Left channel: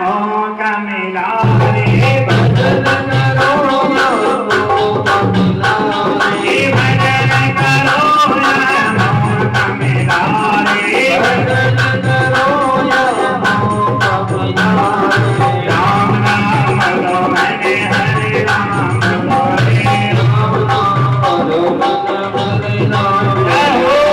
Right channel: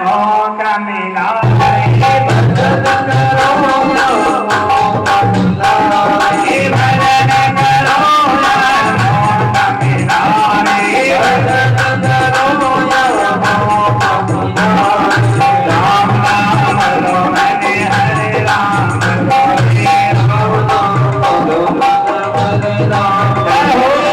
मौका मिला रे भजन करो मौका मिला रे भजन करो मौका मिला रे भजन करो मौका मिला रे राम राम लो हरे हरे राम हरे राम लो हरे राम जय हो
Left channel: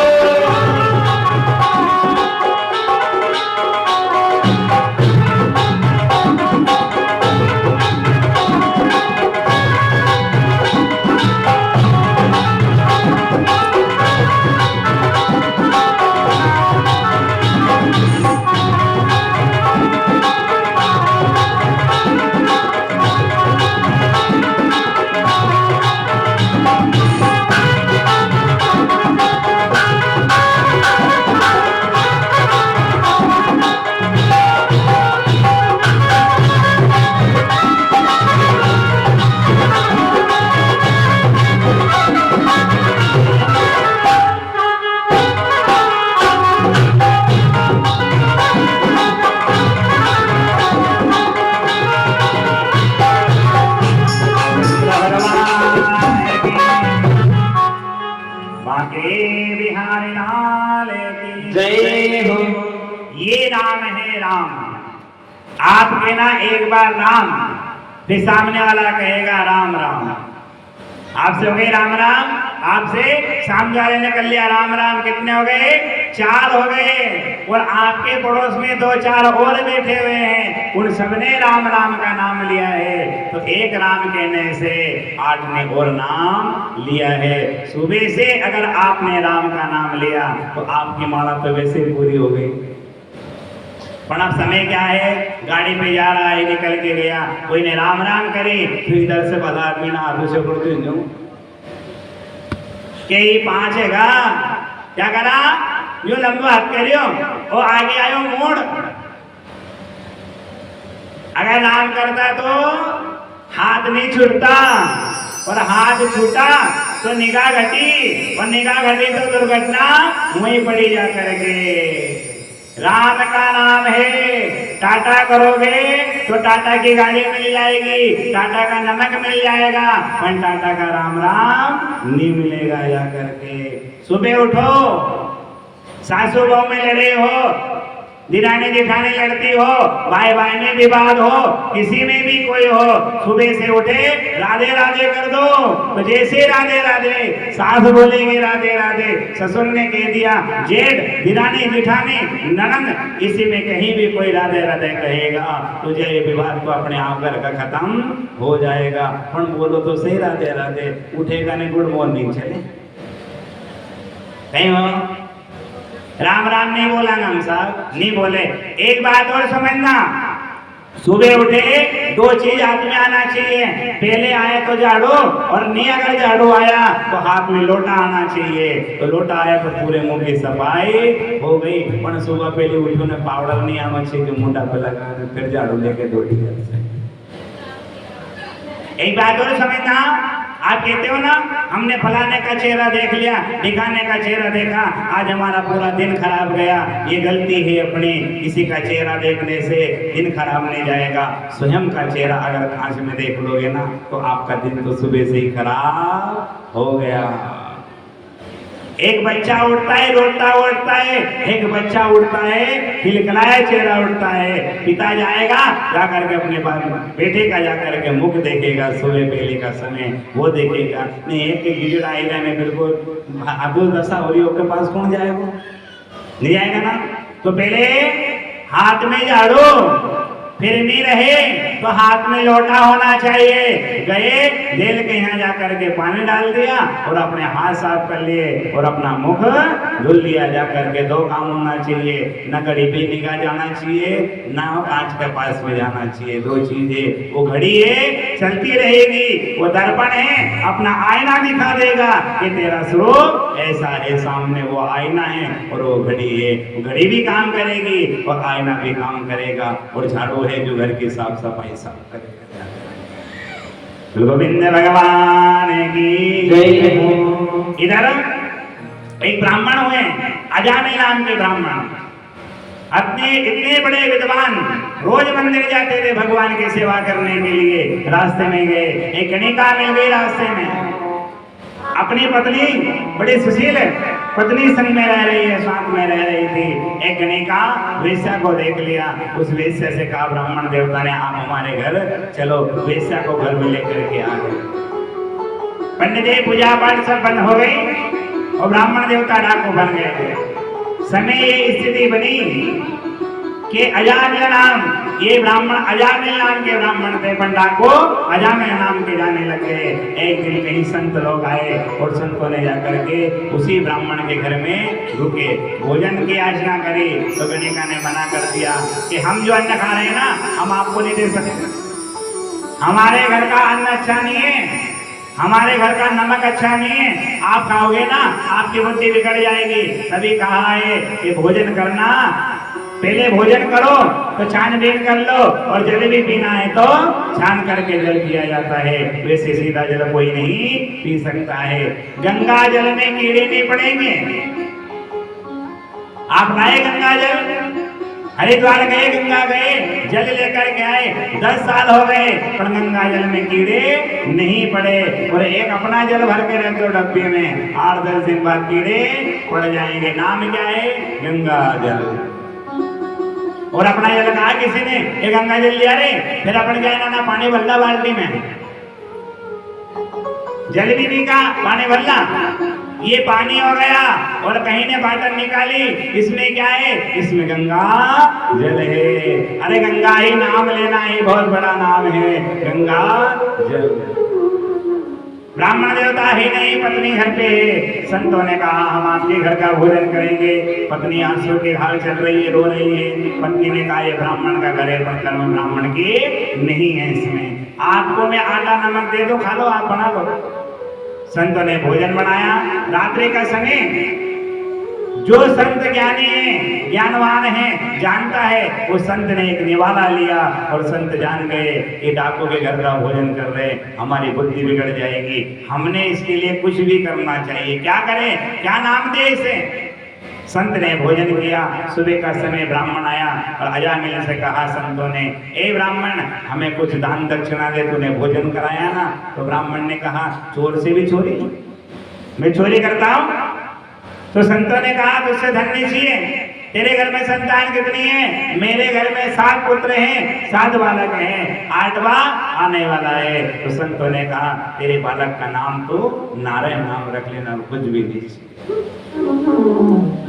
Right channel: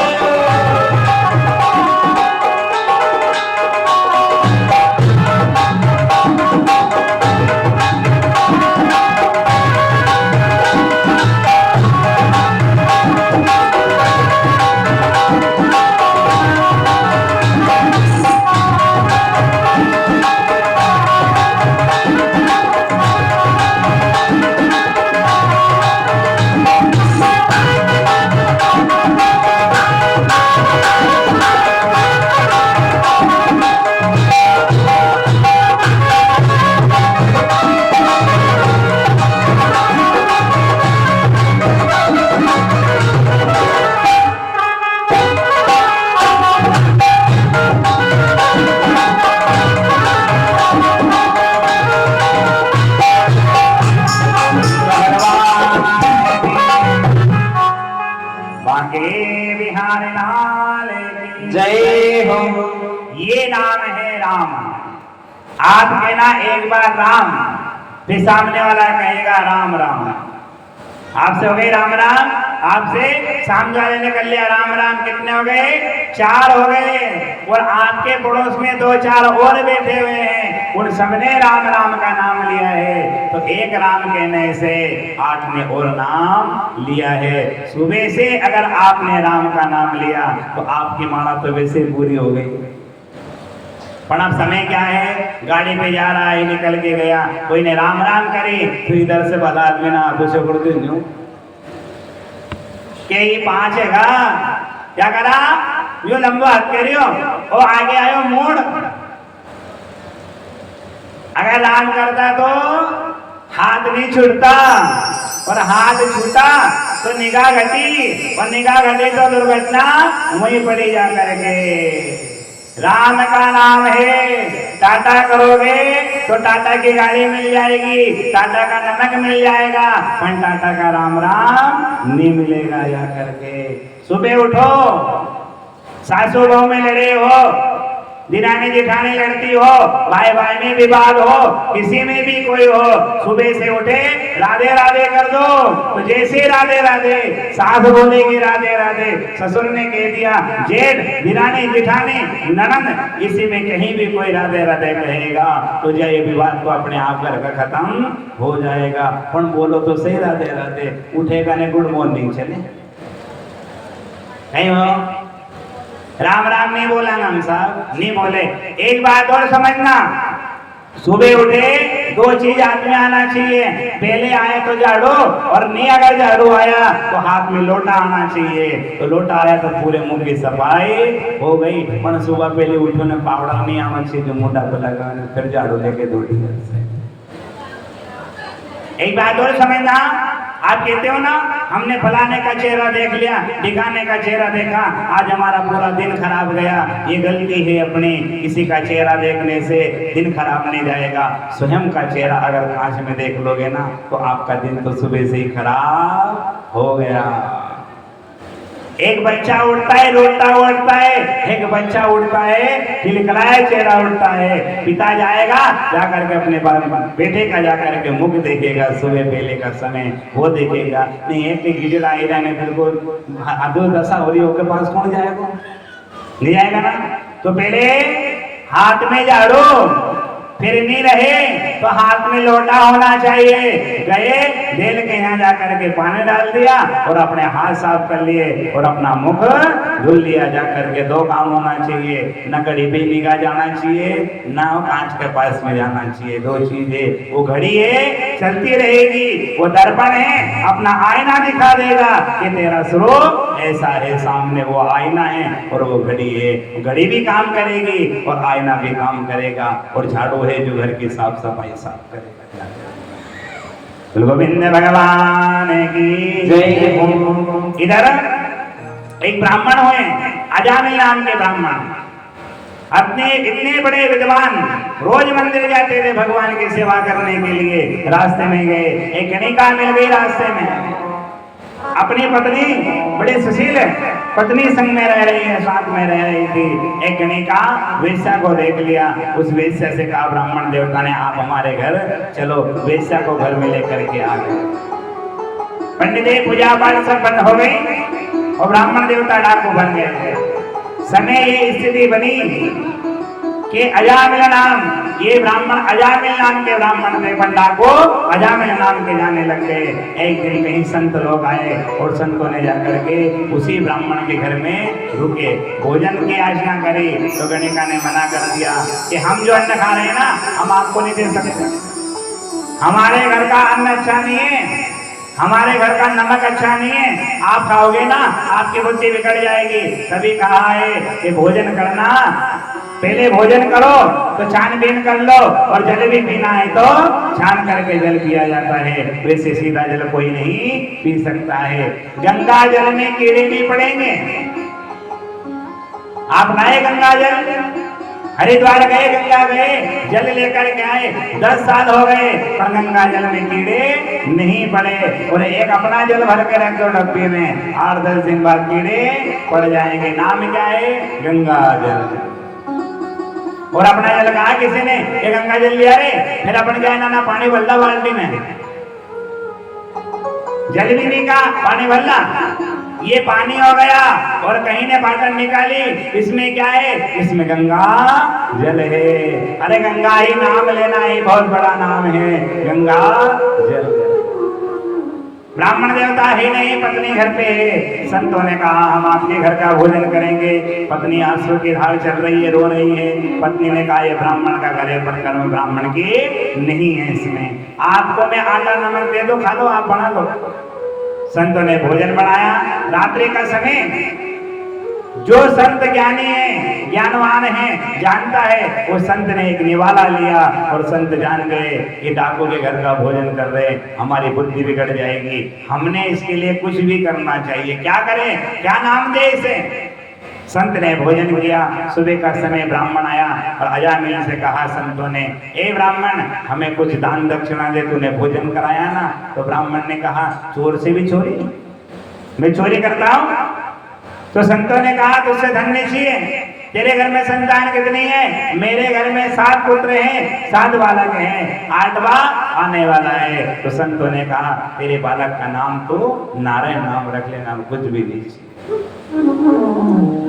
बिहार लाल की जय हो। ये नाम है राम। आप कहना एक बार राम, फिर सामने वाला कहेगा राम राम। आपसे हो गए राम राम, आपसे सामने वाले ने कर लिया राम राम। कितने हो गए? 4 हो गए। और आपके पड़ोस में 2-4 और बैठे हुए हैं, उन सबने राम राम का नाम लिया है। तो एक राम कहने से 8 ने और नाम लिया है। सुबह से अगर आपने राम का नाम लिया तो आपकी माला तो वैसे पूरी हो गई। पर अब समय क्या है, गाड़ी पे जा रहा है, निकल के गया, कोई ने राम राम करे तो इधर से भला आदमी ना हाथों से उड़ दे दूं के ही 5 हैगा। क्या करा? यो लंबा हाथ करियो और आगे आयो मोड़। अगर राम करता तो हाथ नहीं छूटता, और हाथ छूटा तो निगाह घटी, और निगाह घटी तो दुर्घटना वहीं पड़ी जा करके। राम का नाम है। टाटा करोगे तो टाटा की गाड़ी मिल जाएगी, टाटा का नमक मिल जाएगा, पर टाटा का राम राम नहीं मिलेगा जा करके। सुबह उठो, सासू बहू में लड़े हो, दिरानी जेठानी लड़ती हो, भाई भाई में विवाद हो, किसी में भी कोई हो, सुबह से उठे राधे राधे कर दो। तो जैसे राधे राधे, सास बोलेगी राधे राधे, ससुर ने कह दिया, जेठ दिरानी जेठानी ननद, इसी में कहीं भी कोई राधे राधे कहेगा तो ये विवाद तो अपने आप घर का खत्म हो जाएगा। पर बोलो तो सही राधे राधे, उठेगा ने गुड मॉर्निंग चले नहीं हो। राम राम नहीं बोला ना साहब, नहीं बोले। एक बात और समझना, सुबह उठे 2 चीज हाथ में आना चाहिए। पहले आए तो झाड़ू, और नहीं अगर झाड़ू आया तो हाथ में लोटा आना चाहिए। तो लोटा आया तो पूरे मुंह की सफाई हो गई। पर सुबह पहले उठो ने पाउडर नहीं आना चाहिए जो मुंडा पे लगा, फिर झाड़ू लेके दौड़ी। एक बात और समझना, आप कहते हो ना हमने फलाने का चेहरा देख लिया, ढिकाने का चेहरा देखा, आज हमारा पूरा दिन खराब गया। ये गलती है अपनी, किसी का चेहरा देखने से दिन खराब नहीं जाएगा। स्वयं का चेहरा अगर कांच में देख लोगे ना तो आपका दिन तो सुबह से ही खराब हो गया। एक बच्चा उठता है रोता उठता है, एक बच्चा उठता है खिलखिलाया चेहरा उठता है। पिता जाएगा जाकर के अपने बेटे का जाकर के मुख देखेगा, सुबह पहले का समय वो देखेगा। नहीं एक गिजड़ा आएगा ने बिल्कुल अधूर दशा हो रही, उसके पास कौन जाएगा? नहीं जाएगा ना। तो पहले हाथ में झाड़ू, फिर नहीं रहे तो हाथ में लोटा होना चाहिए। गए जेल के यहाँ जाकर के पानी डाल दिया और अपने हाथ साफ कर लिए और अपना मुख धुल लिया जाकर के। 2 काम होना चाहिए, न घड़ी पे निगाह जाना चाहिए, न कांच के पास में जाना चाहिए। 2 चीजें। वो घड़ी है चलती रहेगी, वो दर्पण है अपना आईना दिखा देगा कि तेरा स्वरूप ऐसा है, सामने वो आईना है और वो घड़ी है। घड़ी भी काम करेगी और आईना भी काम करेगा, और झाड़ू है जो घर की साफ सफाई साफ करेगा। गोविंद भगवान की जय हो। इधर एक ब्राह्मण हुए, अजामिल नाम के ब्राह्मण, अपने इतने बड़े विद्वान, रोज मंदिर जाते थे भगवान की सेवा करने के लिए। रास्ते में गए, एक गणिका मिल गई रास्ते में। अपनी पत्नी बड़ी सुशील पत्नी संग में रह रही है, साथ में रह रही थी। एक गणिका वेश्या को देख लिया। उस वेश्या से कहा ब्राह्मण देवता ने, आप हमारे घर चलो। वेश्या को घर में लेकर के आ गए। पंडित जी पूजा पाठ सब बंद हो गई और ब्राह्मण देवता डाकू बन गए। समय ये स्थिति बनी कि अजामिल नाम, ये ब्राह्मण अजामिल नाम के ब्राह्मण थे, पर डाकू अजामिल नाम के जाने लग गए। एक दिन कहीं संत लोग आए और संतों ने जाकर के उसी ब्राह्मण के घर में रुके, भोजन की याचना करी। तो गणिका ने मना कर दिया कि हम जो अन्न खा रहे हैं ना, हम आपको नहीं दे सकते। हमारे घर का अन्न अच्छा नहीं है, हमारे घर का नमक अच्छा नहीं है, आप खाओगे ना आपकी बुद्धि बिगड़ जाएगी। तभी कहा है कि भोजन करना, पहले भोजन करो तो छानबीन कर लो, और जल भी पीना है तो छान करके जल पिया जाता है। वैसे सीधा जल कोई नहीं पी सकता है। गंगा जल में कीड़े नहीं पड़ेंगे। आप लाए गंगा जल, हरिद्वार गए, गंगा गए, जल लेकर के आए, 10 साल हो गए पर गंगा जल में कीड़े नहीं पड़े। और एक अपना जल भर के रख दो डब्बे में, 8-10 दिन बाद कीड़े पड़ जाएंगे। नाम क्या है? गंगा जल। और अपना जल कहा किसी ने, ये गंगा जल लिया रे, फिर अपन क्या ना पानी भरला बाल्टी में, जल भी का पानी भरला, ये पानी हो गया। और कहीं ने बाटन निकाली, इसमें क्या है? इसमें गंगा जल है। अरे गंगा ही नाम लेना ही बहुत बड़ा नाम है, गंगा जल। ब्राह्मण देवता ही नहीं, पत्नी घर पे है। संतों ने कहा हम आपके घर का भोजन करेंगे। पत्नी आंसू की धार चल रही है, रो रही है। पत्नी ने कहा ये ब्राह्मण का घर है, पर कर्म ब्राह्मण की नहीं है, इसमें आपको मैं आटा नमक दे दो, खा लो, आप बना लो। संतों ने भोजन बनाया। रात्रि का समय, जो संत ज्ञानी है, ज्ञानवान है, जानता है, वो संत ने एक निवाला लिया और संत जान गए ये डाकू के घर का भोजन कर रहे, हमारी बुद्धि बिगड़ जाएगी, हमने इसके लिए कुछ भी करना चाहिए। क्या करें, क्या नाम दे इसे? संत ने भोजन किया। सुबह का समय ब्राह्मण आया और अजामिल से कहा संतों ने, ए ब्राह्मण हमें कुछ दान दक्षिणा दे, तूने भोजन कराया ना। तो ब्राह्मण ने कहा चोर से भी चोरी, मैं चोरी करता हूँ? तो संतों ने कहा तुझसे धन नहीं चाहिए, तेरे घर में संतान कितनी है? मेरे घर में 7 पुत्र हैं, 7 बालक हैं, 8वां आने वाला है। तो संतों ने कहा तेरे बालक का नाम तो नारायण नाम रख लेना, कुछ भी दीजिए।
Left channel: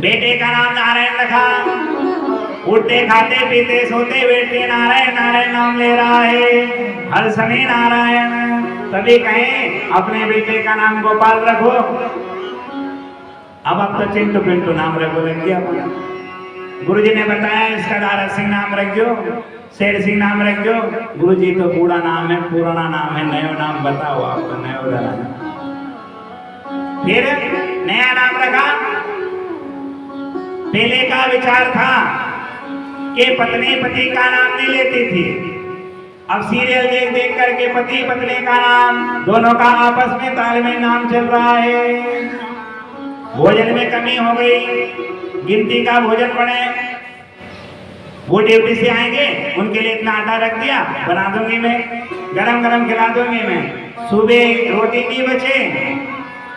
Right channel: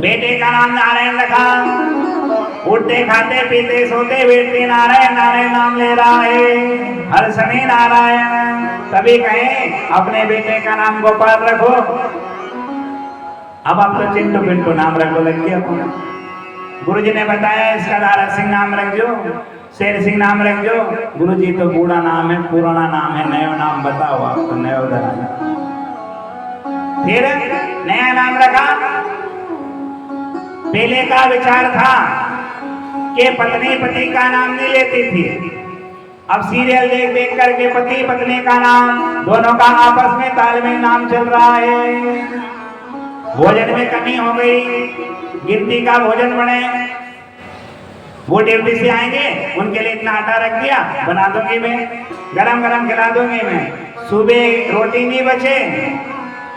बेटे का नाम नारायण रखा। उठते खाते पीते सोते बैठते नारायण नारायण नाम ले रहा है, हर समय नारायण। तभी कहें अपने बेटे का नाम गोपाल रखो, अब आप तो चिंटू पिंटू नाम रखो लग गया। गुरुजी ने बताया इसका दारा सिंह नाम रख दो, शेर सिंह नाम रख दो। गुरुजी तो बूढ़ा नाम है, पुराना नाम है, नया नाम बताओ आपको, नया। फिर नया नाम रखा। पहले का विचार था कि पत्नी पति का नाम नहीं लेती थी, अब सीरियल देख देख करके पति पत्नी का नाम, दोनों का आपस में तालमेल नाम चल रहा है। भोजन में कमी हो गई, गिनती का भोजन बने। वो ड्यूटी से आएंगे, उनके लिए इतना आटा रख दिया, बना दूंगी मैं, गरम गरम खिला दूंगी मैं। सुबह रोटी नहीं बचे,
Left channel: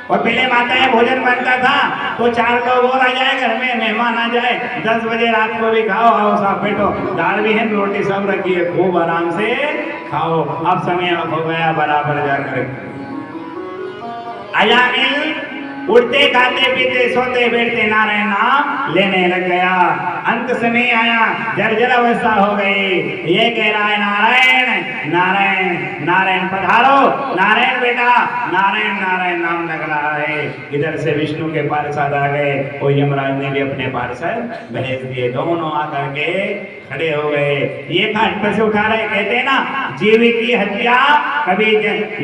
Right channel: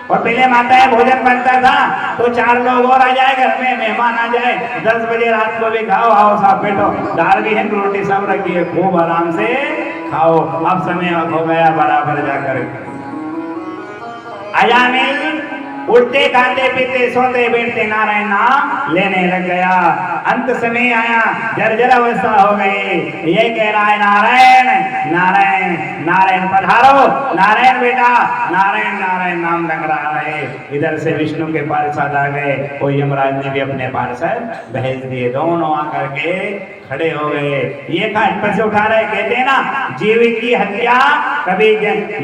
और पहले माताएं भोजन बनता था तो 4 लोग और आ जाए, घर में मेहमान आ जाए, 10 बजे रात को भी खाओ, आओ साहब बैठो, दाल भी है, रोटी सब रखी है, खूब आराम से खाओ। अब समय हो गया बराबर जाकर। अजामिल उठते खाते पीते सोते बैठते नारायण नाम लेने लग गया। अंत समय आया, जर्जर अवस्था हो गई। ये कह रहा है नारायण नारायण नारायण, पधारो नारायण बेटा, नारायण नारायण नाम लग रहा है। इधर से विष्णु के पार्षद आ गए और यमराज ने भी अपने पार्षद भेज दिए। दोनों आकर के खड़े हो गए। ये खाट से उठा रहे, कहते हैं ना जीव की हत्या कभी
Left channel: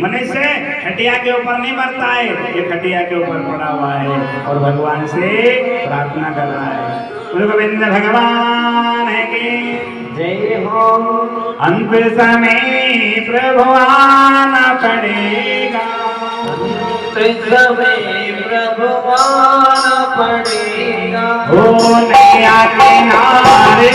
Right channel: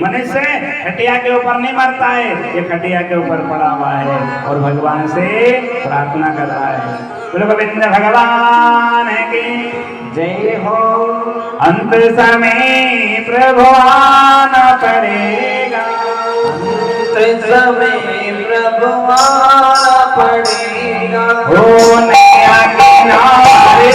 मनुष्य खटिया के ऊपर नहीं मरता है, ये खटिया के ऊपर पड़ा हुआ है और भगवान से प्रार्थना कर रहा है। गोविंद भगवान है की जय हो। अंत समय प्रभु आना पड़ेगा, अंत समय प्रभु आना पड़ेगा। हो नैया किनारे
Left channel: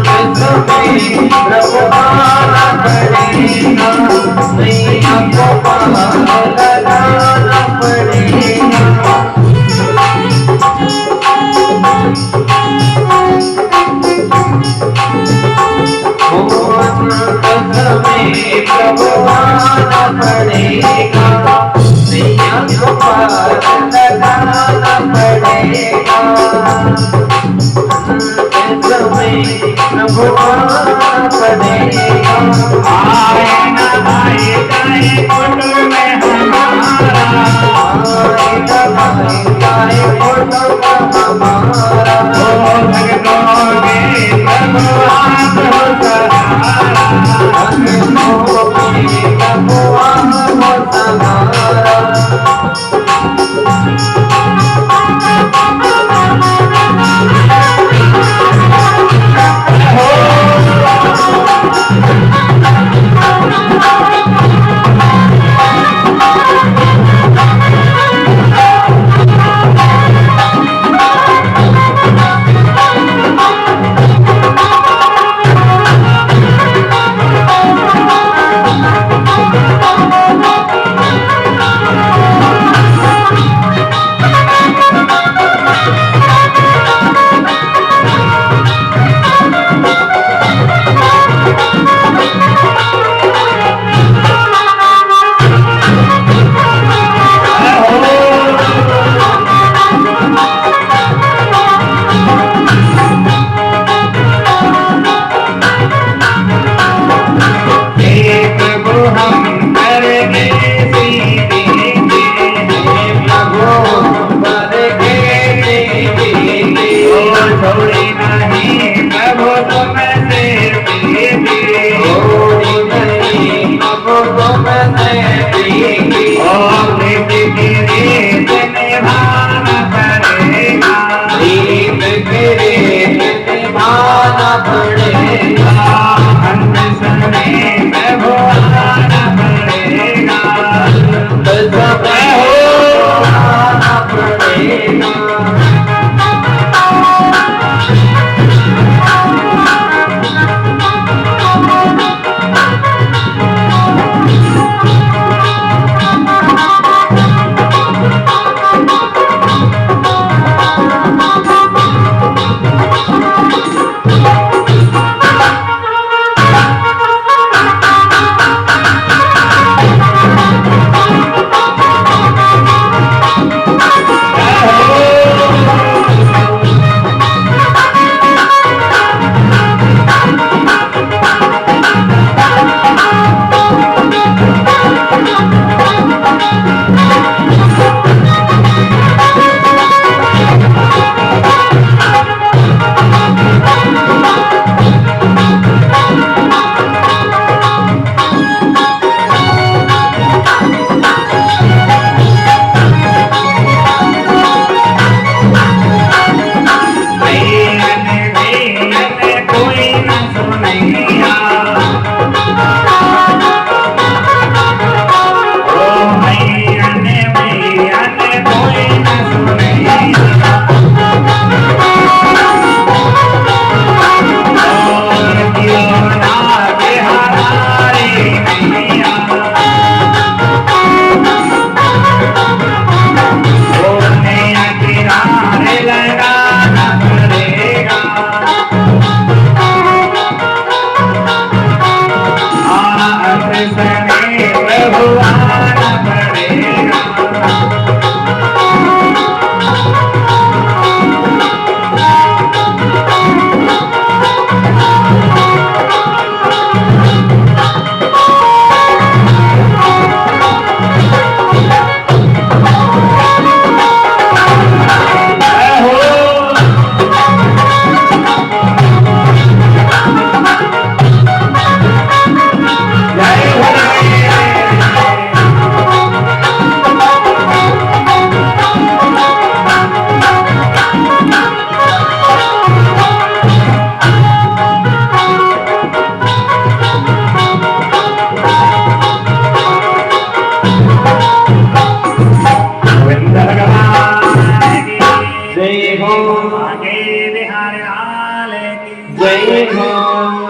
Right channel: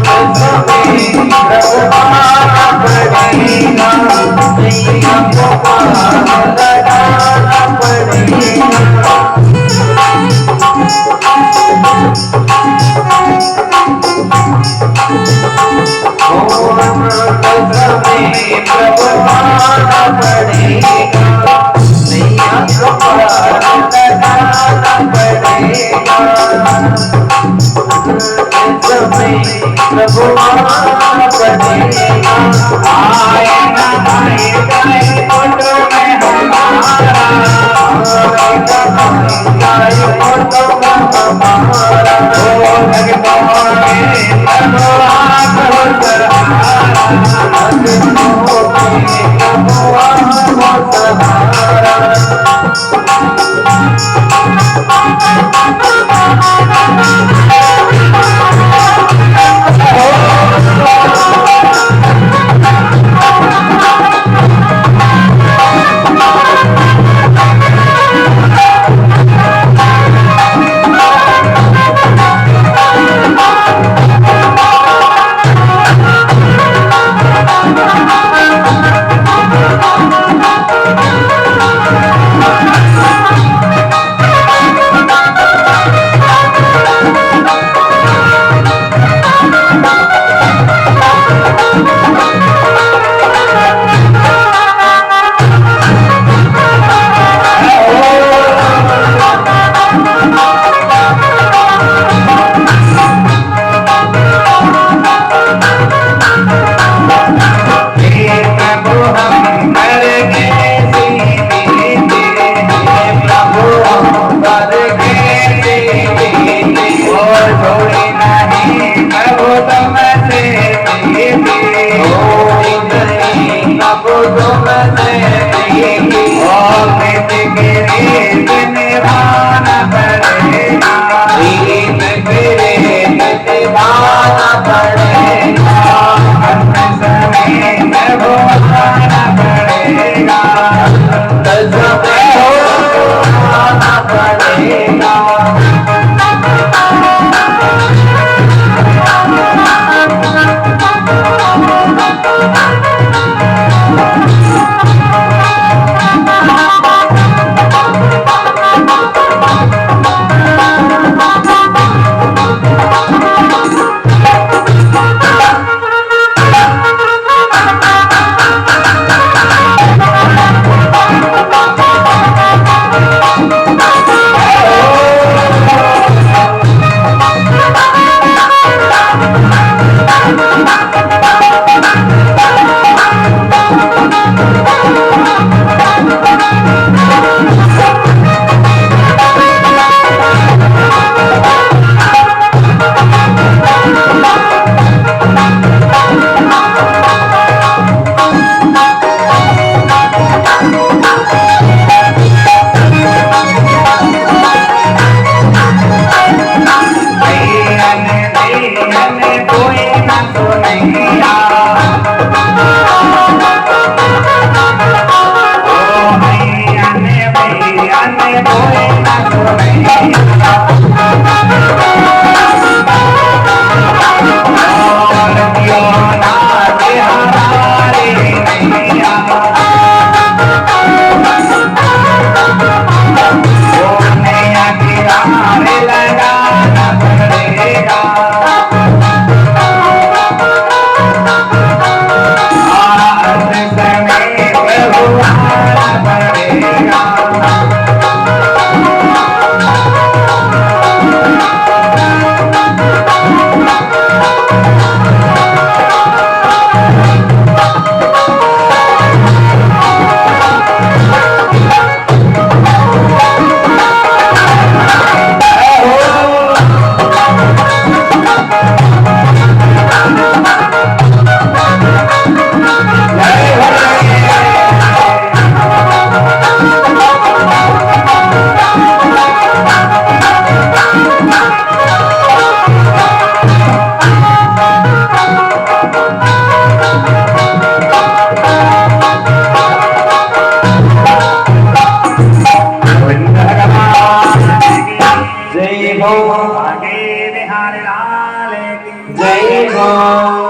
तुम्हें प्रभु आना पड़ेगा, नैया को पार लगाना पड़ेगा। तुम्हें प्रभु आना पड़ेगा, नैया को पार लगाना पड़ेगा। प्रभु आना पड़ेगा, आएगा आएगा ये कुंड में हमारा, आएगा आएगा कुंड में हमारा। ओ भक्तों के प्रभु आपको सहारा। भक्तों में प्रभु आपको सहारा।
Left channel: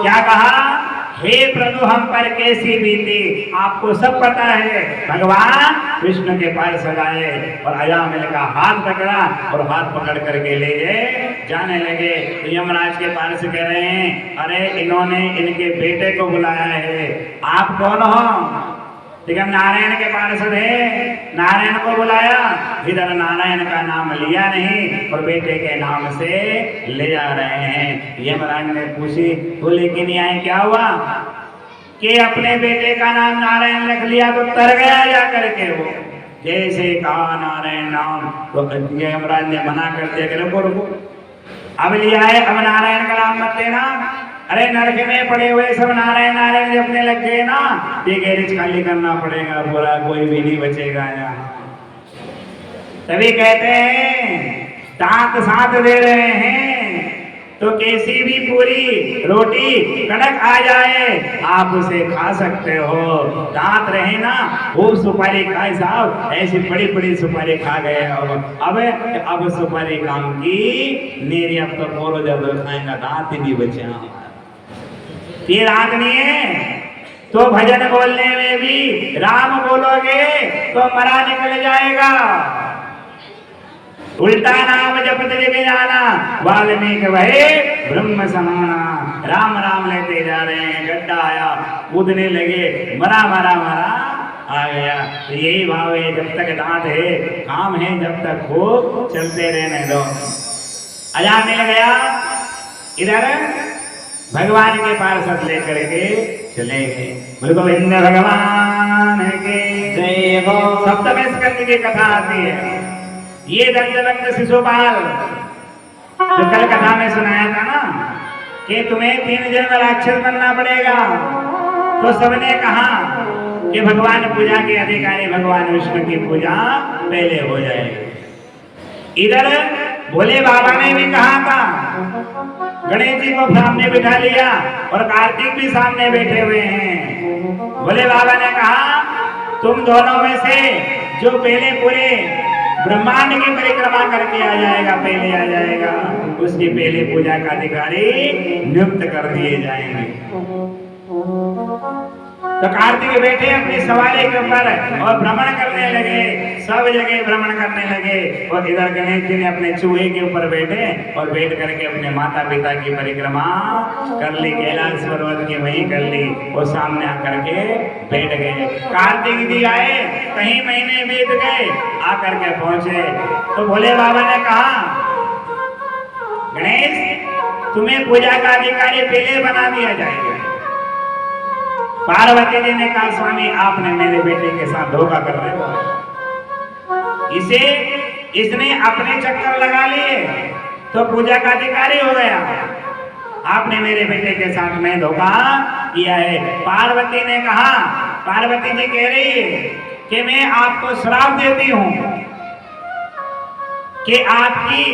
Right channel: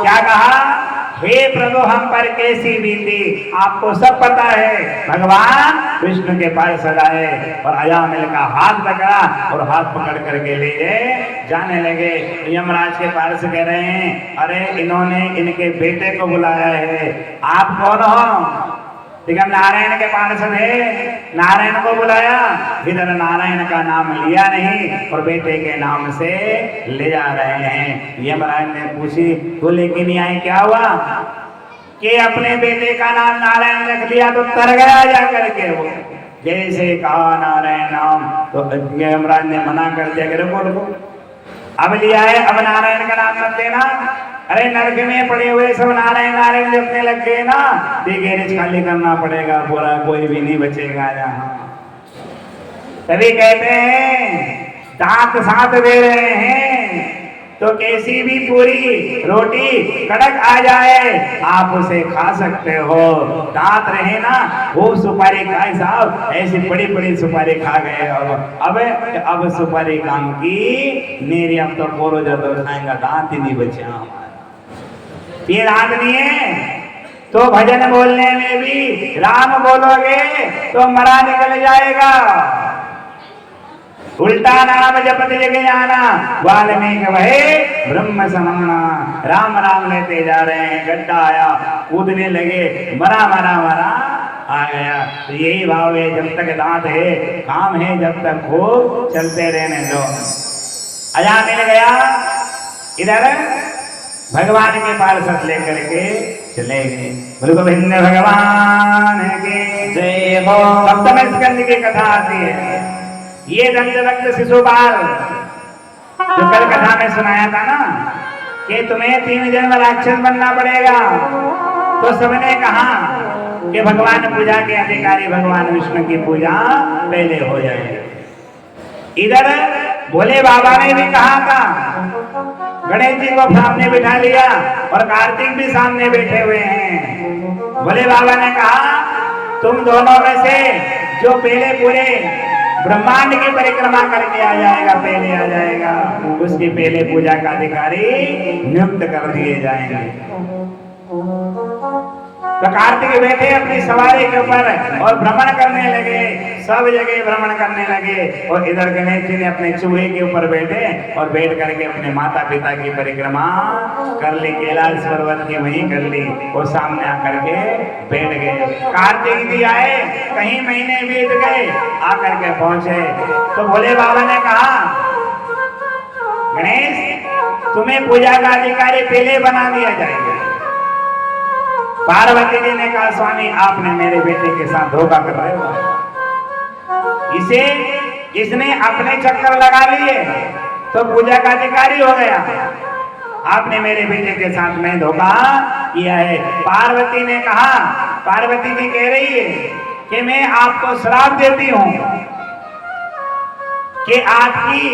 क्या कहा? हे प्रभु हम पर कैसी बीती, आपको सब पता है। भगवान विष्णु के पार्षद आए और अजामिल का हाथ पकड़ा और हाथ पकड़ करके ले गए, जाने लगे। यमराज के पार्षद कह रहे हैं, अरे इन्होंने इनके बेटे को बुलाया है, आप कौन हो? ठीक है, नारायण के पार्षद है, नारायण को बुलाया। इधर नारायण का नाम लिया नहीं और बेटे के नाम से ले जा रहे हैं। यमराज ने पूछी, बोले कि नहीं आए, क्या हुआ? कि अपने बेटे का नाम नारायण लिख लिया तो तर गया जा करके वो। जैसे कहा नारायण नाम तो यमराज ने मना कर दिया, कि बोलो अब लिया है, अब नारायण का नाम मत लेना। अरे नरक में पड़े हुए सब नारायण नारायण जपने लग गए ना, ये गैरेज खाली करना पड़ेगा। बोला कोई भी नहीं बचेगा यहाँ। तभी कहते हैं दांत साथ दे रहे हैं तो कैसी भी पूरी रोटी कड़क आ जाए आप उसे खा सकते हो। दांत रहे ना, खूब सुपारी खाए साहब, ऐसी बड़ी बड़ी सुपारी खा गए हो। अब सुपारी काम की मेरी, अब तो बोरो जरूर खाएगा, दांत ही नहीं बचे। ये दांत नहीं है तो भजन बोलने में भी राम बोलोगे तो मरा निकल जाएगा। उल्टा नाम जपत जग जाना, वाल्मीकि वहे ब्रह्म समाना। राम राम लेते जा रहे हैं, गड्ढा आया, कूदने लगे, मरा मरा मरा आ गया। यही भाव है, जब तक दांत है काम है, जब तक खूब चलते रहने दो। अजा मिल गया, इधर भगवान के पार्षद लेकर के चले गए। गोविंद भगवान की जय हो। सप्तम स्कंद की कथा आती है। ये दंतवक्त शिशुपाल जो कल कथा में सुनाया था ना कि तुम्हें 3 जन्म राक्षस बनना पड़ेगा, तो सबने कहा कि भगवान पूजा के अधिकारी भगवान विष्णु की पूजा पहले हो जाए। इधर भोले बाबा ने भी कहा था, गणेश जी को सामने बिठा लिया और कार्तिक भी सामने बैठे हुए हैं। भोले बाबा ने कहा तुम दोनों में से जो पहले पूरे ब्रह्मांड की परिक्रमा करके आ जाएगा, पहले आ जाएगा, उसकी पहले पूजा का अधिकारी नियुक्त कर दिए जाएंगे। तो कार्तिक बैठे अपनी सवारी के ऊपर और भ्रमण करने लगे, सब जगह भ्रमण करने लगे। और इधर गणेश जी ने अपने चूहे के ऊपर बैठे और बैठ करके अपने माता पिता की परिक्रमा कर ली, कैलाश पर्वत की वहीं कर ली और सामने आकर के बैठ गए। कार्तिक जी आए, कई महीने बीत गए, आकर के पहुंचे तो भोले बाबा ने कहा गणेश तुम्हें पूजा का अधिकारी पहले बना दिया जाएगा। पार्वती जी ने कहा स्वामी आपने मेरे बेटे के साथ धोखा कर दिया, इसने अपने चक्कर लगा लिए तो पूजा का अधिकारी हो गया, आपने मेरे बेटे के साथ मैं धोखा किया है। पार्वती ने कहा, पार्वती जी कह रही है कि मैं आपको श्राप देती हूं कि आपकी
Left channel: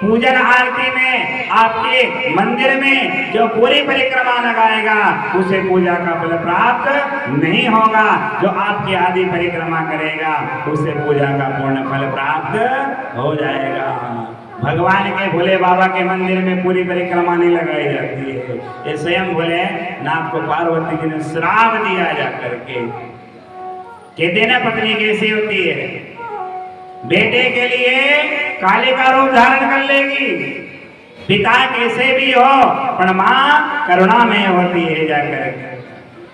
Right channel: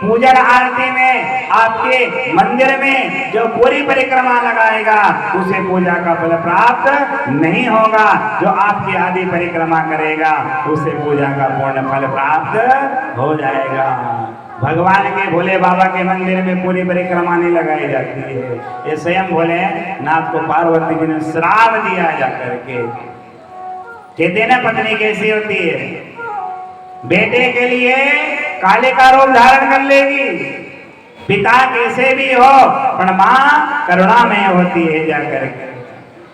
पूजन आरती में आपके मंदिर में जो पूरी परिक्रमा लगाएगा उसे पूजा का फल प्राप्त नहीं होगा, जो आपकी आदि परिक्रमा करेगा उसे पूजा का पूर्ण फल प्राप्त हो जाएगा। भगवान के भोले बाबा के मंदिर में पूरी परिक्रमा नहीं लगाई जाती है, ये स्वयं भोले नाथ को पार्वती जी ने श्राप दिया जाकर के। कहते ना पत्नी कैसी होती है, बेटे के लिए काले का रूप धारण कर लेगी, पिता कैसे भी हो पर मां करुणा में होती है जाकर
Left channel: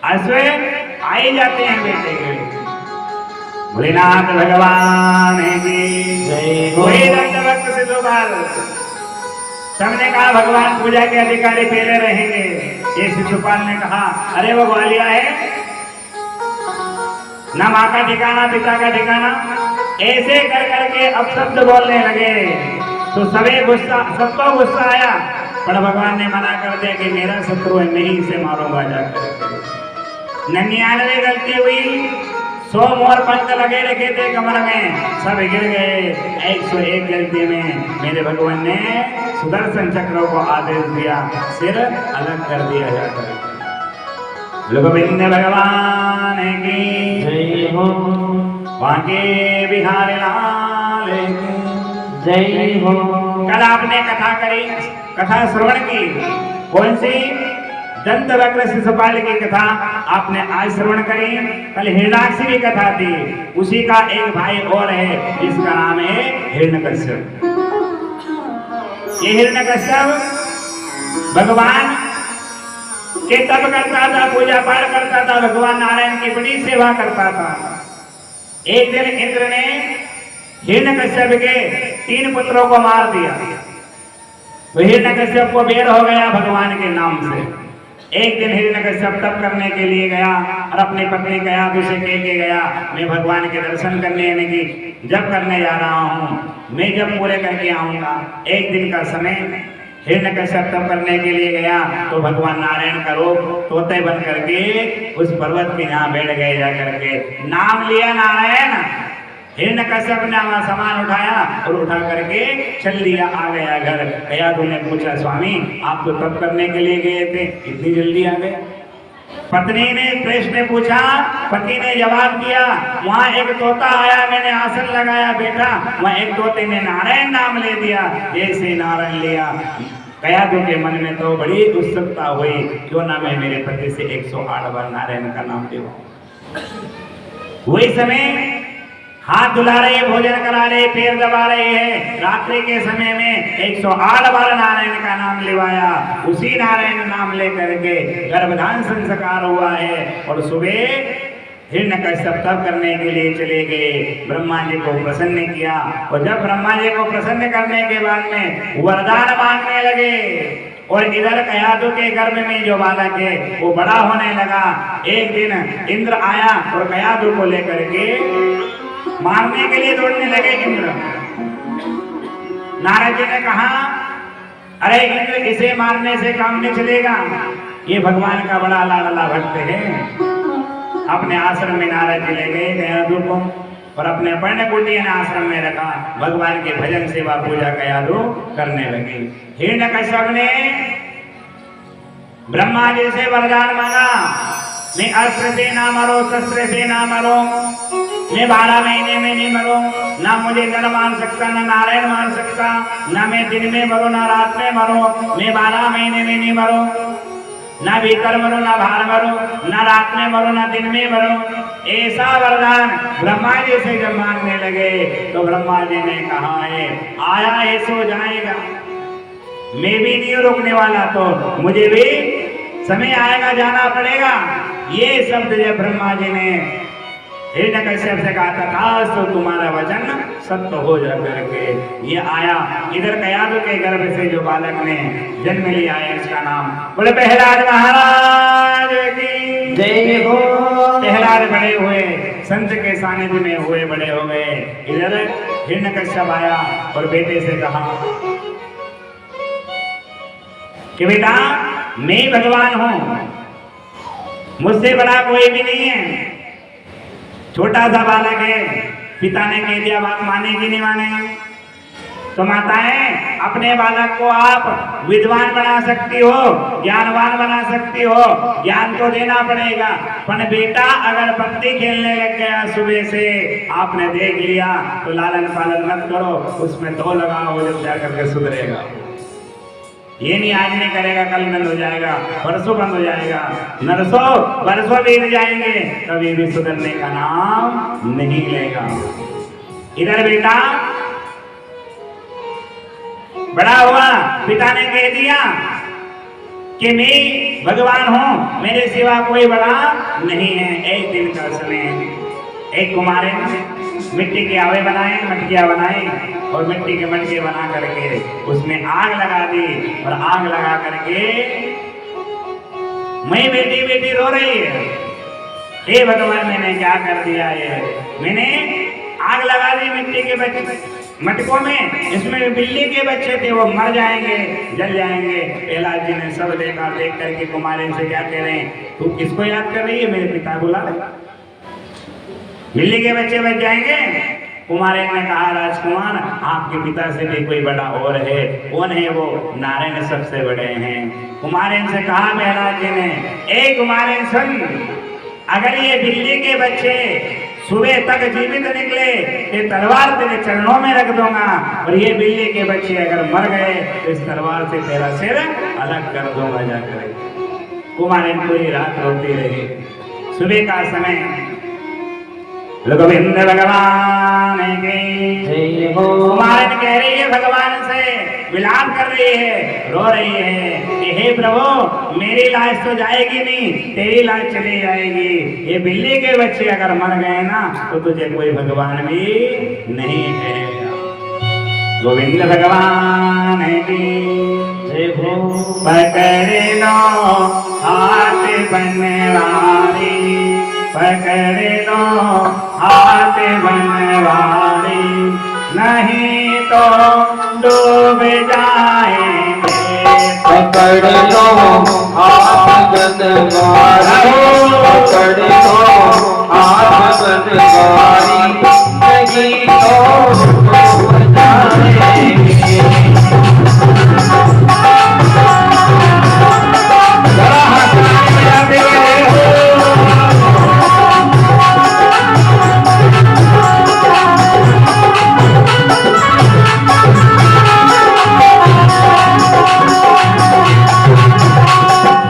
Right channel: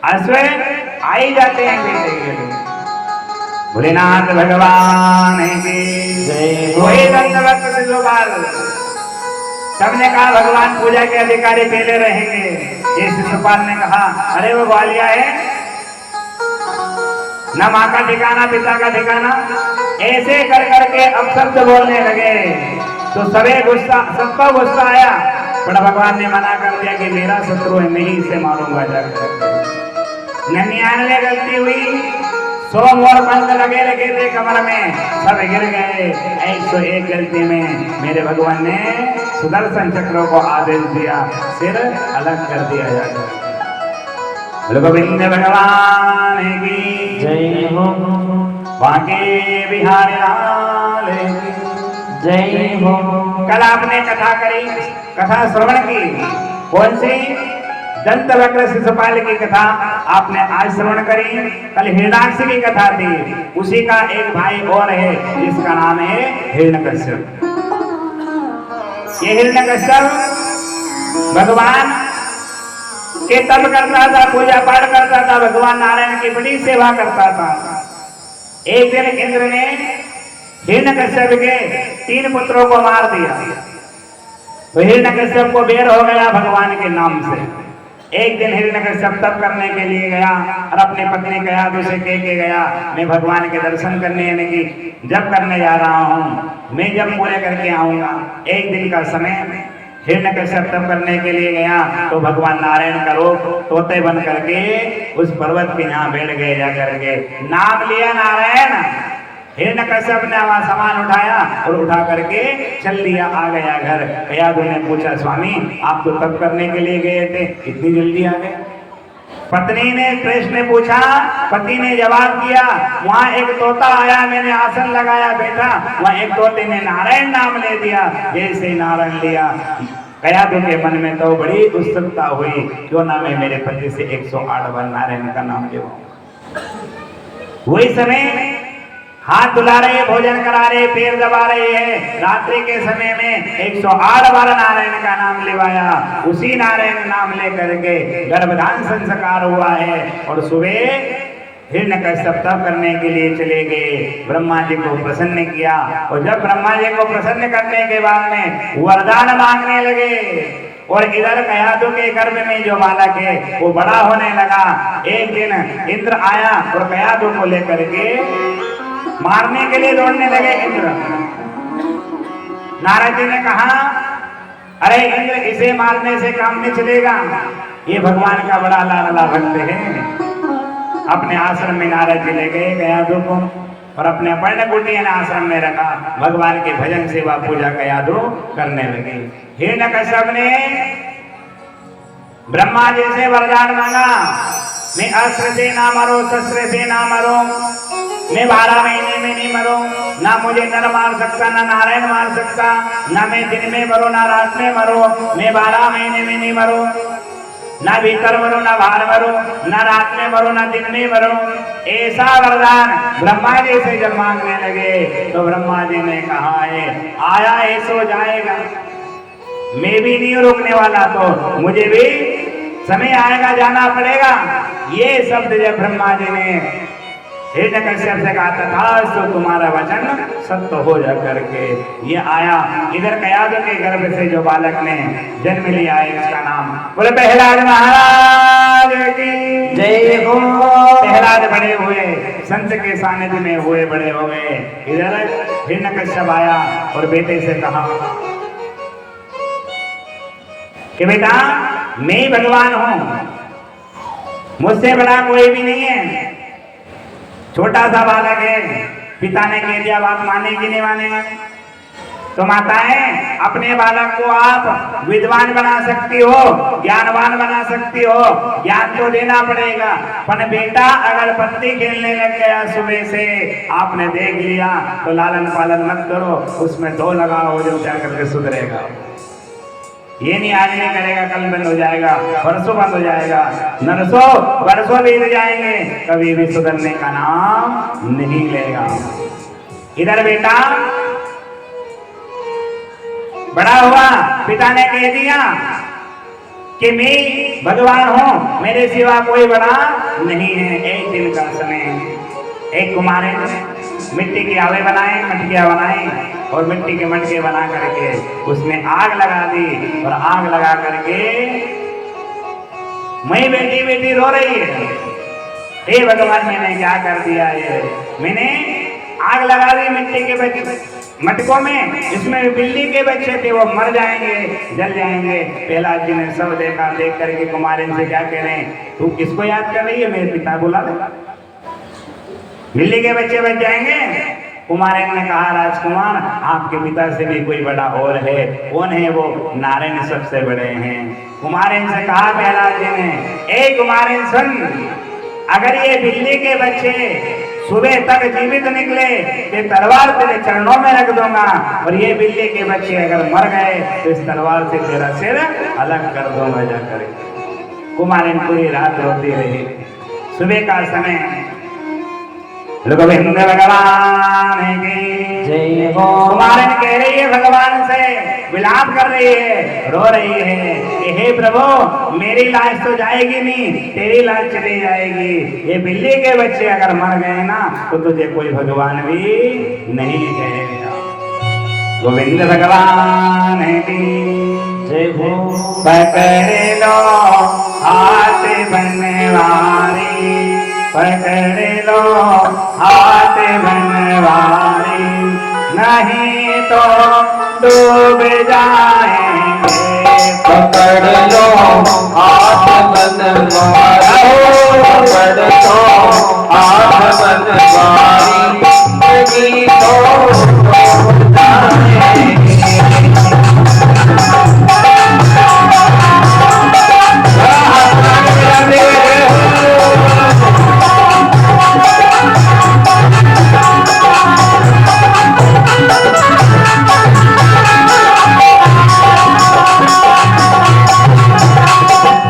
अश्व आई जाते हैं बेटे के लिए। भोलेनाथ भगवान की वही दंतवक्त शिशुपाल। सबने कहा भगवान पूजा के अधिकारी पहले रहेंगे। ये शिशुपाल ने कहा अरे वो ग्वालिया है, न माँ का ठिकाना पिता का ठिकाना, ऐसे कर करके अपशब्द बोलने लगे तो सबको गुस्सा आया, पर भगवान ने मना कर दिया कि मेरा शत्रु है, नहीं इसे मारूंगा जाकर। 99 गलती हुई, 100 मोर पंख लगे रखे थे कमर में, सब गिर गए। 101 गलती में मेरे भगवान ने सुदर्शन चक्रों को आदेश दिया, सिर अलग कर दिया जाकर। गोविंद भगवान की जय हो। बांके बिहारी लाल जय हो। कल आपने कथा करी, कथा श्रवण की, कौन सी? दंत वक्र शिशुपाल की कथा आपने आज श्रवण करी। कल हिरण्याक्ष की कथा थी, उसी का एक भाई और है जिसका नाम है हिरण्यकश्यप। ये हिरण्यकश्यप भगवान के तप करता था, पूजा पाठ करता था, भगवान नारायण की बड़ी सेवा करता था। एक दिन इंद्र ने हिरण्यकश्यप के 3 पुत्रों को मार दिया, तो हिरण्यकश्यप को बेर हो गया भगवान के नाम से। एक दिन हिरण्यकश्यप तप करने के लिए गया और अपनी पत्नी कयाधु से कह के गया, मैं भगवान के दर्शन करने यानी कि जप करने जा रहा हूँ, मैं जब पूरे करके आऊंगा। एक दिन का समय हिरण्यकश्यप तप करने के लिए गया तो भगवान नारायण का रूप तोते बन करके उस पर्वत के यहाँ बैठ गए, जा करके नाम लिया नारायण। हिरण्यकश्यप ने वहां सामान उठाया और उठा करके चल दिया, आ गया घर। कयाधु ने पूछा, स्वामी आप तो तप करने के लिए गए थे, इतनी जल्दी आ गए? पत्नी ने प्रश्न पूछा, पति ने जवाब दिया, वहां एक तोता आया, मैंने आसन लगाया बैठा, वहां एक तोते ने नारायण नाम ले दिया, जैसे नारायण लिया। कयाधु के मन में तो बड़ी उत्सुकता हुई, क्यों ना मैं मेरे पति से 108 बार नारायण का नाम ले। वही समय हाथ धुला रहे, भोजन करा रहे, पैर दबा रहे हैं, रात्रि के समय में 108 बार नारायण का नाम लेवाया। उसी नारायण नाम लेकर के गर्भधान संस्कार हुआ है। और सुबह हिरण्यकश्यप तप करने के लिए चले गए, ब्रह्मा जी को प्रसन्न किया। और जब ब्रह्मा जी को प्रसन्न करने के बाद में वरदान मांगने लगे, और इधर कयाधु के गर्भ में जो बालक है वो बड़ा होने लगा। एक दिन इंद्र आया और कयाधु को लेकर के मारने के लिए दौड़ने लगे इंद्र। नारद जी ने कहा, अरे इंद्र इसे मारने से काम नहीं चलेगा, ये भगवान का बड़ा लाडला भक्त है। अपने आश्रम में नारद जी ले गए कयाधु को और अपने पर्णकुटी आश्रम में रखा। भगवान के भजन सेवा पूजा कयाधु करने लगे। हिरण्यकश्यप ने ब्रह्मा जी से वरदान मांगा, मैं अस्त्र से ना मरो, शस्त्र से ना मरो, मैं 12 महीने में नहीं मरूं, ना मुझे नर मार सकता, ना नारायण मार सकता, ना मैं दिन में मरूं ना रात में मरूं, मैं 12 महीने में नहीं मरूं, ना भीतर मरूं ना बाहर मरूं, ना रात में मरूं ना दिन में मरूं। ऐसा वरदान ब्रह्मा जी से जब मांगने लगे तो ब्रह्मा जी ने कहा है, आया है सो जाएगा, मैं भी नहीं रोकने वाला, तो मुझे भी समय आएगा, जाना पड़ेगा। ये शब्द जब ब्रह्मा जी ने हिरण्यकश्यप से कहा था, तो तुम्हारा वचन सत्य हो जा करके ये आया। इधर कयाधु के गर्भ से जो बालक ने जन्म लिया है उसका नाम बोले प्रहलाद महाराज की जय हो। प्रहलाद बड़े हुए, संत के सानिध्य में हुए, बड़े हो गए। इधर हिरण्यकश्यप आया और बेटे से कहा कि बेटा मैं भगवान हूं, मुझसे बड़ा कोई भी नहीं है। छोटा सा बालक है, पिता ने कह दिया, बात मानेगी नहीं मानेगा? तो माताएं अपने बालक को आप विद्वान बना सकती हो, ज्ञानवान बना सकती हो, ज्ञान तो देना पड़ेगा। पर बेटा अगर पत्ती खेलने लग गया सुबह से, आपने देख लिया, तो लालन पालन मत करो, उसमें 2 लगाओ, जब जाकर के सुधरेगा। ये नहीं आज नहीं करेगा, कल बंद हो जाएगा, परसों बंद हो जाएगा, नरसों वर्षों बीत जाएंगे, कभी भी सुधरने का नाम नहीं लेगा। इधर बेटा बड़ा हुआ, पिता ने कह दिया कि मैं भगवान हूं, मेरे सिवा कोई बड़ा नहीं है। एक दिन का समय एक कुमारे मिट्टी के आवे बनाए, मटकियां बनाई और मिट्टी के मटके बना करके उसमें आग लगा दी। और आग लगा करके मैं बेटी बेटी रो रही है, हे भगवान मैंने क्या कर दिया है, मैंने आग लगा दी मिट्टी के बच्चे मटकों में, इसमें बिल्ली के बच्चे थे, वो मर जाएंगे, जल जाएंगे। प्रहलाद जी ने सब देखा, देख करके कुमारिन से क्या कह रहे हैं, तू किसको याद कर रही है, मेरे पिता बुला ले, बिल्ली के बच्चे बच जाएंगे। कुमारिन ने कहा, राजकुमार आपके पिता से भी कोई बड़ा और है, कौन है वो? नारायण सबसे बड़े हैं। कुमारिन से कहा प्रहलाद जी ने, ए कुमारिन सुन, अगर ये बिल्ली के बच्चे सुबह तक जीवित निकले, ये तलवार तेरे चरणों में रख दूंगा, और ये बिल्ली के बच्चे अगर मर गए तो इस तलवार से तेरा सिर अलग कर दूंगा जाकर। कुमारिन पूरी रात रोती रही। सुबह का समय रघुवीर भगवान की जय हो। कुमारिन कह रही है भगवान से, विलाप कर रही है, रो रही है कि हे प्रभु मेरी लाश तो जाएगी नहीं, तेरी लाश चली जाएगी। ये बिल्ली के बच्चे अगर मर गए ना तो तुझे कोई भगवान भी नहीं कहेगा। गोविंद भगवान की जय हो। पकड़ लो हाथ बनवारी, पकड़ लो हाथ बनवारी, नहीं तो डूब जाएंगे। पकड़ लो हाथ बनवारी, पकड़ लो हाथ बनवारी, नहीं तो डूब जाएंगे।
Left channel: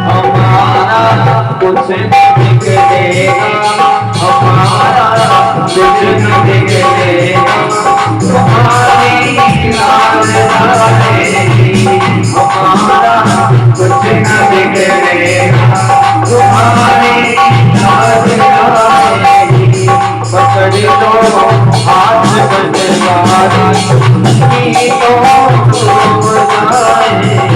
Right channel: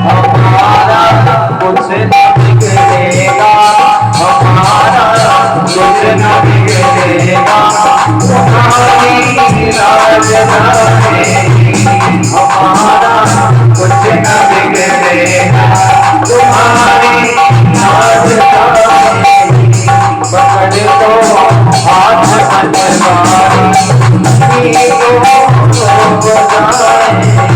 हमारा कुछ न बिगड़ेगा, हमारा कुछ न बिगड़ेगा, तुम्हारी लाज रहेगी। हमारा कुछ न बिगड़ेगा, तुम्हारी लाज रहेगी। पकड़ लो हाथ बनवारी, नहीं तो डूब जाएंगे।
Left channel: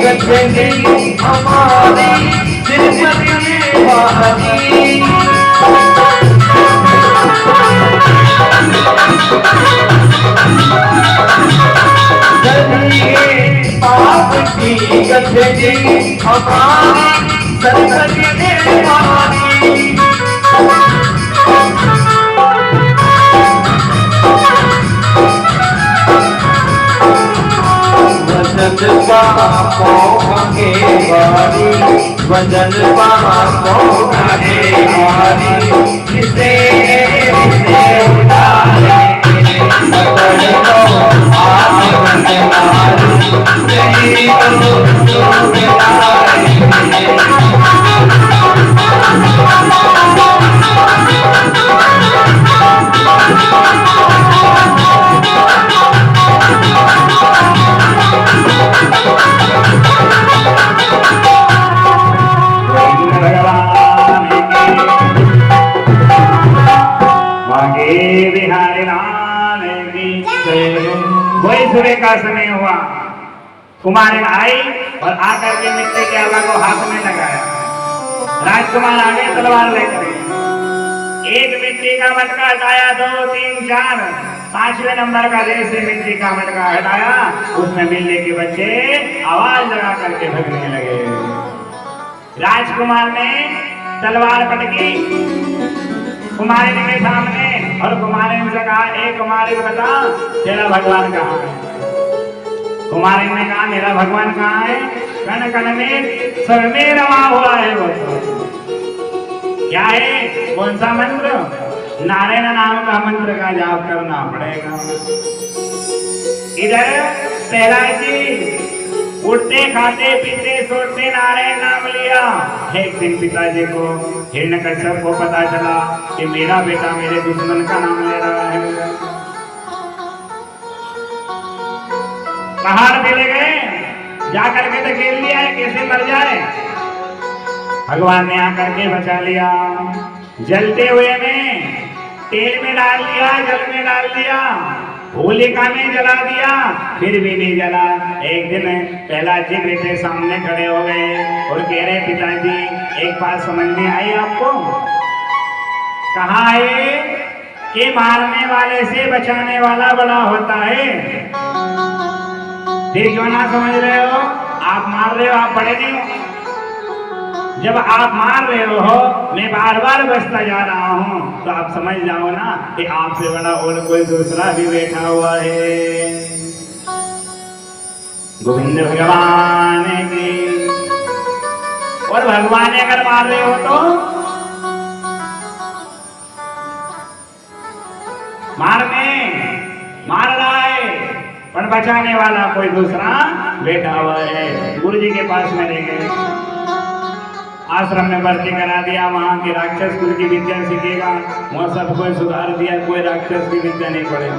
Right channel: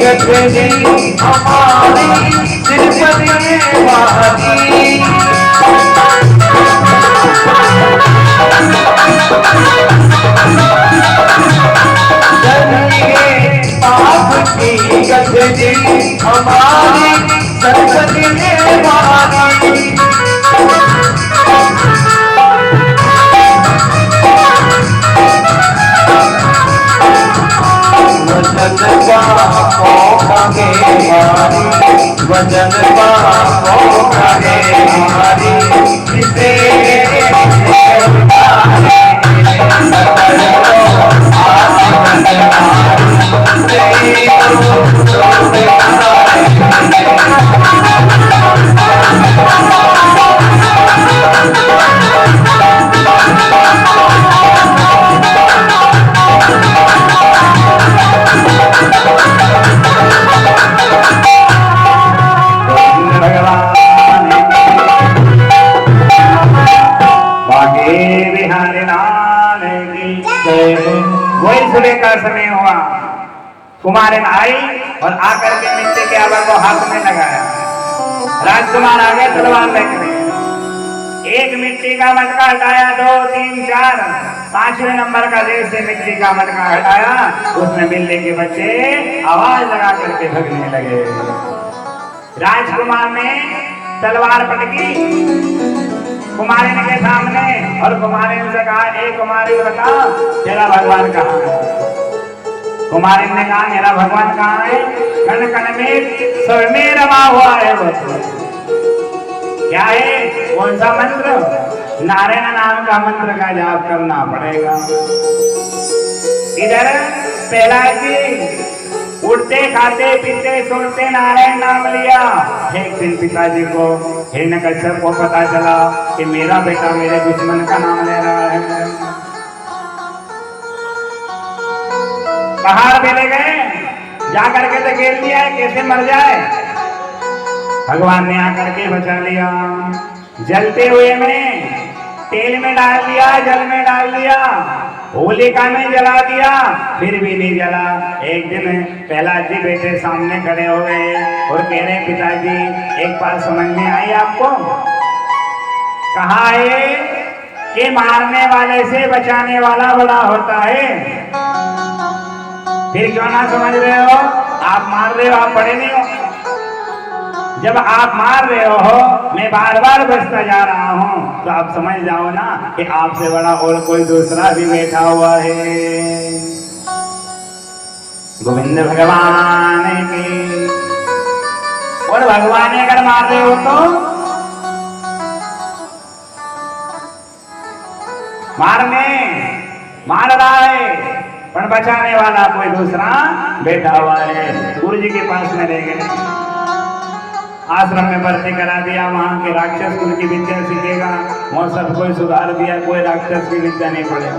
गठरी हमारी जिंदगी वाली आपकी गठरी हमारी जिंदगी वाली वजन को खाने वाली जिसे वही सुबह का समय हुआ। कुमारिन आई और आकर के मिट्टी के आवा को हाथ में लगाया। राजकुमार आगे तलवार लेकर एक मिट्टी का मटका हटाया, 2, 3, 4, 5वें नंबर का जैसे मिट्टी का मटका हटाया, उसमें बिल्ली के बच्चे आवाज लगा करके भगने लगे। राजकुमार ने तलवार पटकी कुमारिन के सामने और कुमारिन से कहा, ए कुमारिन बता तेरा भगवान कहाँ है? कुमारिन ने कहा, मेरा भगवान कहाँ है? कण कण में सब में रमा हुआ है। क्या है? कौन सा मंत्र? नारायण नाम का मंत्र का जाप करना पड़ेगा। इधर प्रहलाद जी उठते खाते पीते सोते नारायण नाम लिया। एक दिन पिताजी को हिरण्यकश्यप को पता चला कि मेरा बेटा मेरे दुश्मन का नाम ले रहा है। पहाड़ पे ले गए, जाकर के धकेल लिया है, कैसे मर जाए। भगवान ने आकर के बचा लिया। जलते हुए में तेल में डाल दिया, जल में डाल दिया, होलिका में जला दिया, फिर भी नहीं जला। एक दिन प्रहलाद जी बेटे सामने खड़े हो गए और कह रहे, पिताजी एक बात समझ में आई आपको? कहा है कि मारने वाले से बचाने वाला बड़ा होता है। फिर क्यों ना समझ रहे हो? आप मार रहे हो, आप बड़े नहीं हो। जब आप मार रहे हो, मैं बार बार बचता जा रहा हूं, तो आप समझ जाओ ना कि आपसे बड़ा और कोई दूसरा भी बैठा हुआ है। गोविंद भगवान की। और भगवान अगर मार रहे हो तो मार रहा है, पर बचाने वाला कोई दूसरा बैठा हुआ है। गुरु जी के पास में रह गए, आश्रम में भर्ती करा दिया। वहां के राक्षस कुल की विद्या सीखेगा, मौसम कोई सुधार दिया, कोई राक्षस की विद्या नहीं पड़ेगा।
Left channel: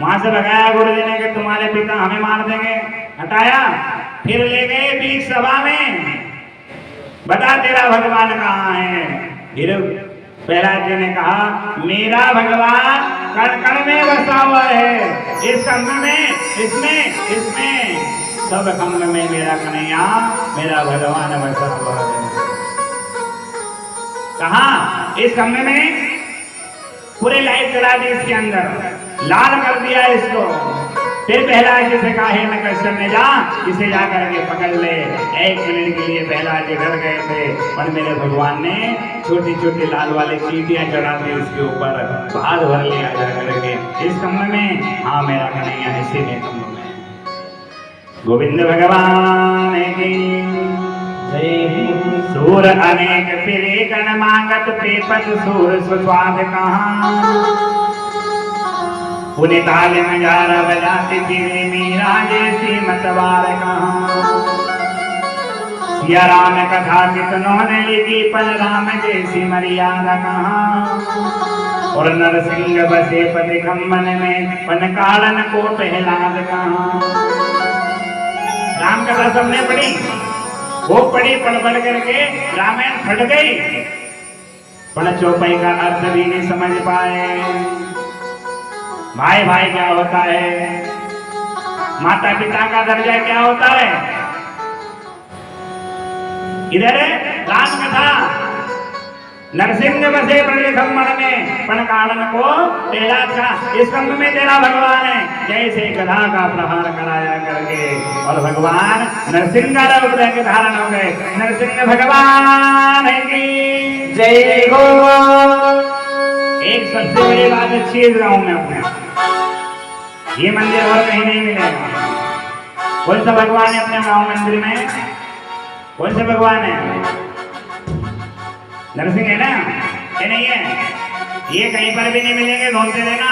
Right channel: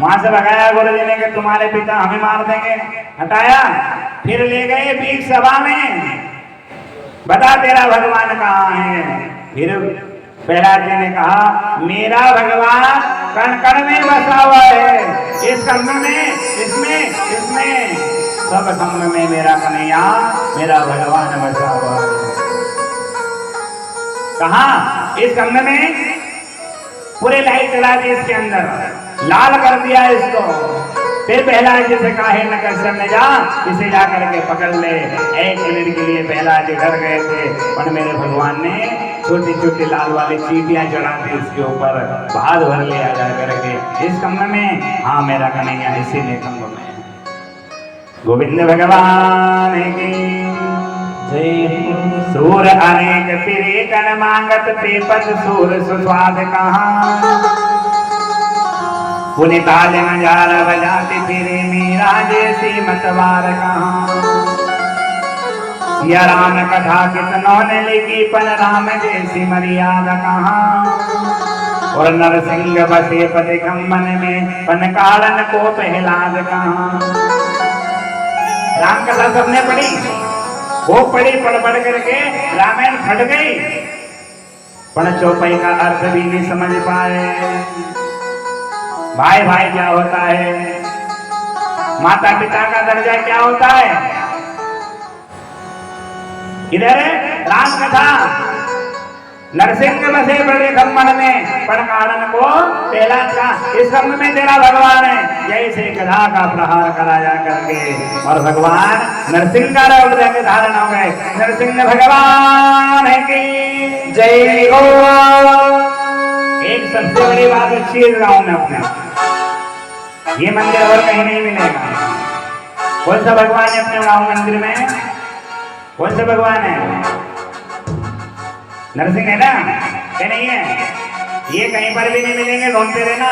वहां से भगाया गुरु जी ने कि तुम्हारे पिता हमें मार देंगे, हटाया। फिर ले गए बीच सभा में, बता तेरा भगवान कहाँ है? फिर प्रहलाद जी ने कहा, मेरा भगवान कण कण में बसा हुआ है, इस खंभ में, इसमें सब खंभ में मेरा कन्हैया, मेरा भगवान बसा हुआ है। कहाँ? इस खंभ में। पूरे लाइट चला दी इसके अंदर, लाल कर दिया इसको। फिर प्रहलाद जी से कहा, है न कश्यप ने जा इसे जाकर के पकड़ ले। 1 मिनट के लिए प्रहलाद जी डर गए थे, पर मेरे भगवान ने छोटी छोटी लाल वाली चींटियां चढ़ा दी इसके ऊपर, भार भर लिया जा करके इस कम्म में। हाँ, मेरा कन्हैया इसीलिए कम्म में। गोविंद भगवान की सूर अनेक फिरे कन मांगत प्रेपत सूर सुस्वाद कहाँ। पुनि ताल नजारा बजाते फिरे मीरा जैसी मतवार कहाँ। सिया राम कथा कितनों ने लिखी, पर राम जैसी मर्यादा कहाँ। और नरसिंह बसे पति खम्मन में, पन कारण को प्रहलाद कहाँ। राम कथा सबने पढ़ी, वो पढ़ी, पढ़ करके रामायण फट गई, पर चौपाई का अर्थ भी नहीं समझ पाए। भाई भाई क्या होता है, माता पिता का दर्जा क्या होता है। इधर राम कथा, नरसिंह बसे पति खम्मन में, पण कारण को प्रहलाद का। इस खम्भ में तेरा भगवान है, जैसे गधा का प्रहार कराया करके, और भगवान नरसिंह का रूप लेके धारण हो गए। नरसिंह भगवान की जय हो। एक सबसे बड़ी बात अच्छी इस गांव में अपने, ये मंदिर और कहीं नहीं मिलेगा। कौन सा भगवान है अपने गांव मंदिर में? कौन सा भगवान है? नरसिंह है ना, क्या नहीं है? ये कहीं पर भी नहीं मिलेंगे, ढूंढते रहना,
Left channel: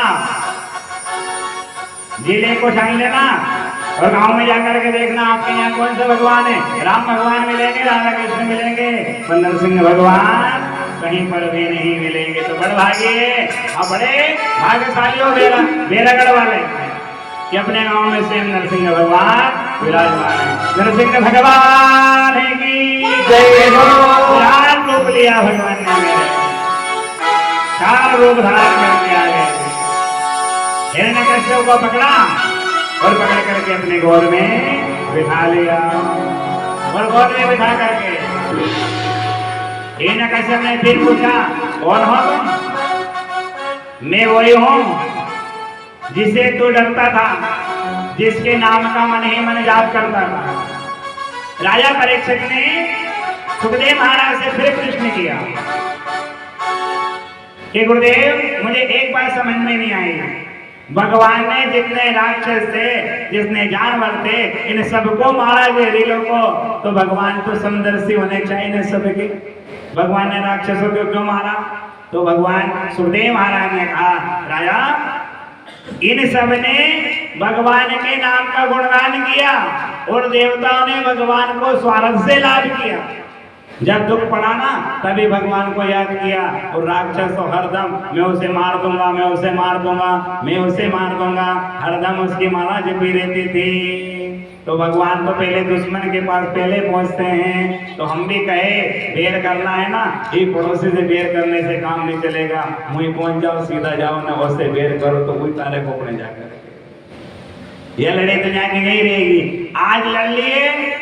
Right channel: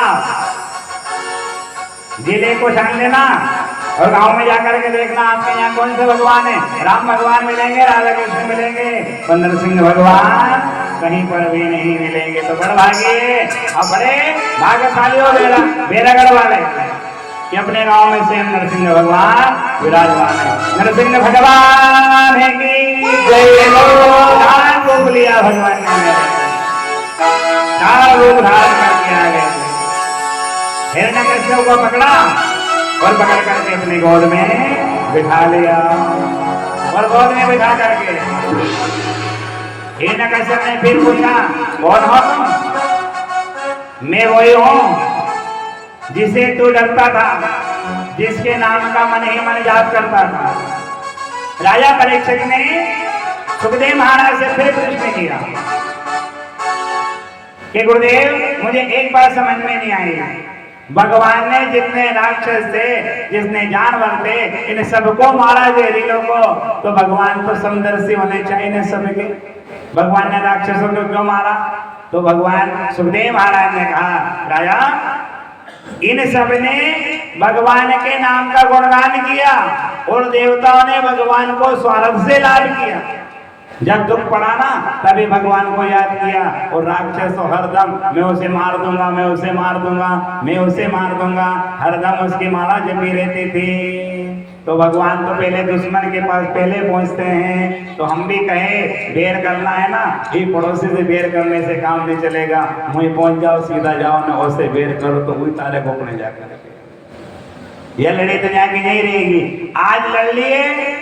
जिले को छान लेना और गांव में जाकर के देखना आपके यहाँ कौन से भगवान है। राम भगवान मिलेंगे, राधा कृष्ण मिलेंगे, पर नरसिंह भगवान कहीं पर भी नहीं मिलेंगे। तो बड़ भाग्य और बड़े भाग्यशाली हो बेरागढ़ वाले कि अपने गांव में से नरसिंह भगवान विराजमान है। नरसिंह भगवान है की जय हो। रूप लिया भगवान ने मेरे, चार रूप धारण करके आ गए। हिरण्यकश्यप को पकड़ा और पकड़ करके अपने गोद में बिठा लिया, और गोद में बिठा करके हिरण्यकश्यप ने फिर पूछा, कौन हो तुम? मैं वही हूं जिसे तू डरता था, जिसके नाम का मन ही मन जाप करता था। राजा परीक्षित ने सुखदेव महाराज से फिर प्रश्न किया कि गुरुदेव, मुझे एक बात समझ में नहीं आई। भगवान ने जितने राक्षस थे, जितने जानवर थे, इन सबको मारा जहरीलों को, तो भगवान तो समदर्शी होने चाहिए न सबके। भगवान ने राक्षसों को क्यों मारा? तो भगवान सुखदेव महाराज ने कहा, राजा, इन सब ने भगवान के नाम का गुणगान किया और देवताओं ने भगवान को स्वार्थ से लाभ किया। जब दुख पड़ा ना, तभी भगवान को याद किया। और राक्षस तो हरदम मैं उसे मार दूंगा, मैं उसे मार दूंगा, मैं उसे मार दूंगा, हरदम उसकी माला जपी रहती थी। तो भगवान तो पहले दुश्मन के पास पहले पहुंचते हैं। तो हम भी कहे बेर करना है ना, ये पड़ोसी से बेर करने से काम नहीं चलेगा। वहीं पहुंच जाओ, सीधा जाओ ना, उससे बेर करो तो वही ताले खोपने जाकर ये लड़े तो जाके नहीं रहेगी। आज लड़ लिए,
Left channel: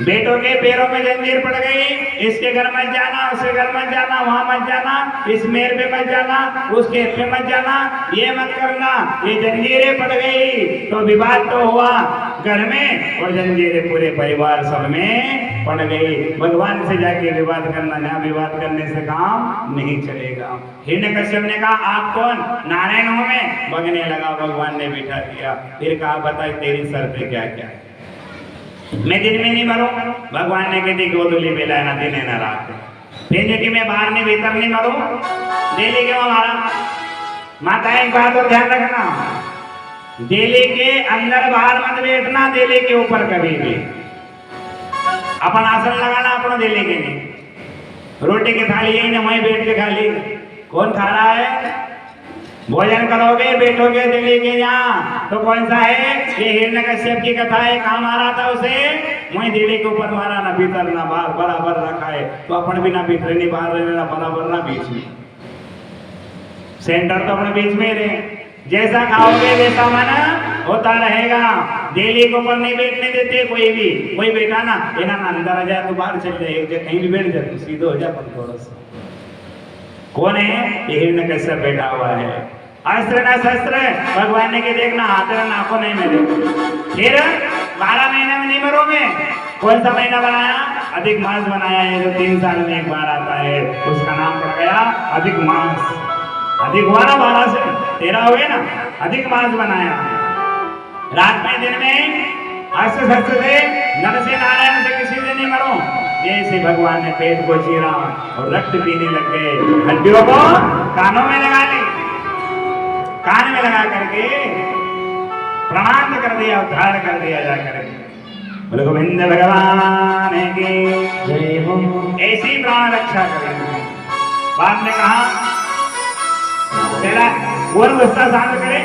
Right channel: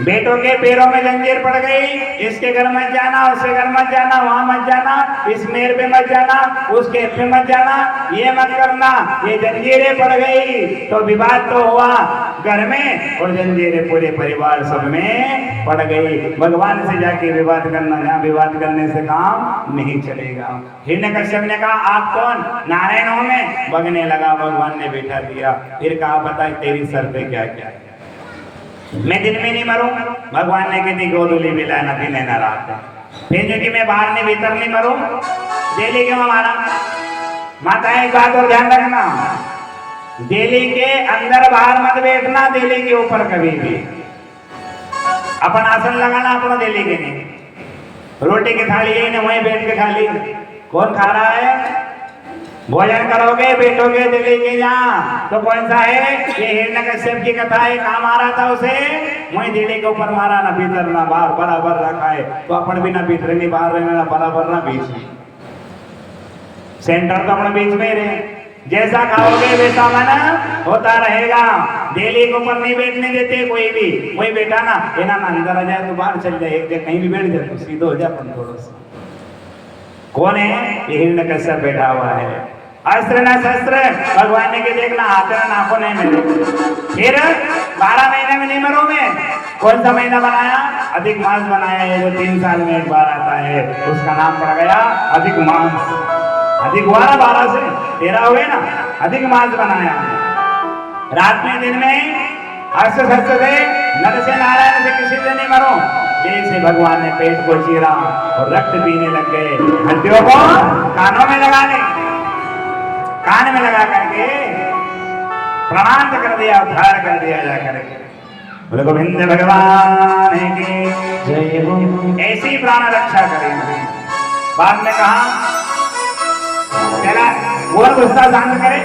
बेटों के पैरों में जंजीर पड़ गई, इसके घर मत जाना, उसके घर मत जाना, वहां मत जाना, इस मेर पे मत जाना, उसके पे मत जाना, ये मत करना, ये जंजीरें पड़ गई। तो विवाद तो हुआ घर में और जंजीरें पूरे परिवार सब में पड़ गई। भगवान से जाके विवाद करना, जहाँ विवाद करने से काम नहीं चलेगा। हिरण्यकश्यप ने कहा, आप कौन? नारायण हूं मैं। बगने लगा, भगवान ने बिठा दिया। फिर कहा, बता तेरी सर पे क्या क्या है? मैं दिन में नहीं मरूं। भगवान ने कहती गोदुली मिला ना दिन ना रात। फिर जो कि मैं बाहर नहीं भीतर नहीं मरूं, दिल्ली के हमारा माता एक बात और ध्यान रखना, दिल्ली के अंदर बाहर मत बैठना, दिल्ली के ऊपर कभी भी। अपन आसन लगाना अपना दिल्ली के नहीं। रोटी की थाली यही ना, वहीं बैठ के खा ली। कौन खा रहा है? भोजन करोगे बैठोगे दिल्ली के जहाँ, तो कौन सा है? ये हिरण्यकश्यप की कथा है। कहाँ मारा था उसे? वहीं दिल्ली के ऊपर मारा, ना भीतर ना बाहर, बराबर रखा है। तो अपन भी ना भीतर नहीं बाहर रहना, ना बराबर ना बीच में। सेंटर तो अपने बीच में रहे। जैसा खाओगे वैसा मन होता रहेगा। दिल्ली के ऊपर नहीं बैठने देते कोई भी। कोई बैठा ना ना अंदर आ जाए तो बाहर चल जाए, एक जगह कहीं भी बैठ जाए तो सीधे हो जाए अपन थोड़ा सा। कौन है? ये हिरण्यकश्यप बैठा हुआ है। अस्त्र न शस्त्र, भगवान ने के देखना हाथ ना नाखो नहीं मेरे। फिर 12 महीने में नहीं मरूं मैं। कौन सा महीना बनाया? अधिक मास बनाया है, जो 3 साल में एक बार आता है, उसका नाम पड़ गया अधिक मास। अधिक हुआ ना, 12 से 13 हुए ना, अधिक मास बनाया। रात में दिन में अस्त्र शस्त्र से, नर से, नारायण से, किसी से नहीं मरूं। जैसे भगवान ने पेट को चीरा और रक्त पीने लग गए, हड्डियों को कानों में लगा ली, कान में लगा करके प्रणाम कर दिया, उद्धार कर दिया जा करके। बोले गोविंद भगवान की ऐसी प्राण रक्षा करें। बाद में कहा, जरा वो गुस्सा शांत करे।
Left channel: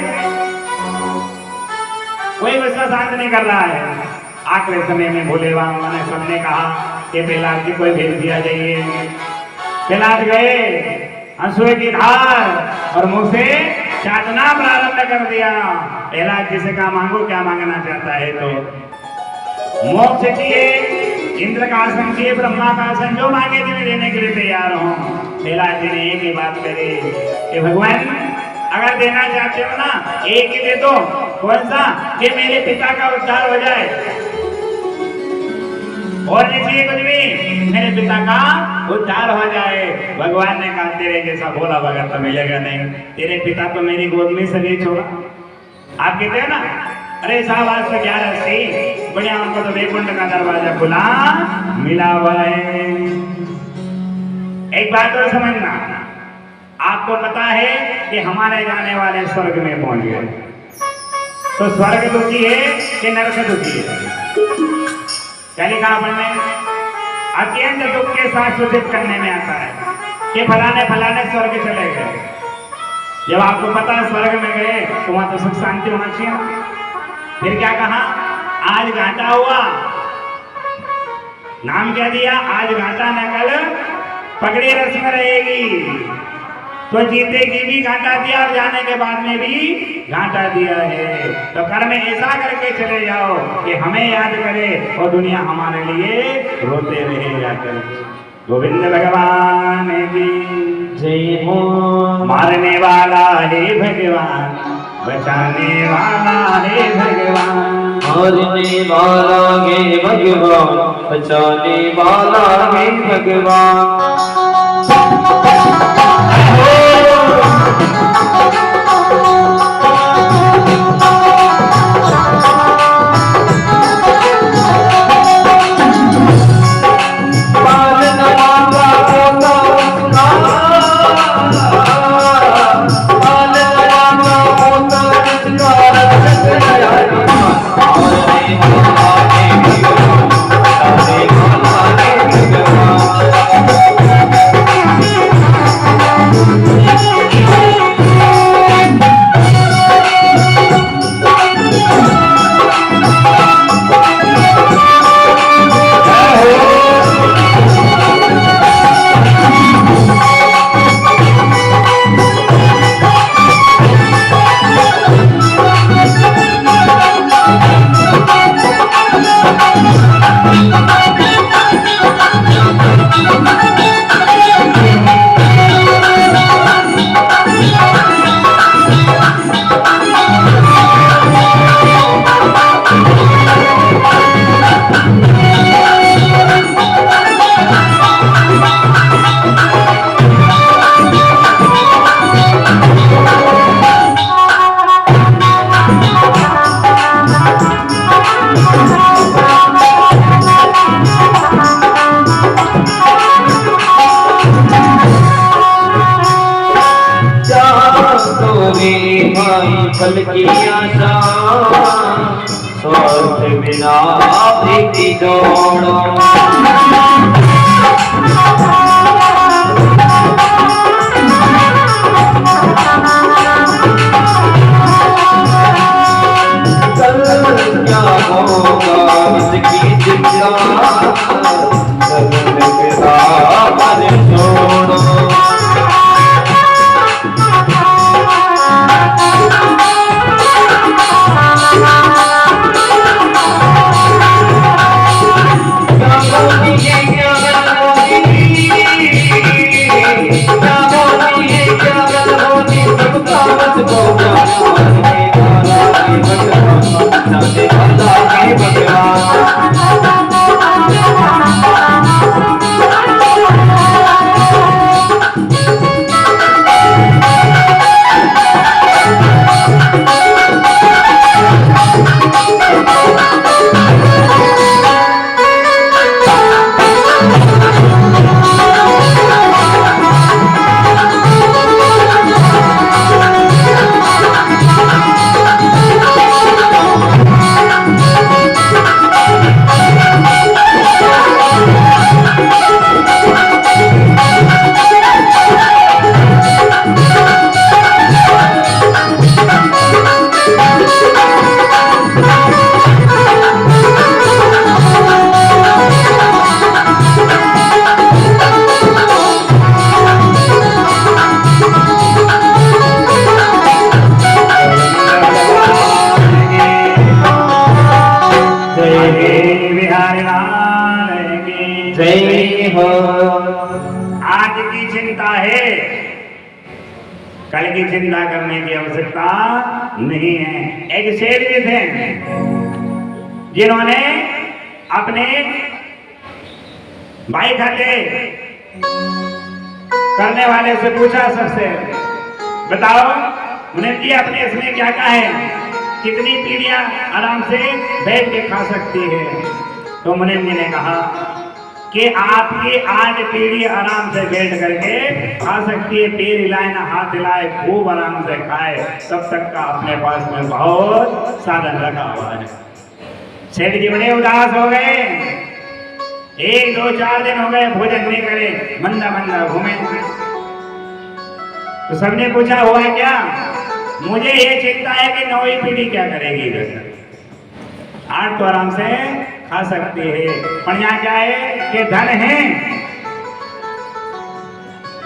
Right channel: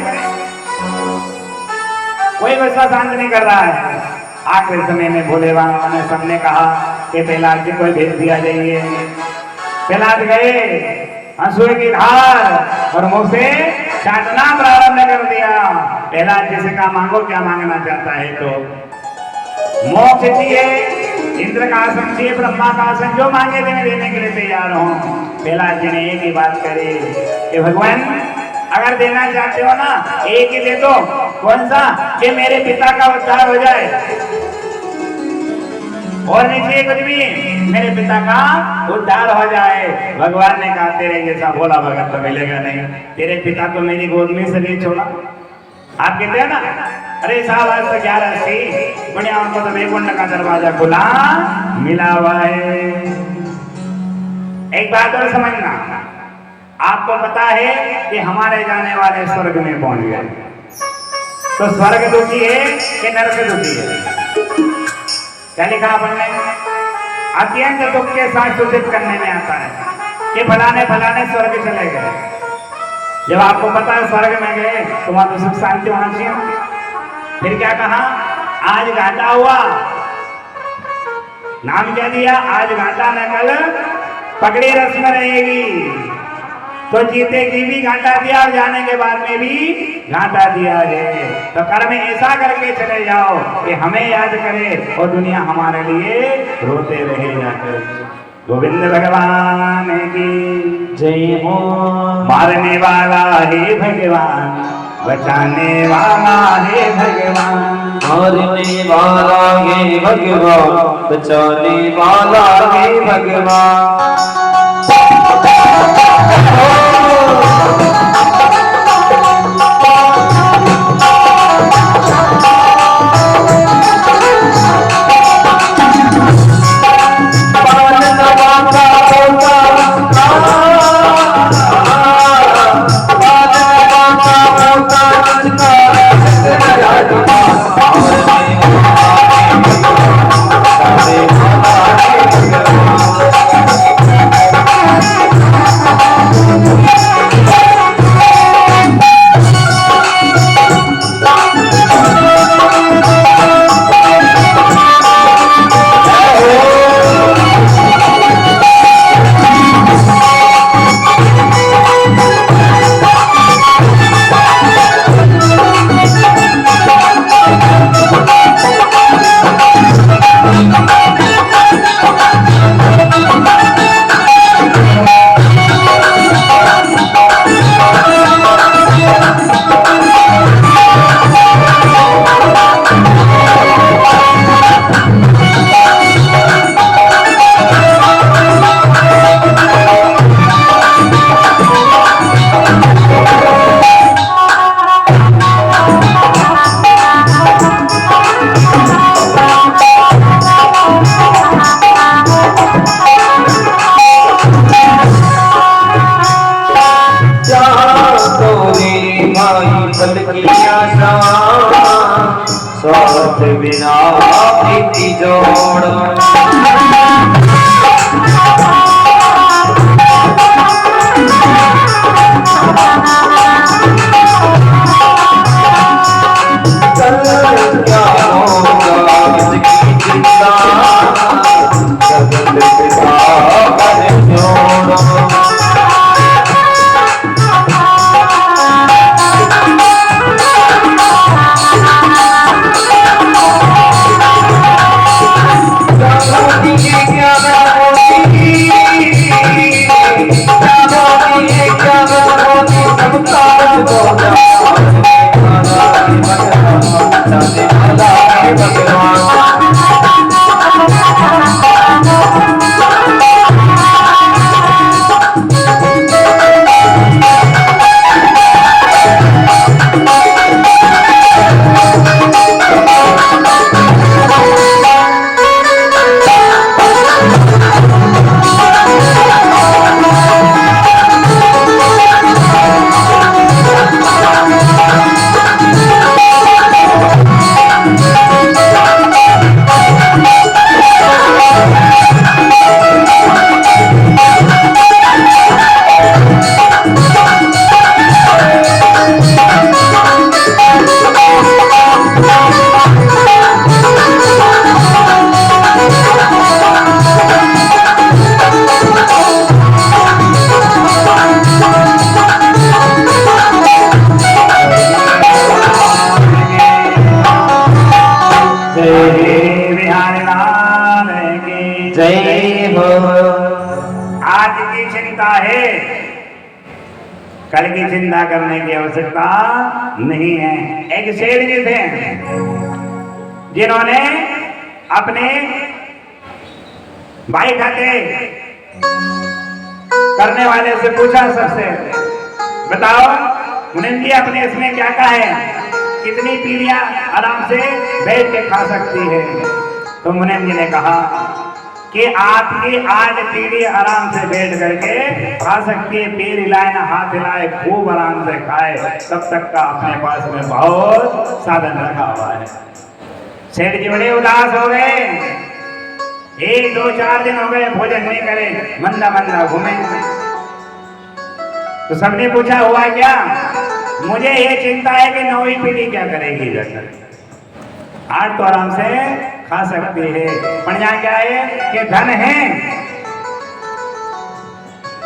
कोई गुस्सा शांत नहीं कर रहा है। आखिरी समय में भोले बाबा ने सबने कहा कि प्रहलाद जी कोई भेज दिया जाइए। प्रहलाद गए, आंसू की धार और मुंह से चाटना प्रारंभ कर दिया। प्रहलाद जी से कहा, मांगो क्या मांगना चाहता है? तो मोक्ष चाहिए, इंद्र का आसन चाहिए, ब्रह्मा का आसन, जो मांगे थे मैं देने के लिए तैयार हूँ। प्रहलाद जी ने एक ही बात करी कि भगवान अगर देना चाहते हो ना, एक ही दे दो। कौन सा? कि मेरे पिता का उद्धार हो जाए, और नहीं चाहिए कुछ भी, मेरे पिता का उद्धार हो जाए। भगवान ने कहा, तेरे जैसा भोला भगत तो मिलेगा नहीं। तेरे पिता तो मेरी गोद में से नहीं छोड़ा। आप कहते हैं ना, अरे साहब आज तो 11 थी, बढ़िया, उनको तो वैकुंठ का दरवाजा खुला मिला हुआ है। एक बात और समझना, आपको पता है कि हमारे जाने वाले स्वर्ग में पहुंच गए। तो स्वर्ग दुखी है कि नरक दुखी है? क्या लिखा आपने? अत्यंत दुख के साथ सूचित करने में आता है कि फलाने फलाने स्वर्ग चले गए। जब आपको पता है स्वर्ग में गए तो वहां तो सुख शांति होना चाहिए। फिर क्या कहा? आज घाटा हुआ, नाम क्या दिया? आज घाटा न कल पगड़ी रस्म रहेगी। तो जीते की भी घाटा दिया और जाने के बाद में भी घाटा दिया है। तो कर्म ऐसा करके चले जाओ कि हमें याद करे और दुनिया हमारे लिए रोते रहे जाकर। गोविंद भगवान की जय हो। मारने वाला है भगवान, बचाने वाला है भगवान। मारने वाला है भगवान, बचाने वाला है भगवान। फल की आशा स्वार्थ बिना प्रीति जोड़ो। जय हो। आज की चिंता है, कल की चिंता करने की आवश्यकता नहीं है। एक शेर जी थे जिन्होंने अपने भाई खाते करने वाले से पूछा, सबसे बताओ मुनीम जी आपने इसमें क्या कहा है, कितनी पीढ़ियां आराम से बैठ के खा सकती है? तो मुनीम जी ने कहा कि आपकी 8 पीढ़ी आराम से बैठ करके खा सकती है, पैर हिलाए ना हाथ हिलाए खूब आराम से खाए, तब तक का अपने पास में बहुत साधन रखा हुआ है। सेठ जी बड़े उदास हो गए, 1 2 4 दिन हो गए भोजन नहीं करे, मंदा मंदा घूमे। तो सबने पूछा हुआ क्या? मुझे ये चिंता है कि 9वीं पीढ़ी क्या करेगी इधर। 8 तो आराम से खा सकती है, पर यहाँ क्या है कि धन है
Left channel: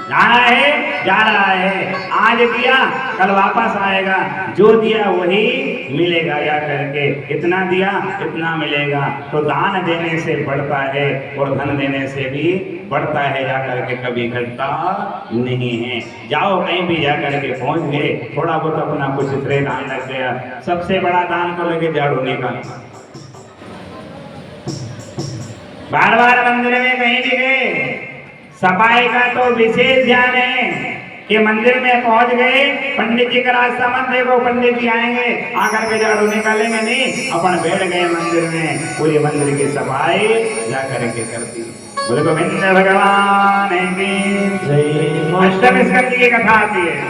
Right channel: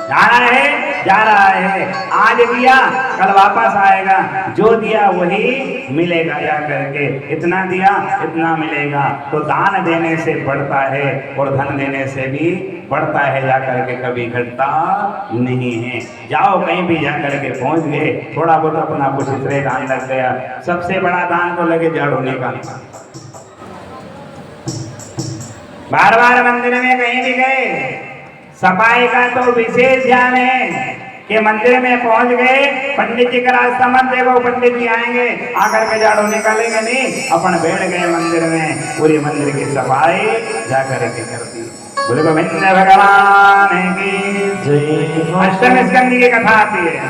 जाना है, जा रहा है, आज दिया कल वापस आएगा, जो दिया वही मिलेगा जा करके, इतना दिया इतना मिलेगा। तो दान देने से बढ़ता है और धन देने से भी बढ़ता है, जा करके कभी घटता नहीं है। जाओ कहीं भी जा करके पहुंच गए, थोड़ा बहुत अपना कुछ इतने दान लग गया, सबसे बड़ा दान तो लगे झाड़ू निकालना। बार बार मंदिर में कहीं भी गए, सफाई का तो विशेष ध्यान है कि मंदिर में पहुंच गए, पंडित जी का रास्ता मत देखो, पंडित जी आएंगे आकर के झाड़ू निकालेंगे नहीं, अपन बैठ गए मंदिर में, पूरी मंदिर की सफाई जा करके कर दी। बोले गोविंद भगवान की जय। अष्टम स्कंद की कथा आती है।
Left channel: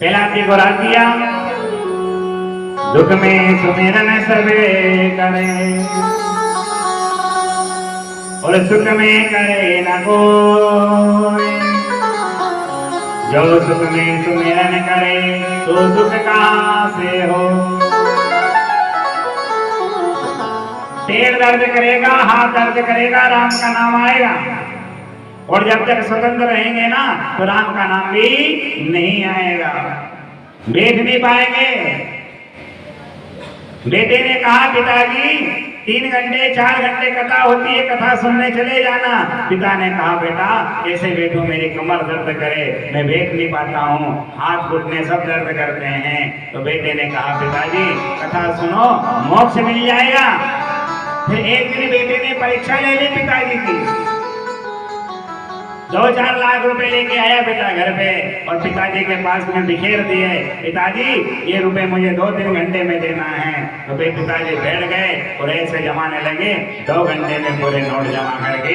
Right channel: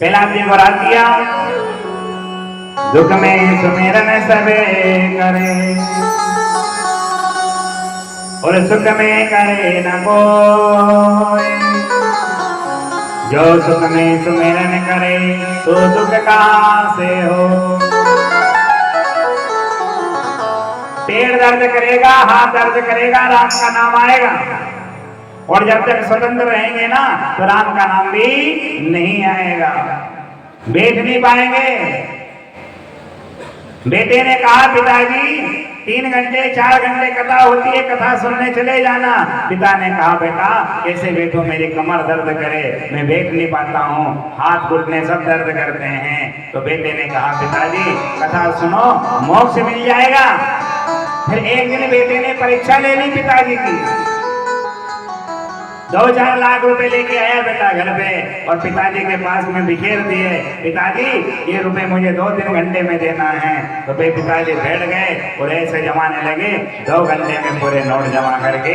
पहला दिन बरात दिया, दुख में सुमिरन सबे करे और सुख में करे न कोई, जो सुख में सुमिरन करे तो दुख कहाँ से हो। पैर दर्द करेगा, हाथ दर्द करेगा, राम का नाम आएगा, और जब तक स्वतंत्र रहेंगे ना तो राम का नाम भी नहीं आएगा, बैठ नहीं पाएंगे। बेटे ने कहा पिताजी 3 घंटे 4 घंटे कथा होती है, कथा सुनने चले जाना। पिता ने कहा बेटा कैसे बैठो, मेरी कमर दर्द करे, मैं बैठ नहीं पाता हूँ, हाथ घुटने सब दर्द करते हैं। तो बेटे ने कहा पिताजी कथा सुनो, मोक्ष मिल जाएगा। फिर एक दिन बेटे ने परीक्षा ले ली पिताजी की, 2-4 लाख रुपए लेके आया बेटा घर पे, और पिताजी के पास में बिखेर दिए, पिताजी ये रुपए मुझे 2-3 घंटे में देना है। तो भाई पिताजी बैठ गए और ऐसे जमाने लगे, 2 घंटे में पूरे नोट जमा करके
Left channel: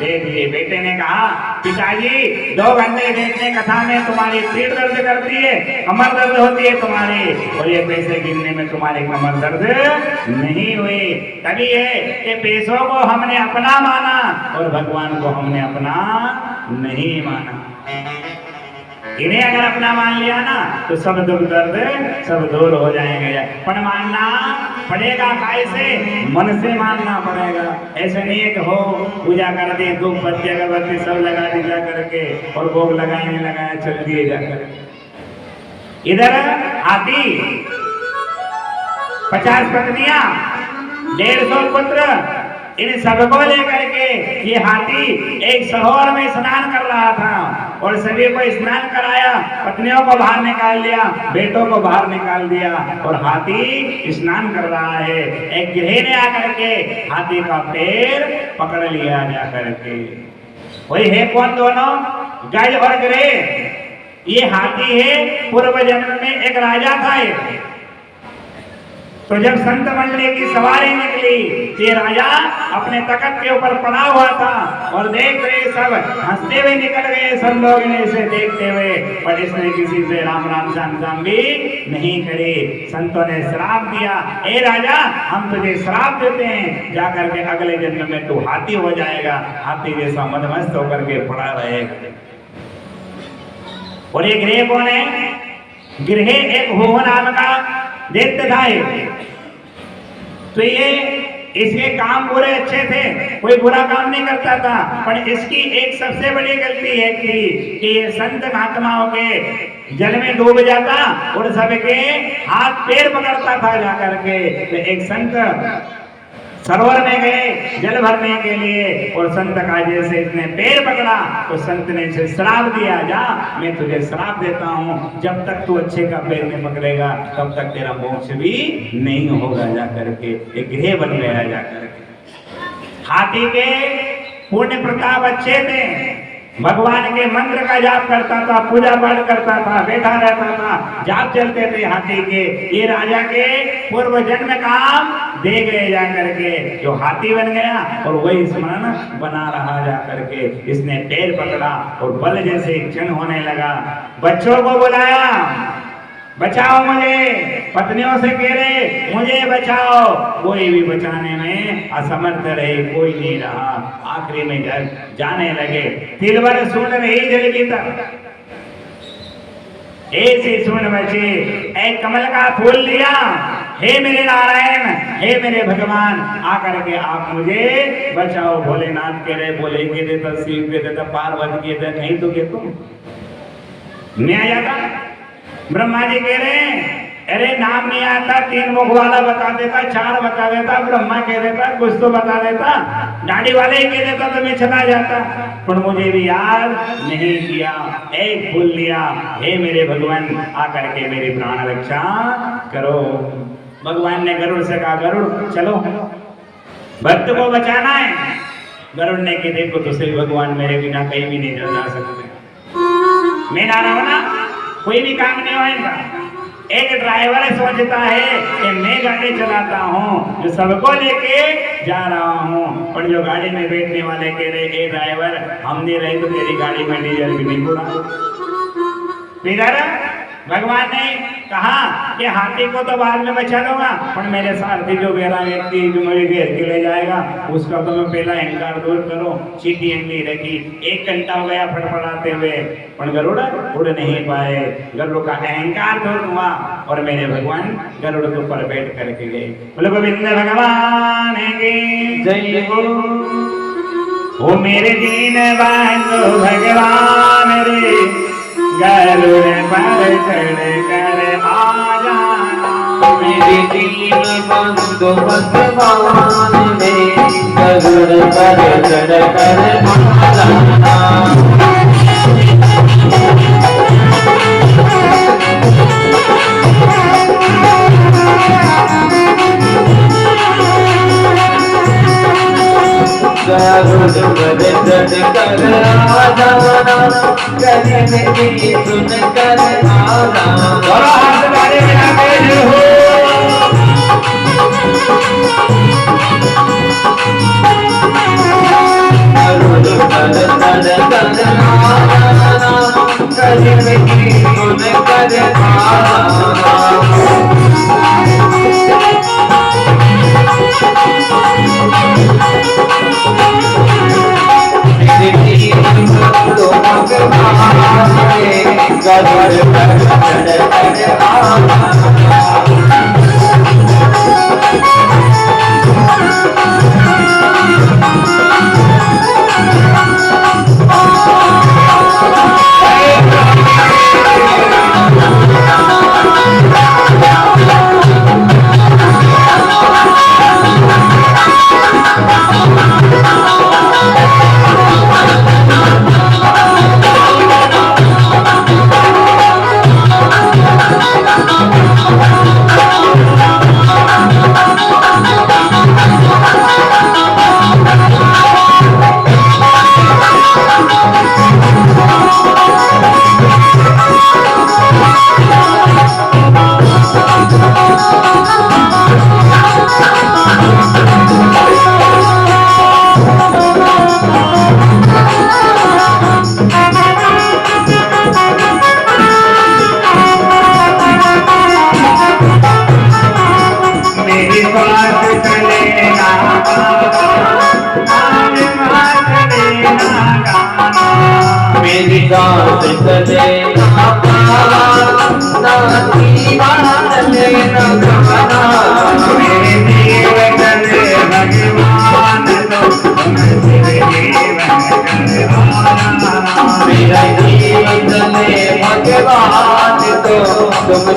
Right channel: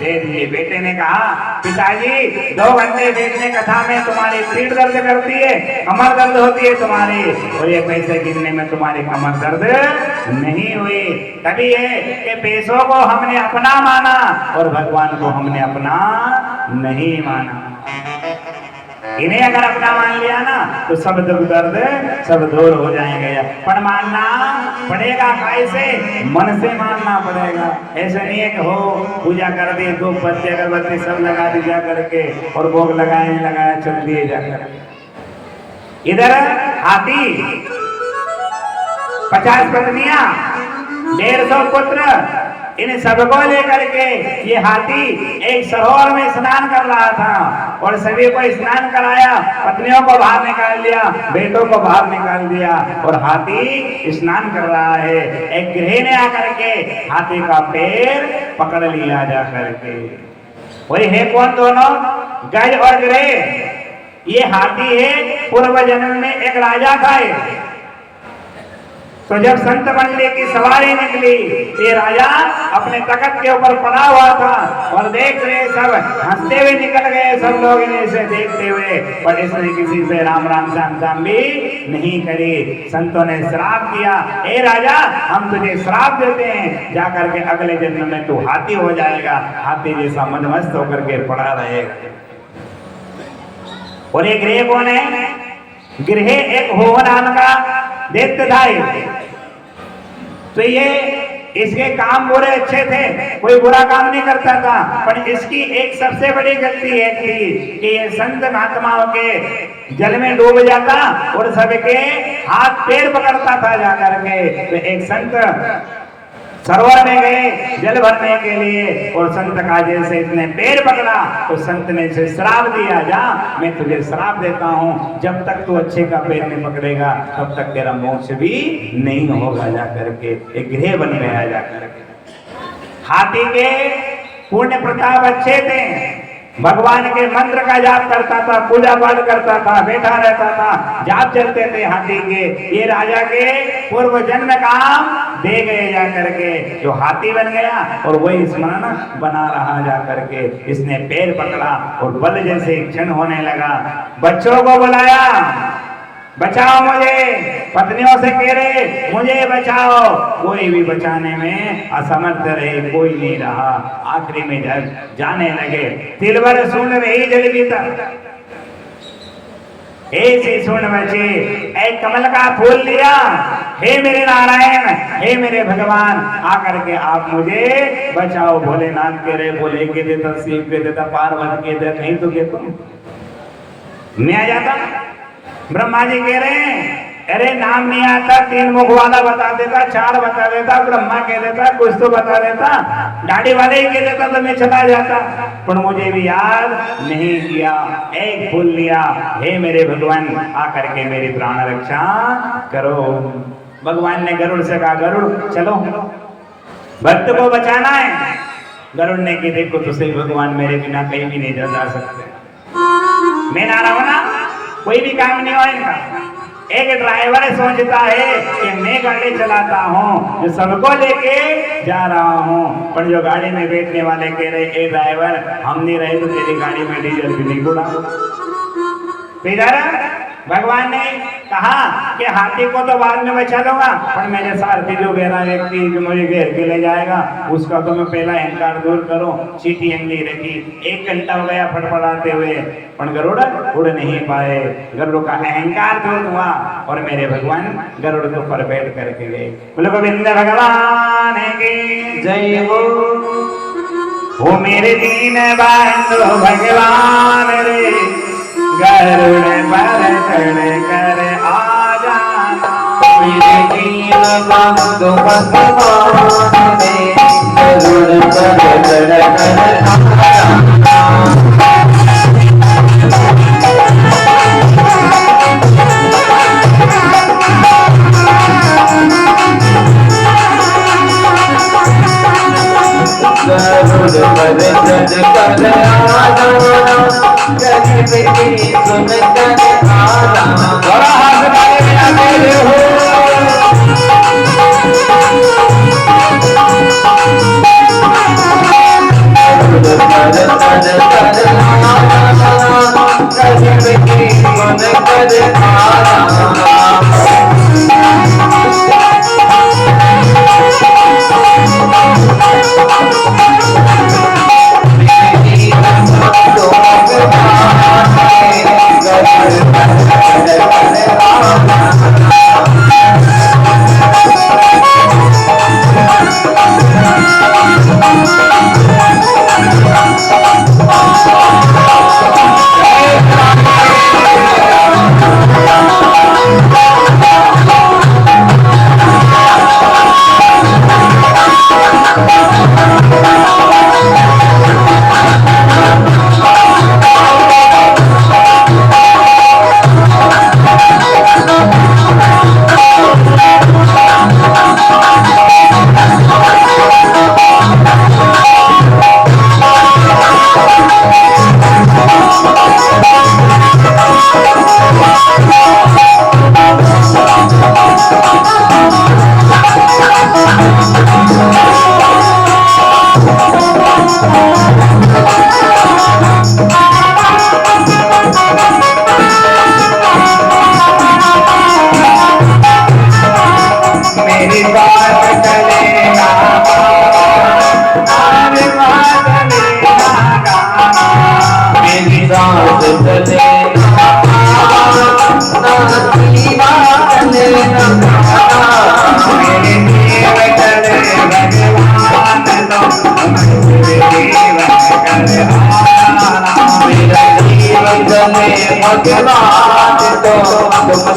दे दिए। बेटे ने कहा पिताजी 2 घंटे बैठने कथा में तुम्हारी पीठ दर्द करती है, कमर दर्द होती है तुम्हारी, और ये पैसे गिनने में तुम्हारी कमर दर्द नहीं हुई। तभी है कि पैसों को हमने अपना माना और भगवान को हमने अपना नहीं माना। इन्हें अगर अपना मान लिया ना तो सब दुख दर्द सब दूर हो जाएंगे। पर मानना पड़ेगा, कैसे? मन से मानना पड़ेगा। ऐसे नहीं है कि हो पूजा कर दी, धूप बत्ती अगरबत्ती सब लगा दी जा करके और भोग लगाने लगाया चल दिए जाकर। इधर हाथी 50 पत्नियां 150 पुत्र, इन सबको लेकर के ये हाथी एक सरोवर में स्नान कर रहा था और सभी को स्नान कराया, पत्नियों को बाहर निकाल दिया, बेटों को बाहर निकाल दिया और हाथी स्नान कर रहा है। एक गिरह ने आकर के हाथी का पैर पकड़ लिया जा करके। वही है कौन दोनों? गज और गिरह। ये हाथी है पूर्व जन्म में एक राजा था। तो जब संत मंडली की सवारी निकली, ये राजा अपने तख्त के ऊपर पड़ा हुआ था और देख रहे सब हंसते हुए निकल गए, सब लोग इसे देखते हुए, पर इसने किसी से राम राम श्याम श्याम भी नहीं करी। संतों ने श्राप दिया, ए राजा हम तुझे श्राप देते हैं, जाकर के अगले जन्म में तू हाथी हो जाएगा, हाथी जैसा मदमस्त होकर के पड़ा रहे। और ये गृह कौन है? गृह एक होम नाम का दैत्य था। तो ये इसके काम पूरे अच्छे थे, कोई बुरा काम नहीं करता था, पर इसकी एक सबसे बड़ी गलती है थी कि ये संत महात्माओं के जल में डूब जाता और सबके हाथ पैर पकड़ता था जाकर के। तो एक संत सरोवर में गए जल भरने के लिए और संत का जैसे इसने पैर पकड़ा तो संत ने इसे श्राप दिया, जा मैं तुझे श्राप देता हूँ, जब तक तू अच्छे का पैर नहीं पकड़ेगा तब तक तेरा मोक्ष भी नहीं होगा जा करके। एक गृह बन गया जा करके। हाथी के पुण्य प्रताप अच्छे थे, भगवान के मंत्र का जाप करता था, पूजा पाठ करता था, बैठा रहता था, जाप चलते थे हाथी के। ये राजा के पूर्व जन्म काम दे गए जा करके, जो हाथी बन गया और वही स्मरण बना रहा जा करके। इसने पैर पकड़ा और बल जैसे क्षण होने लगा, बच्चों को बुलाया, बचाओ मुझे, पत्नियों से कह रहे मुझे बचाओ, कोई भी बचाने में असमर्थ रहे, कोई नहीं रहा। आखिरी में जाने लगे, तिलवर सुन रही जल भीतर, ऐसे सुन बचे, एक कमल का फूल लिया, हे मेरे नारायण, हे मेरे भगवान, आकर के आप मुझे बचाओ। भोलेनाथ कह रहे बोले के देता, शिव के देता, पार्वती के देता, नहीं तो के तुम मैं आ जाता। ब्रह्मा जी कह रहे हैं अरे नाम नहीं आता, 3 मुख वाला बता देता, 4 बता देता, ब्रह्मा कह देता, कुछ तो बता देता, गाड़ी वाले ही कह देता तो मैं चला जाता, पर मुझे भी याद नहीं किया, एक फूल लिया। हे मेरे भगवान, आकर के मेरी प्राण रक्षा करो। भगवान ने गरुड़ से कहा गरुड़ चलो भक्त को बचाना है। गरुड़ ने कहा देखो तुझसे भगवान मेरे बिना कहीं भी नहीं जा सकते। मैं नारा बना कोई भी काम नहीं हो इनका। एक ड्राइवर सोचता है कि मैं गाड़ी चलाता हूँ, सबको लेके जा रहा हूँ, पर जो गाड़ी में बैठने वाले कह रहे ए ड्राइवर हम नहीं रहे तो तेरी गाड़ी में डीजल भी नहीं पड़ा। फिर भगवान ने कहा कि हाथी को तो बाद में बचा लूंगा, पर मेरे सारथी जो मेरा व्यक्ति जो मुझे घेर के ले जाएगा उसका तो मैं पहला अहंकार दूर करो। चीटी अंगली रखी, 1 घंटा हो गया फटफटाते हुए, पर गरुड़ उड़ नहीं पाए। गरुड़ का अहंकार दूर हुआ और मेरे भगवान गरुड़ के ऊपर बैठ करके गए। बोले गोविंद भगवान की जय हो। वो मेरे दीन बंधु भगवान रे, गरुड़ पर चढ़ कर आ जाना। मेरे दीन बंधु भगवान रे, गरुड़ पर चढ़ कर आ जाना। गरुड़ पर चढ़ कर आ जाना, गरीब की सुन कर आना। और हाथ वाले बिना तेरे हो। गरुड़ पर चढ़ कर आना, गरीब की सुन कर आना।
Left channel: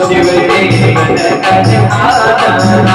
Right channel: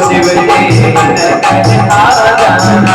शिव के मन कर आ जाना।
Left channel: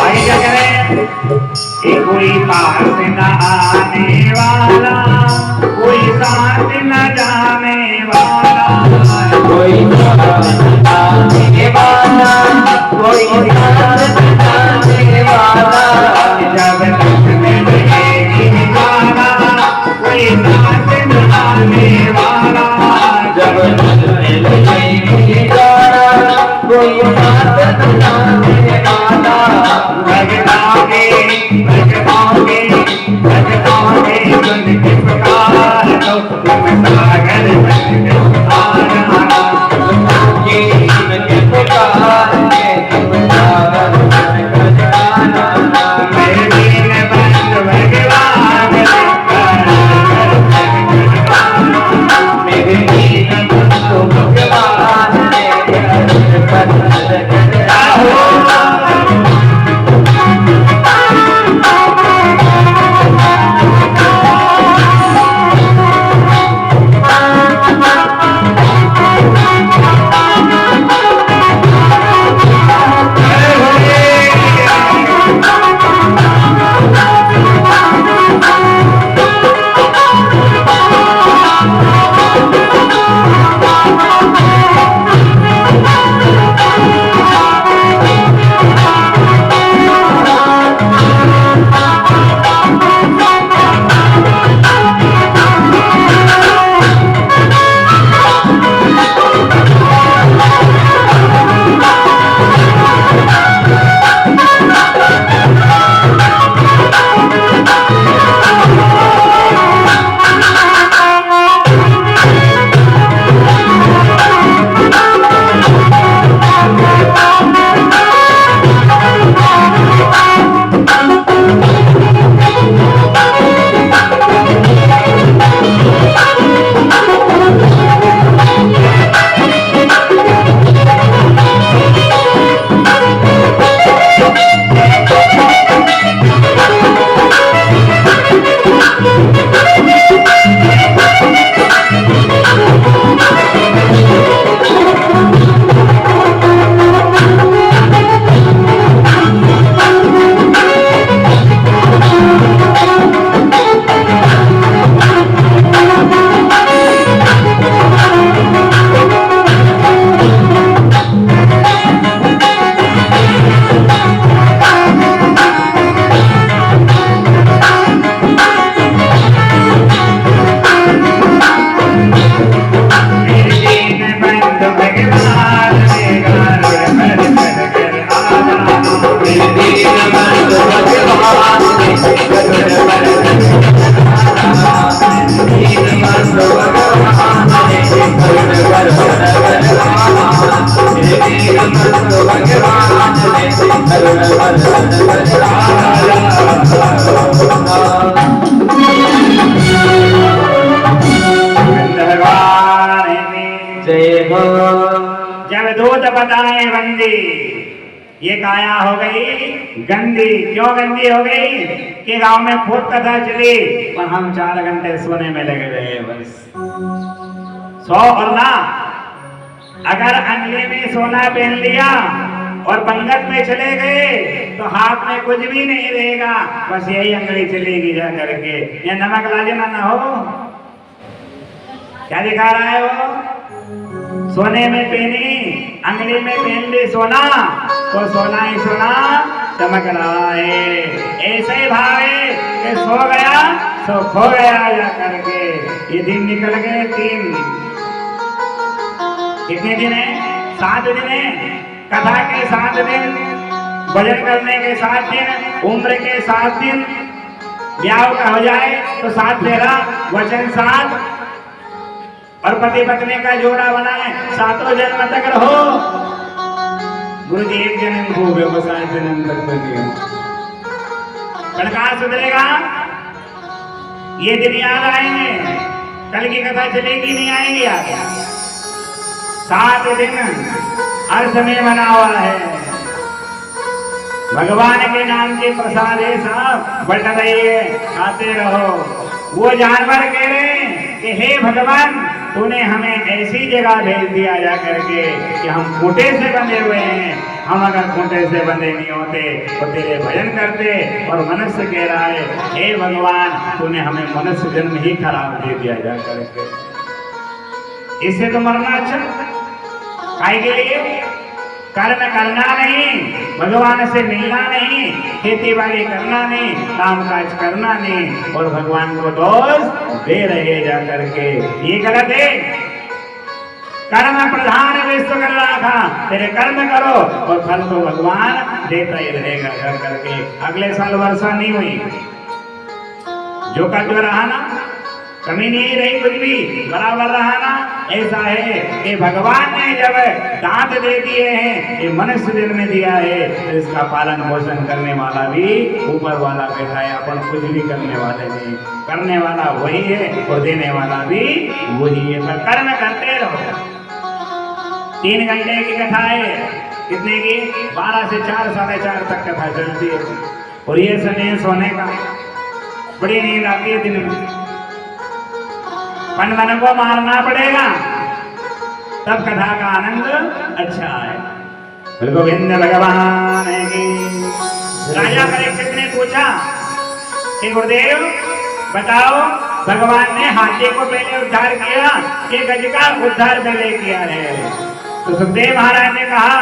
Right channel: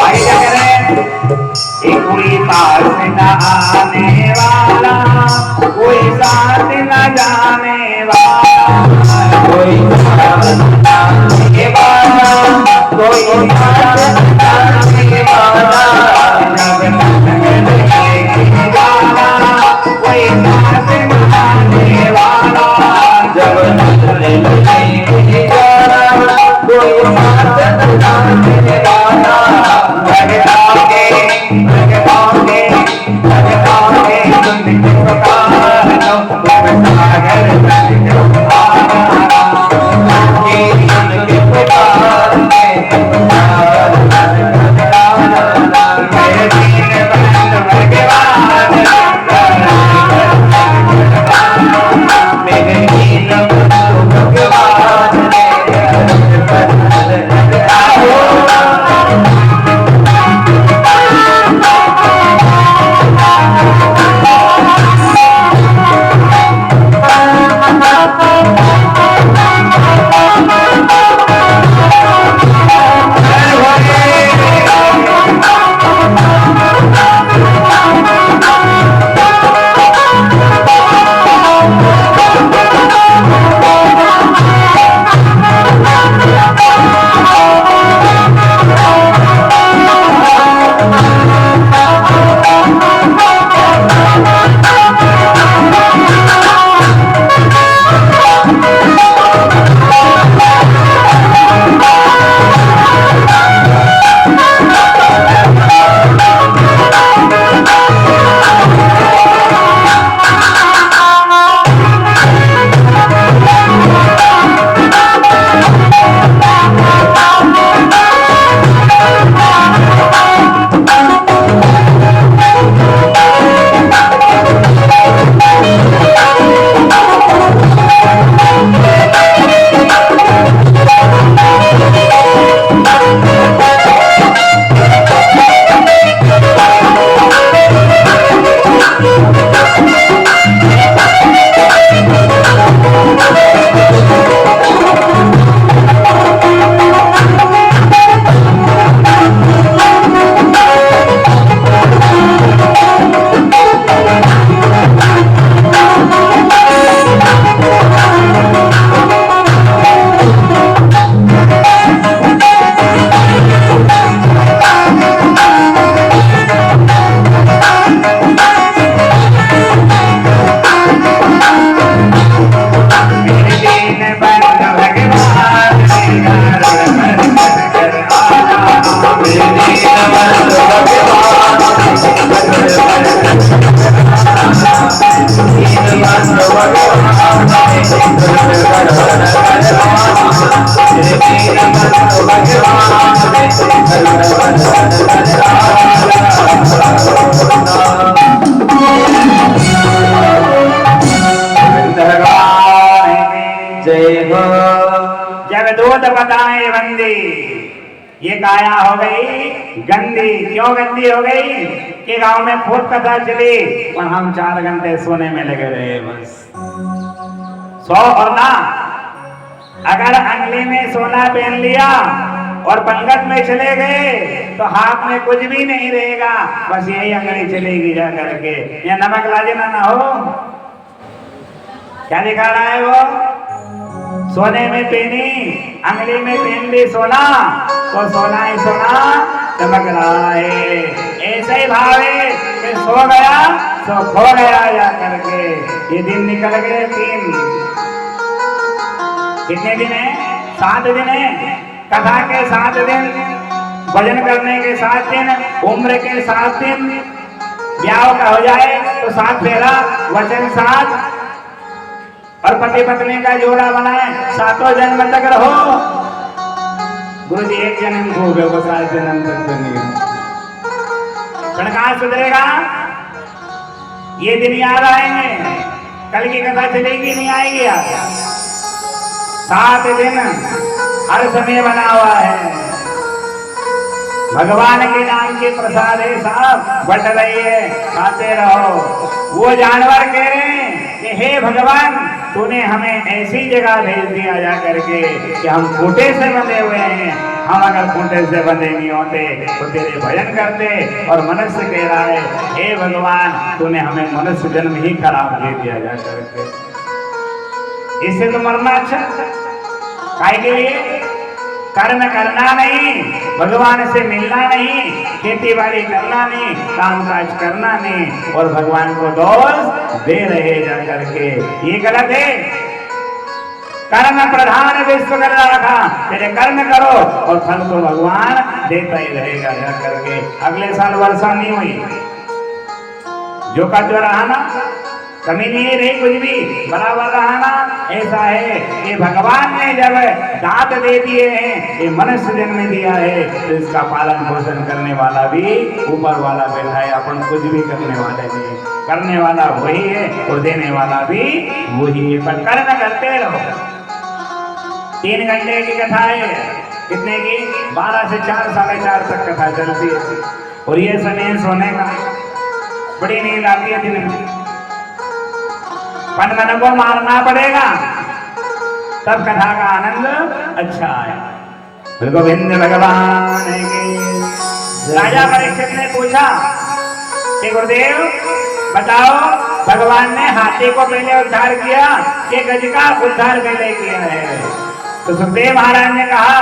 आगे क्या करें? एक कोई पास न आने वाला, कोई साथ न जाने वाला, कोई जाने वाला, कोई जाने वाला, जब तक में लगेगी गाना, कोई साथ न आने वाला, जब नजर लगेगी गाना, कोई साथ न जाने वाला। भगताओगे भगताओगे भगताओगे उनकी पुकार दो, तुम सागर बन के आना। उनके पुकार में पुकार मेरे दीन बंधु भगवान मेरे दीन बंधु भगवान जय हो। जब दूध बताए बंदी, ये काया हो गई गंदी। क्यों गंदी हो गई? कि गांव में खूब कथा चली और हम 4 घंटे सोने में लगे रहे बस। सो और ना, अगर अंगली में सोना पहन लिया और पंगत में चले गए तो हाथ में कुछ भी नहीं रहेगा, बस यही अंगली चलेगी जा करके। ये नमक लाजना ना हो। क्या दिखा रहा है वो? सोने में पहनी, अंगली में पहन ली सोना, तो सोना ही सोना चमक रहा है। ऐसा ही भाव है कि सो गया तो खो गया जा करके। ये दिन निकल गए 3। कितने दिन है? 7 दिन है। कथा के 7 दिन, भजन करने के 7 दिन, उम्र के 7 दिन, ब्याह का हो जाए तो 7 फेरा, वचन 7, और पति पत्नी का जोड़ा बनाए, 7 जन्म तक रहो। गुरु जी 1 जन्म को हो गए, 7 जन्म तक तो नहीं हो। पर कहाँ सुधरेगा? ये दिन याद आएंगे, कल की कथा चलेगी नहीं आएगी याद। 7 दिन हर समय बना हुआ है। भगवान के नाम के प्रसाद है साहब, बट रही है, खाते रहो। वो जानवर कह रहे हैं कि हे भगवान, तूने हमें ऐसी जगह भेज दिया जा करके कि हम खूंटे से बंधे हुए हैं। हम अगर खूंटे से बंधे नहीं होते तो तेरे भजन करते। और मनुष्य कह रहा है, हे भगवान, तूने हमें मनुष्य जन्म ही खराब दे दिया जा करके। इससे तो मरना अच्छा। काहे के लिए? कर्म करना नहीं, भगवान से मिलना नहीं, खेती बाड़ी करना नहीं, काम काज करना नहीं, और भगवान को दोष दे रहे जा करके। ये गलत है। कर्म प्रधान विश्व कर रखा, तेरे कर्म करो और फल तो भगवान देता ही रहेगा जा करके। अगले साल वर्षा नहीं हुई, जो का जो रहा ना, कमी नहीं रही, कुछ भी बराबर रहा ना। ऐसा है कि भगवान ने जब दांत दे दिए हैं, ये मनुष्य जन्म दिया है, तो इसका पालन पोषण करने वाला भी ऊपर वाला बैठा है। अपन कुछ भी करने वाले नहीं, करने वाला वही है और देने वाला भी वही है। पर कर्म करते रहो। 3 घंटे की कथा है, कितने की? 12 से 4, 4:30 तक कथा चलती है। और ये समय सोने का, बड़ी नींद आती है दिन में, मन को मारना पड़ेगा, तब कथा का आनंद अच्छा है। गोविंद भगवान की। राजा परीक्षित ने पूछा कि गुरुदेव बताओ, भगवान ने हाथी को पहले उद्धार किया कि गज का उद्धार पहले किया है? तो सुखदेव महाराज ने कहा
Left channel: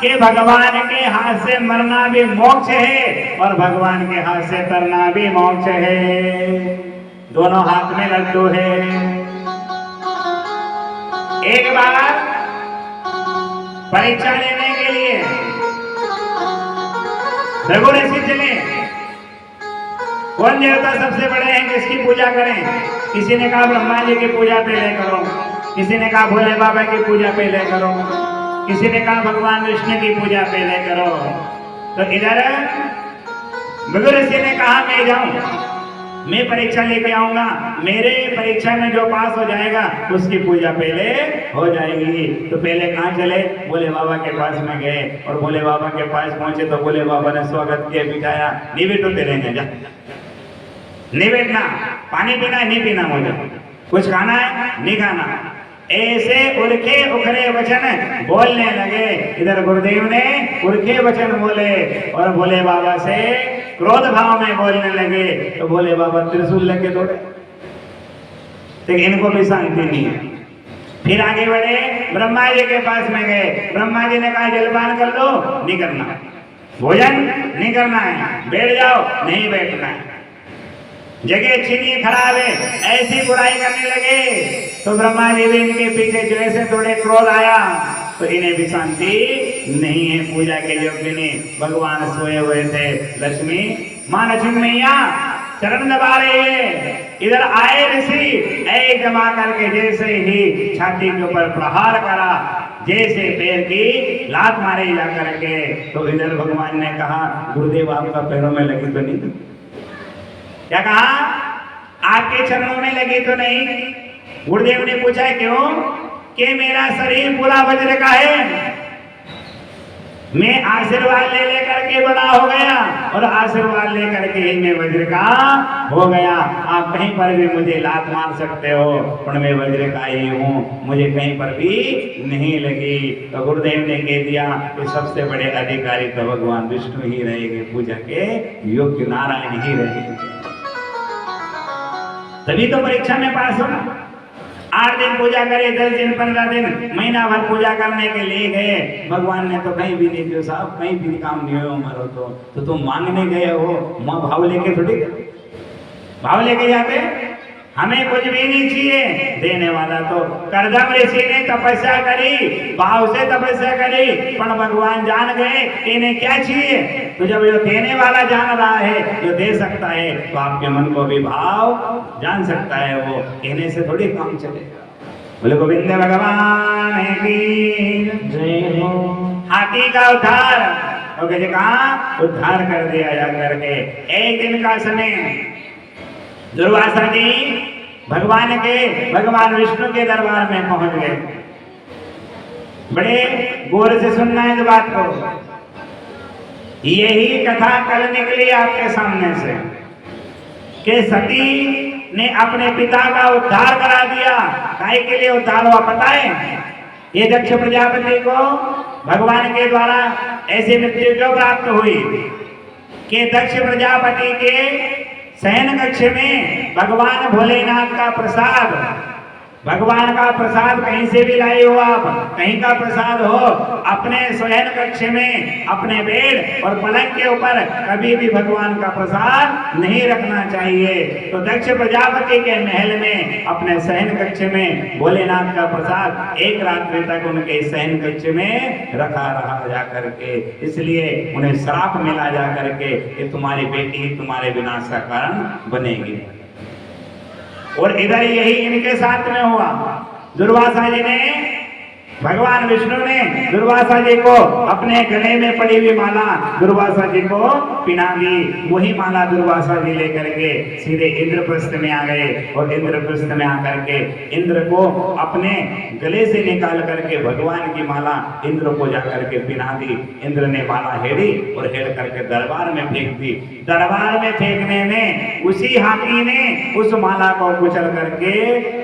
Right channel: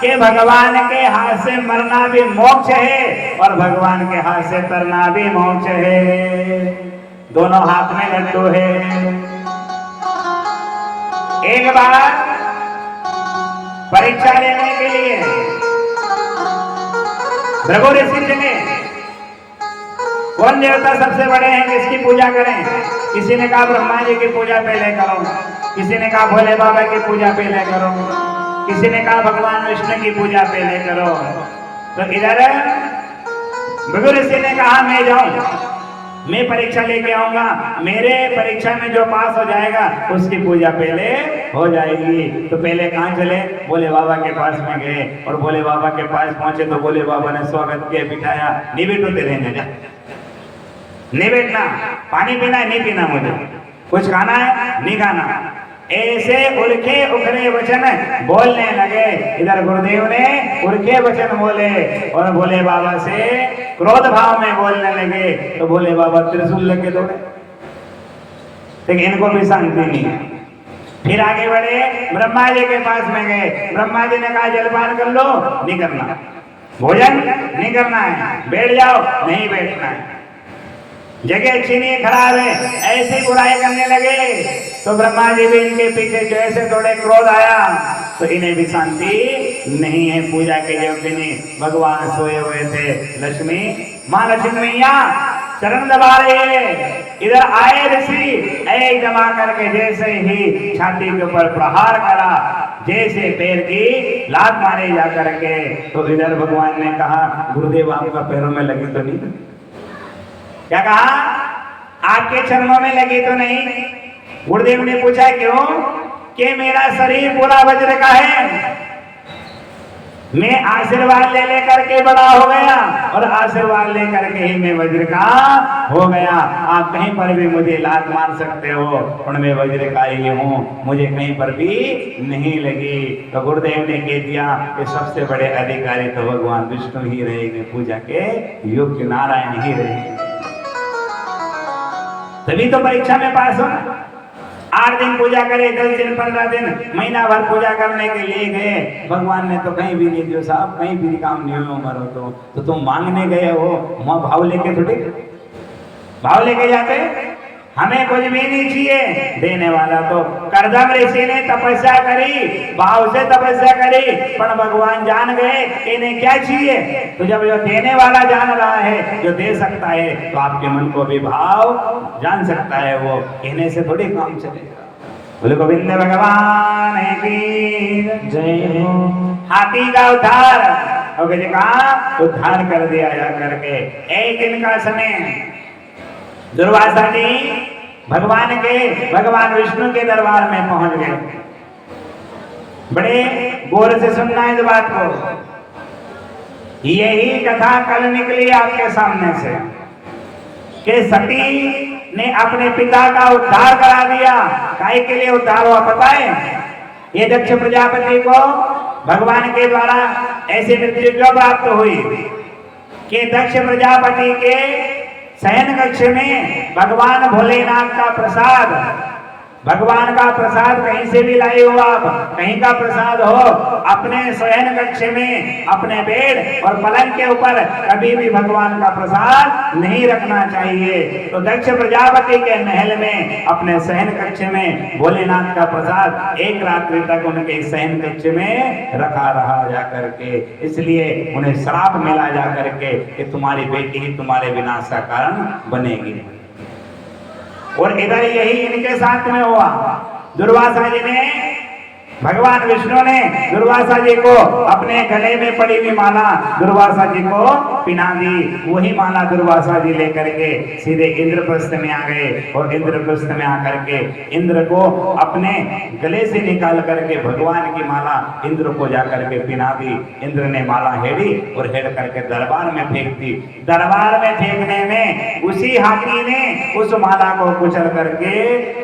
कि भगवान के हाथ से मरना भी मोक्ष है और भगवान के हाथ से तरना भी मोक्ष है। दोनों हाथ में लड्डू है। एक बार परीक्षा लेने के लिए भृगु ऋषि चले। कौन देवता सबसे बड़े हैं, किसकी पूजा करें? किसी ने कहा ब्रह्मा जी की पूजा पहले करो, किसी ने कहा भोले बाबा की पूजा पहले करो, किसी ने कहा भगवान विष्णु की पूजा पहले करो। तो इधर भृगु ऋषि ने कहा मैं जाऊं, मैं परीक्षा लेके आऊंगा, मेरे परीक्षा में जो पास हो जाएगा उसकी पूजा पहले हो जाएगी। तो पहले कहाँ चले? भोले बाबा के पास में गए और भोले बाबा के पास पहुंचे तो भोले बाबा ने स्वागत किया, बिठाया। निवेट होते रहने जा, निवेटना, पानी पीना है नहीं पीना, मुझे कुछ खाना है नहीं खाना। ऐसे उल्के उखरे वचन बोलने लगे। इधर गुरुदेव ने उल्के वचन बोले और भोले बाबा से क्रोध भाव में बोलने लगे। तो भोले बाबा त्रिशूल लेके दौड़े, लेकिन इनको भी शांति नहीं है। फिर आगे बढ़े, ब्रह्मा जी के पास में गए। ब्रह्मा जी ने कहा जलपान कर लो, नहीं करना, भोजन नहीं करना है, बैठ जाओ, नहीं बैठना है, जगह अच्छी नहीं खराब है, ऐसी बुराई करने लगे। तो ब्रह्मा जी भी इनके पीछे जैसे थोड़े क्रोध आया तो इन्हें भी शांति नहीं है। पूजा के योग्य नहीं, भगवान सोए हुए थे। लक्ष्मी, माँ लक्ष्मी मैया चरण दबा रहे हैं। इधर आए ऋषि एक जमा करके जैसे ही छाती के ऊपर प्रहार करा, जैसे पैर की लात मारे जा करके। तो इधर भगवान ने कहा गुरुदेव आपका पैरों में लगी तो नहीं? क्या कहा? आपके चरणों में लगी तो नहीं? गुरुदेव ने पूछा क्यों? कि मेरा शरीर पूरा वज्र का है, मैं आशीर्वाद ले लेकर के बड़ा हो गया और आशीर्वाद लेकर के ही मैं वज्र का हो गया। आप कहीं पर भी मुझे लात मार सकते हो और मैं वज्र का ही हूँ, मुझे कहीं पर भी नहीं लगी। तो गुरुदेव ने कह दिया कि सबसे बड़े अधिकारी तो भगवान विष्णु ही रहेंगे, पूजा के योग्य नारायण ही रहेंगे, तभी तो परीक्षा में पास होना। 8 दिन पूजा करे, 10 दिन, 15 दिन, महीना भर पूजा करने के लिए गए। भगवान ने तो कहीं भी नहीं दिया साहब, कहीं भी काम नहीं हो मरो तो तुम मांगने गए हो, माँ भाव लेके थोड़ी भाव लेके जाते। हमें कुछ भी नहीं चाहिए, देने वाला तो करदम ऋषि ने तपस्या करी, भाव से तपस्या करी, पर भगवान जान गए इन्हें क्या चाहिए। तो जब जो देने वाला जान रहा है, जो दे सकता है, तो आपके मन को भी भाव जान सकता है, वो कहने से थोड़ी काम चलेगा। बोले गोविंद भगवान की जय हो। हाथी का उद्धार और कहा उद्धार कर दिया जा करके। एक दिन का समय दुर्वासा जी भगवान विष्णु के दरबार में पहुंच गए। बड़े गौर से सुनना है इस बात को। यही कथा कल निकली आपके सामने से कि सती ने अपने पिता का उद्धार करा दिया। काय के लिए उद्धार हुआ पता है? ये दक्ष प्रजापति को भगवान के द्वारा ऐसी मृत्यु क्यों प्राप्त हुई कि दक्ष प्रजापति के शयन कक्ष में भगवान भोलेनाथ का प्रसाद, भगवान का प्रसाद कहीं से भी लाए हो आप, कहीं का प्रसाद हो, अपने शयन कक्ष में अपने बेड और पलंग के ऊपर कभी भी भगवान का प्रसाद नहीं रखना चाहिए। तो दक्ष प्रजापति के महल में अपने शयन कक्ष में भोलेनाथ का प्रसाद एक रात्रि तक उनके शयन कक्ष में रखा रहा जा करके। इसलिए उन्हें श्राप मिला जा करके कि तुम्हारी बेटी तुम्हारे विनाश का कारण बनेगी। और इधर यही इनके साथ में हुआ। दुर्वासा जी ने, भगवान विष्णु ने दुर्वासा जी को अपने गले में पड़ी हुई माला दुर्वासा जी को पिना दी। वही माला दुर्वासा जी लेकर के सीधे इंद्रप्रस्थ में आ गए और इंद्रप्रस्थ में आकर के इंद्र को अपने गले से निकाल करके भगवान की माला इंद्र को जाकर के पिना दी। इंद्र ने माला हेड़ी और हेड़ करके दरबार में फेंक दी। दरबार में फेंकने में उसी हाथी ने उस माला को कुचल करके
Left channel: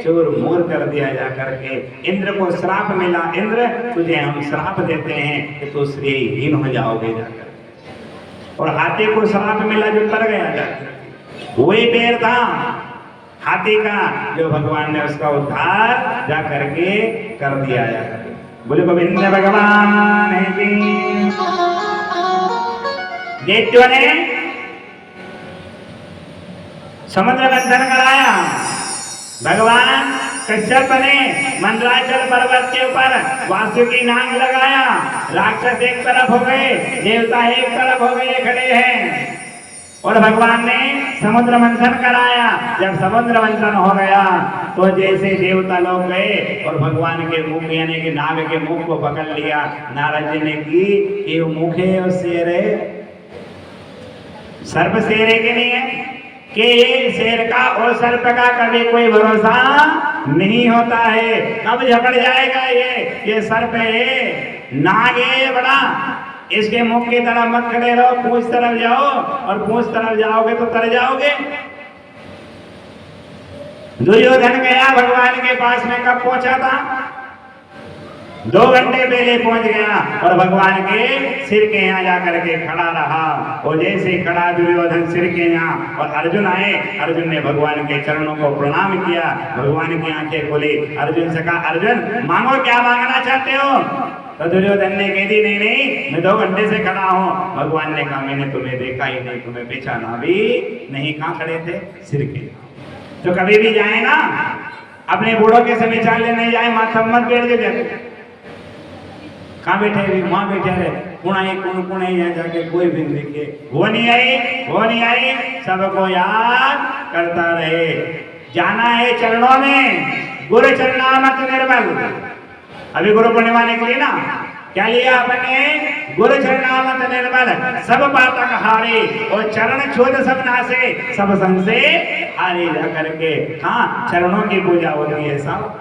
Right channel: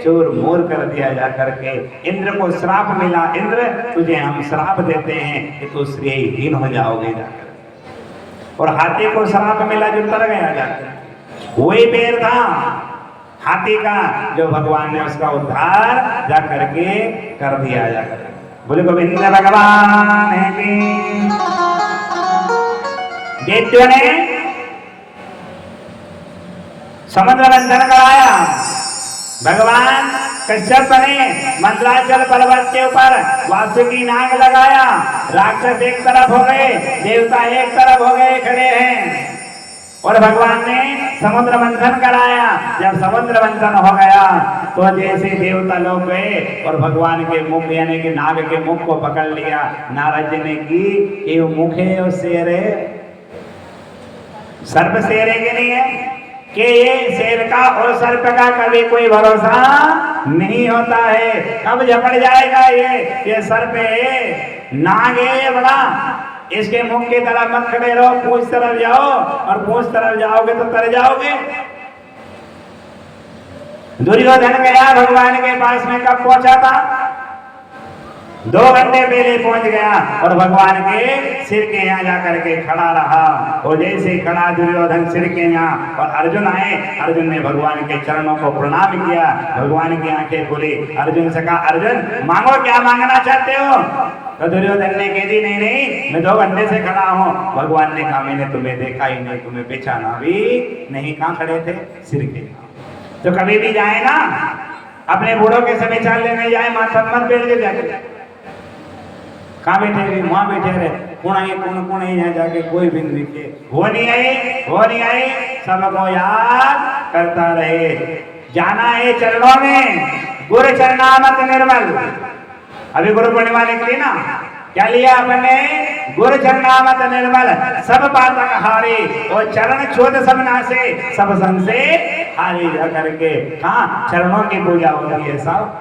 चूर मूर कर दिया जा करके। इंद्र को श्राप मिला, इंद्र तुझे हम श्राप देते हैं कि तू श्रेयहीन हो जाओगे जाकर। और हाथी को श्राप मिला जो तर गया जाकर। वही पैर था हाथी का जो भगवान ने उसका उद्धार जा करके कर दिया जाकर। बोले गोविंद भगवान की। दैत्यों ने समुद्र मंथन कराया। भगवान कश्यप ने मंदराचल पर्वत के ऊपर वासुकी नाग लगाया। राक्षस एक तरफ हो गए, देवता एक तरफ हो गए, खड़े हैं। और भगवान ने समुद्र मंथन कराया। जब समुद्र मंथन हो गया तो जैसे देवता लोग गए और भगवान के मुख यानी कि नाग के मुख को पकड़ लिया। नारद जी ने की ये मुख है वो शेर है, सर्प शेर है कि नहीं है? कि ये शेर का और सर्प का कभी कोई भरोसा नहीं होता है। कब झपड़ जाएगा ये सर्प है, नाग है बड़ा। इसके मुख की तरफ मत खड़े रहो, पूंछ तरफ जाओ, और पूंछ तरफ जाओगे तो तर जाओगे। दुर्योधन गया भगवान के पास में, कब पहुंचा था? 2 घंटे पहले पहुंच गया और भगवान के सिर के यहाँ जाकर के खड़ा रहा। और जैसे खड़ा दुर्योधन सिर के यहाँ और अर्जुन आए, अर्जुन ने भगवान के चरणों को प्रणाम किया। भगवान की आंखें खोली। अर्जुन से कहा, अर्जुन मांगो, क्या मांगना चाहते हो? तो दुर्योधन ने कह दी, नहीं मैं 2 घंटे से खड़ा हूँ। भगवान ने कहा, मैंने तुम्हें देखा ही नहीं, तुम्हें पहचाना भी नहीं। कहाँ खड़े थे? सिर के। तो कभी भी जाए ना, अपने बूढ़ों के समय चाल लेने जाए, माथा मत बैठ के जाए। कहाँ बैठे रहे? वहां बैठे रहे। कौन यहाँ जाके कोई भी दिखे, वो नहीं आई, सबको याद करता रहे। जाना है चरणों में, गुरु चरणामत निर्मल। अभी गुरु पूर्णिमा निकली ना, क्या लिया अपने? गुरु चरणामत निर्मल, सब पातक हारे और चरण छूत सब नासे, सब संसे हारे जा करके। हाँ, चरणों की पूजा होती है सब।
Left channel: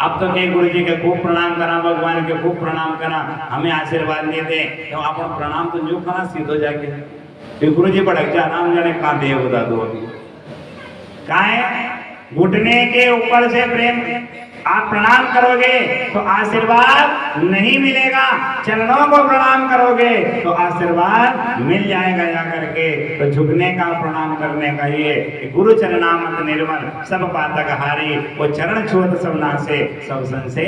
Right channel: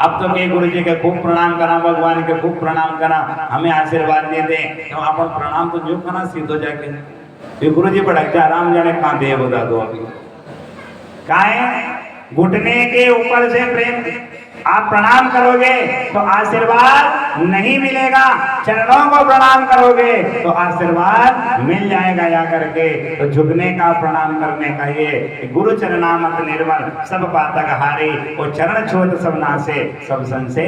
अब तो के गुरु जी के खूब प्रणाम करा, भगवान के खूब प्रणाम करा, हमें आशीर्वाद दे दे। तो आप प्रणाम तो जो करना सीधो जाके गुरु जी पढ़ जा, राम जाने कहाँ दे बता दो। कहा है घुटने के ऊपर से प्रेम आप प्रणाम करोगे तो आशीर्वाद नहीं मिलेगा, चरणों को प्रणाम करोगे तो आशीर्वाद मिल जाएगा जाकर के। तो झुकने का, प्रणाम करने का ये गुरु चरणामत निर्मल, सब पातक हारे और चरण छूत सब नासे, सब संसे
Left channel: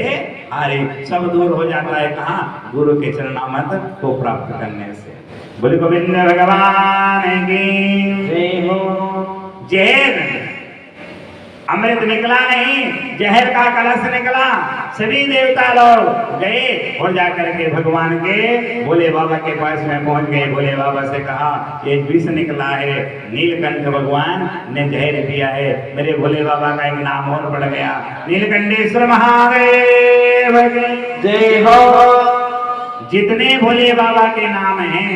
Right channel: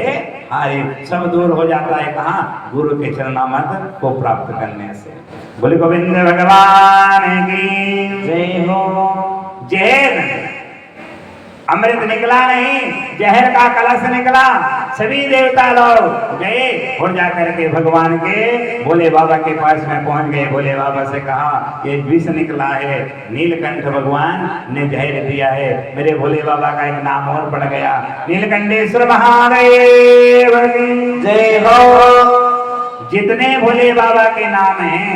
हारे। सब दूर हो जाता है कहाँ? गुरु के चरणामत को प्राप्त करने से। बोले गोविंद भगवान की जय हो। जय। अमृत निकला नहीं, जहर का कलश निकला। सभी देवता लोग गए और जाकर के भगवान के भोले बाबा के पास में पहुंच गए। भोले बाबा से कहा ये विष निकला है, नीलकंठ भगवान ने जहर दिया है। मेरे भोले बाबा का एक नाम और पड़ गया, नीलकंठेश्वर महादेव की जय हो। जितने भोले बाबा के नाम हैं,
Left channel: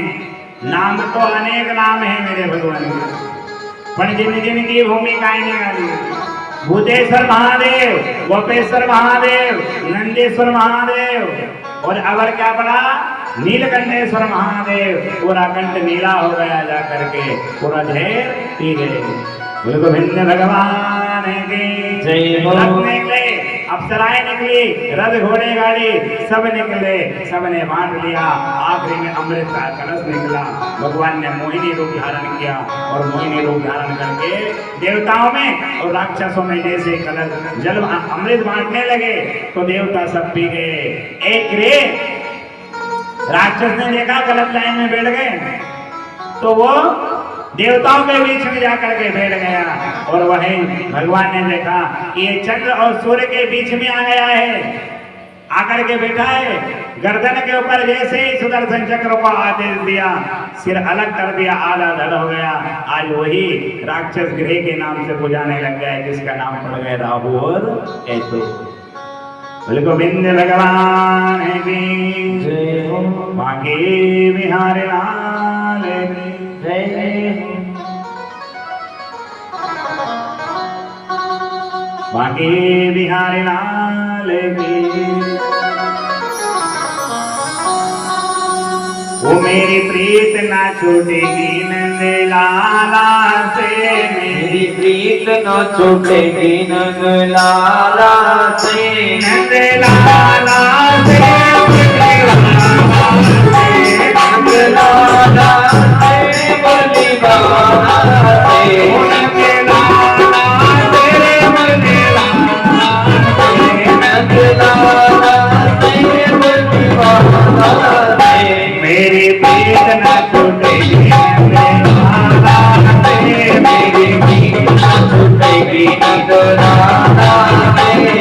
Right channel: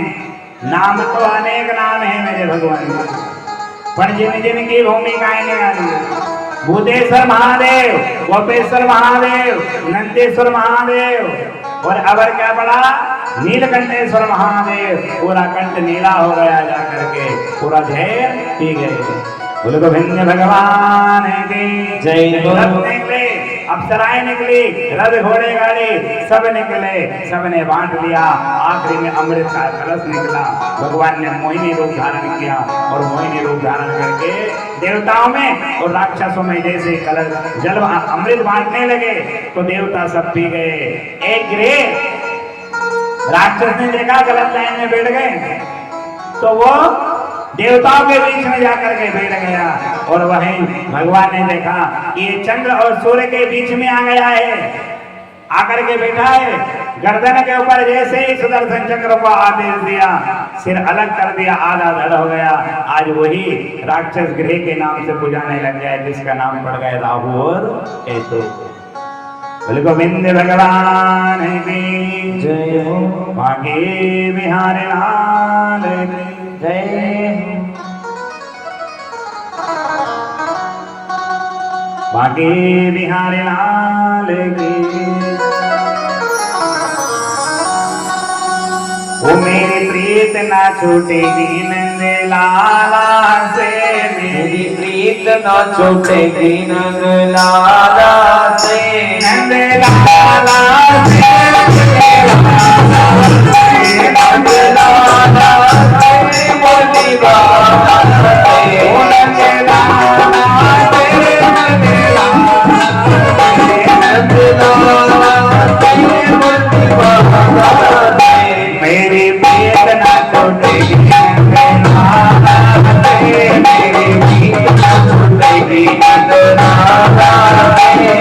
नाम तो अनेक नाम है मेरे भगवान का, पर जिन जिन की भूमिकाएं निकाली, भूतेश्वर महादेव, गोपेश्वर महादेव, नंदेश्वर महादेव और अबर क्या पड़ा, नीलकंठेश्वर महादेव। पूरा कंठ नीला हो गया जा करके, पूरा जहर पी गए। गोविंद भगवान की जय हो। रथ निकले, अप्सराएं निकली, रथ घोड़े गाड़ी सब निकले, सबने बांट लिया। आखिरी में अमृत का कलश निकला। भगवान ने मोहिनी रूप धारण किया और मोहिनी रूप धारण करके देवताओं में और राक्षसों में जैसे कलश जल अमृत बांटने लगे तो देवता सब पी गए। एक रे राक्षस ने देखा गलत लाइन में बैठ गए तो वो देवताओं के बीच में जाकर के बैठ गया और वहीं भगवान ने देखा कि ये चंद्र और सूर्य के बीच में आ गया है, आकर के बैठा है। गर्दन के ऊपर जैसे ही सुदर्शन चक्र को आदेश दिया, सिर अलग कर दिया, आधा धड़ हो गया। आज वही राक्षस गृह के नाम से पुजाने लग गए, जिसका नाम पड़ गया राहु और केतु। गोविंद भगवान की जय हो। बांके बिहारी लाल की जय हो। बांके बिहारी लाल की। वो मेरी प्रीत ना छूटेगी नंद लाला से, मेरी प्रीत न छूटेगी नंद लाला से, नंद लाला से, नंद लाला से, भोले बाबा से, नंद लाला से, नंद लाला से, भोले बाबा से। मेरी प्रीत ना छूटेगी नंद लाला से, मेरी प्रीत न छूटेगी नंद लाला से।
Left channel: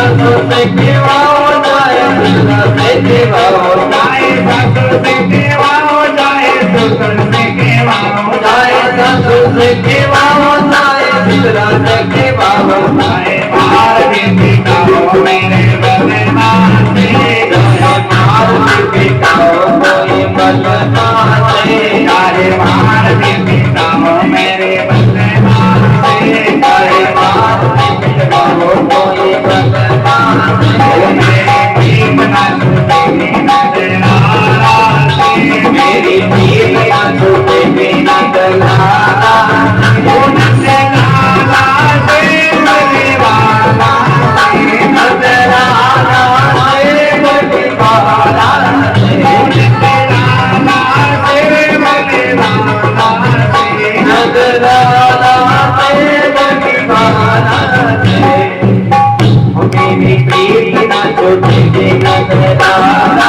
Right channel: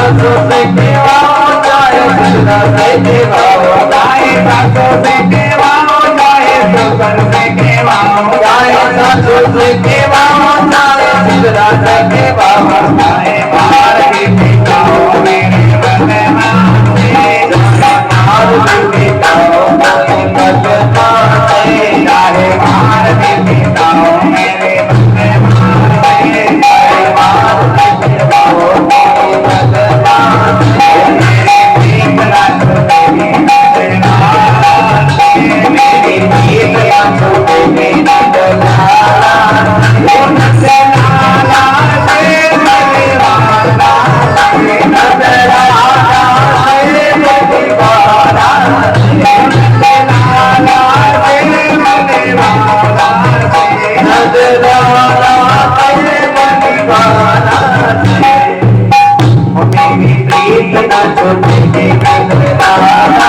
सासु से केवाओ जाए दुल्हा से केवाओ जाए सासु से केवाओ जाए ससुर से केवाओ जाए सासु से केवाओ जाए दुल्हा से केवाओ जाए बाहर भी दिखाओ मेरे बलवान से और बिकाओ कोई बलवान से चाहे बाहर भी दिखाओ मेरे बलवान से चाहे मार बिकाओ कोई बलवान से मेरी प्रीत ना छूटेगी नजर से मेरी जीत ना छूटेगी नजलाला से लाला से बलवाना नजलाला से बलवाना से लाला से बलवाना नजलाला से बलवाना ओ मेरी प्रीत ना छूटेगी नजलाला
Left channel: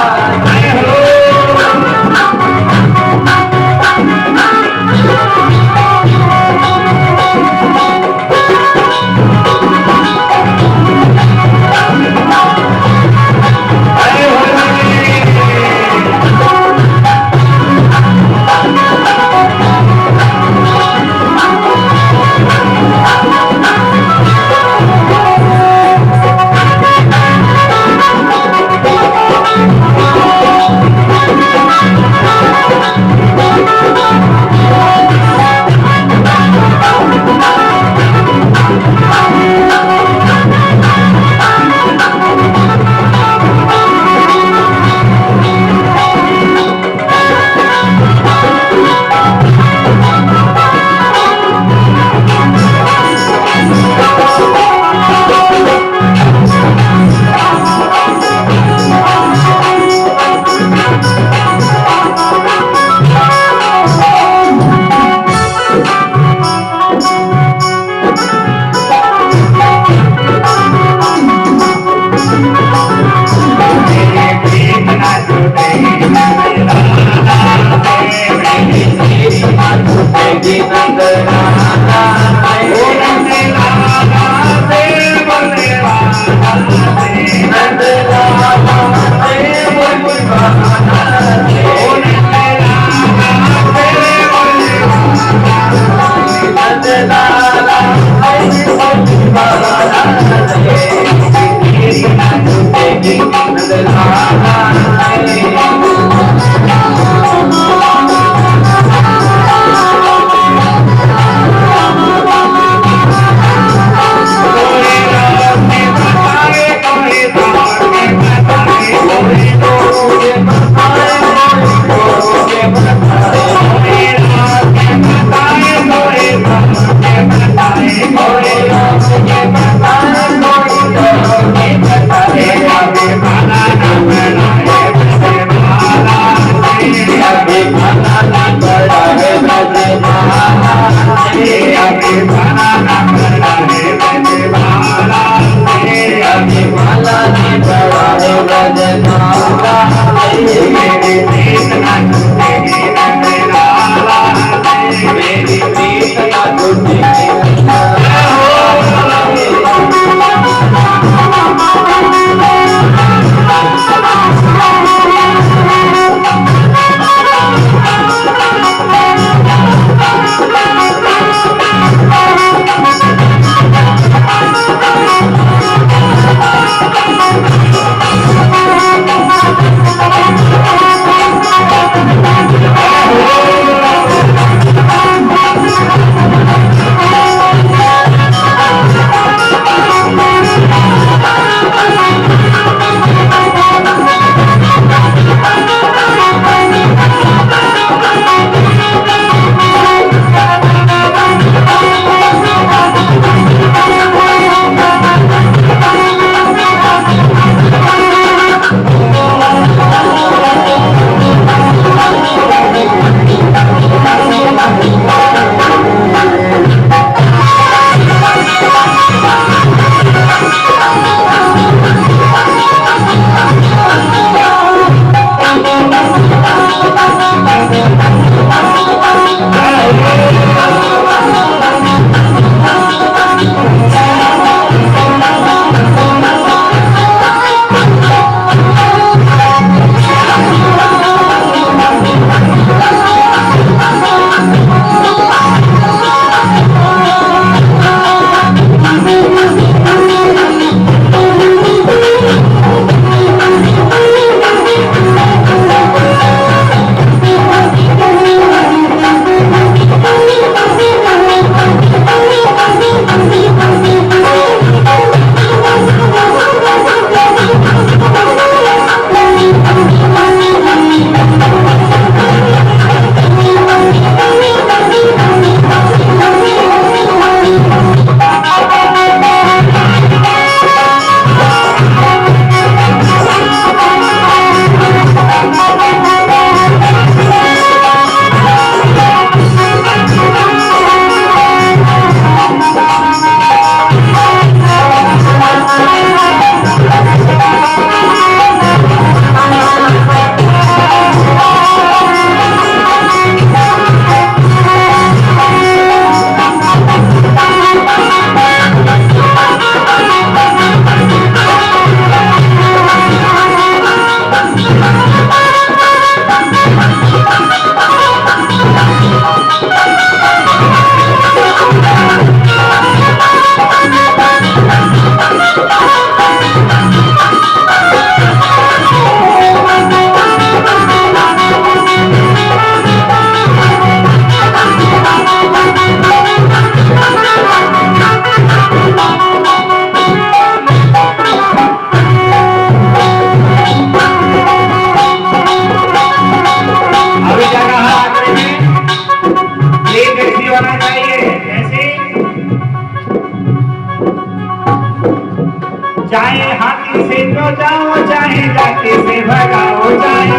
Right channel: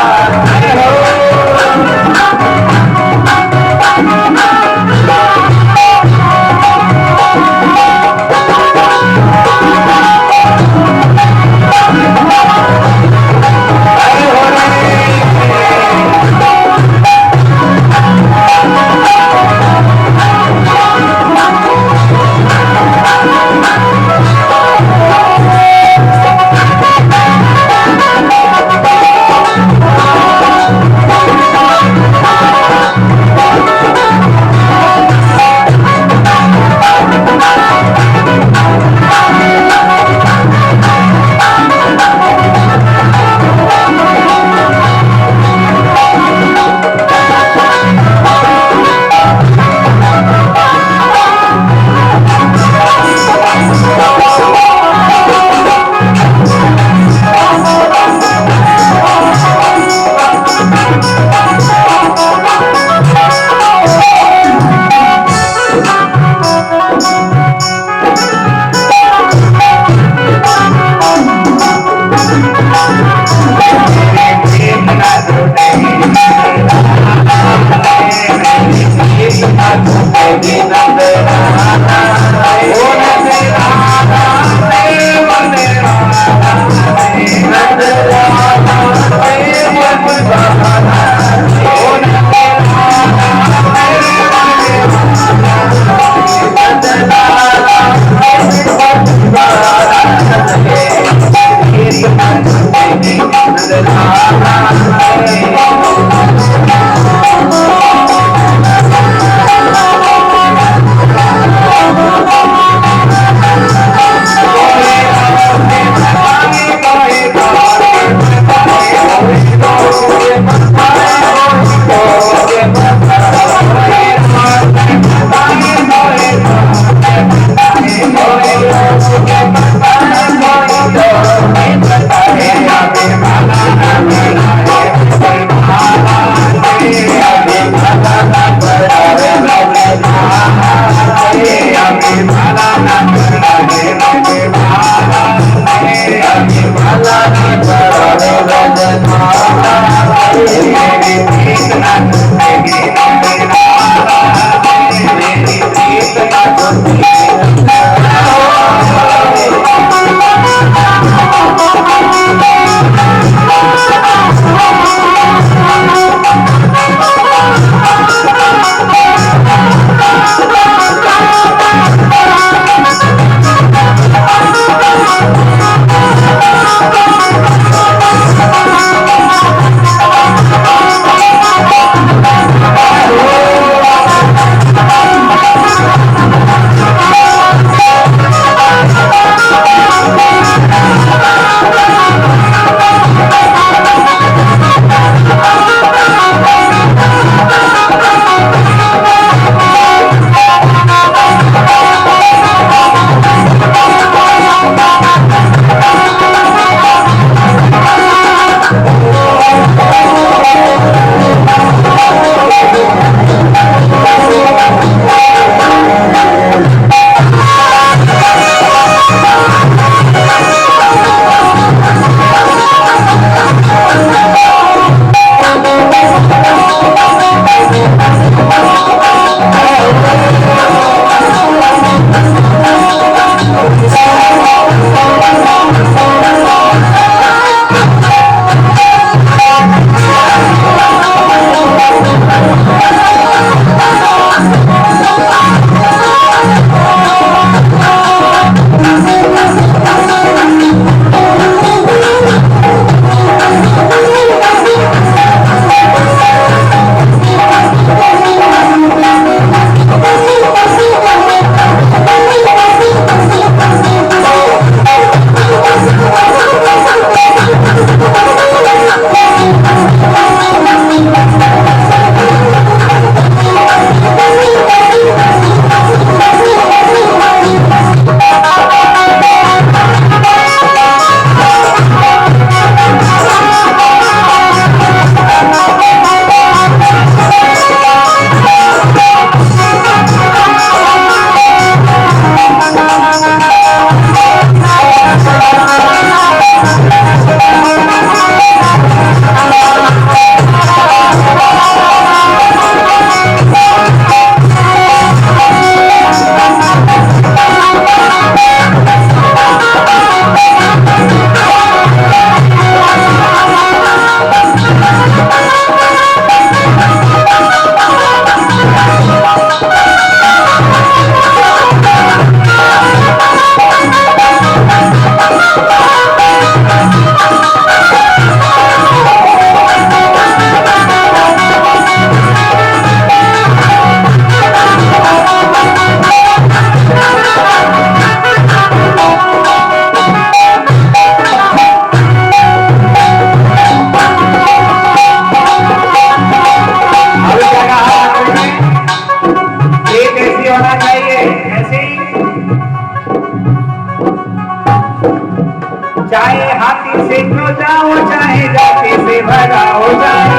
हाथी से तो जाओ चाहे जाके से भगाओ जाए,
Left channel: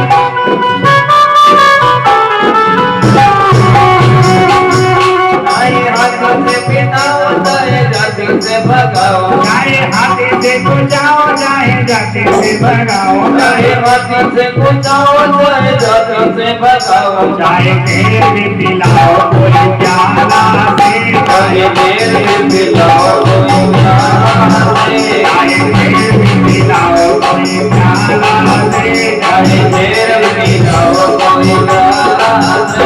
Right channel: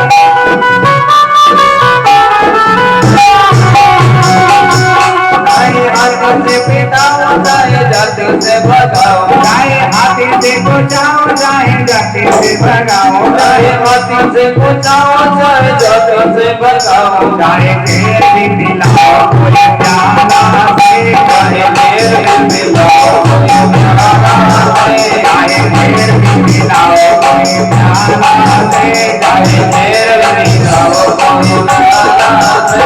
चाहे हाथी से पिटाओ चाहे जाति से भगाओ, चाहे हाथी से तो जाओ चाहे जाके से भगाओ, चाहे हाथी से पिटाओ चाहे जाति से भगाओ, चाहे घेर भी दिलाओ कोई प्याला से, चाहे देर में मिलाओ कोई प्याला से, चाहे घेर भी दिलाओ कोई प्याला से, चाहे देर में मिलाओ कोई प्याला से,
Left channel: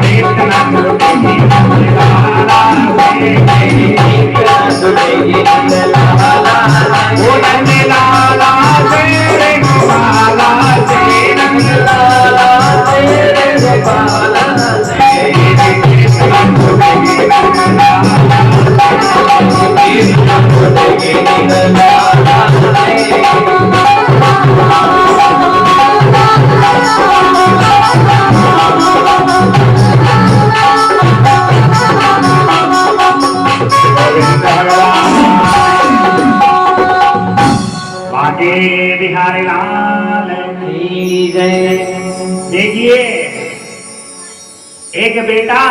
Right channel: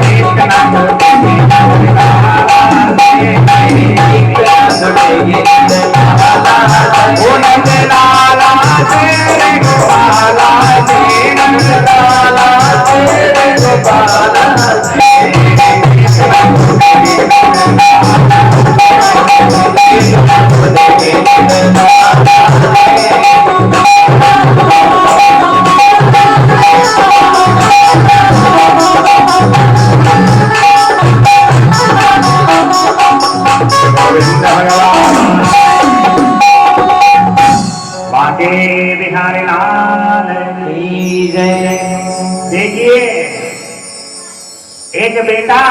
कृष्णा छुटेगी लाला से, छुटेगी लाला से, नंद लाला से रे गोपाला से, नंद लाला तेरे गोपाला से, कृष्णा छुटेगी छुटेगी लाला से। गोविंद भगवान बाके बिहारी लाल की जय। देखिए, एक बेटा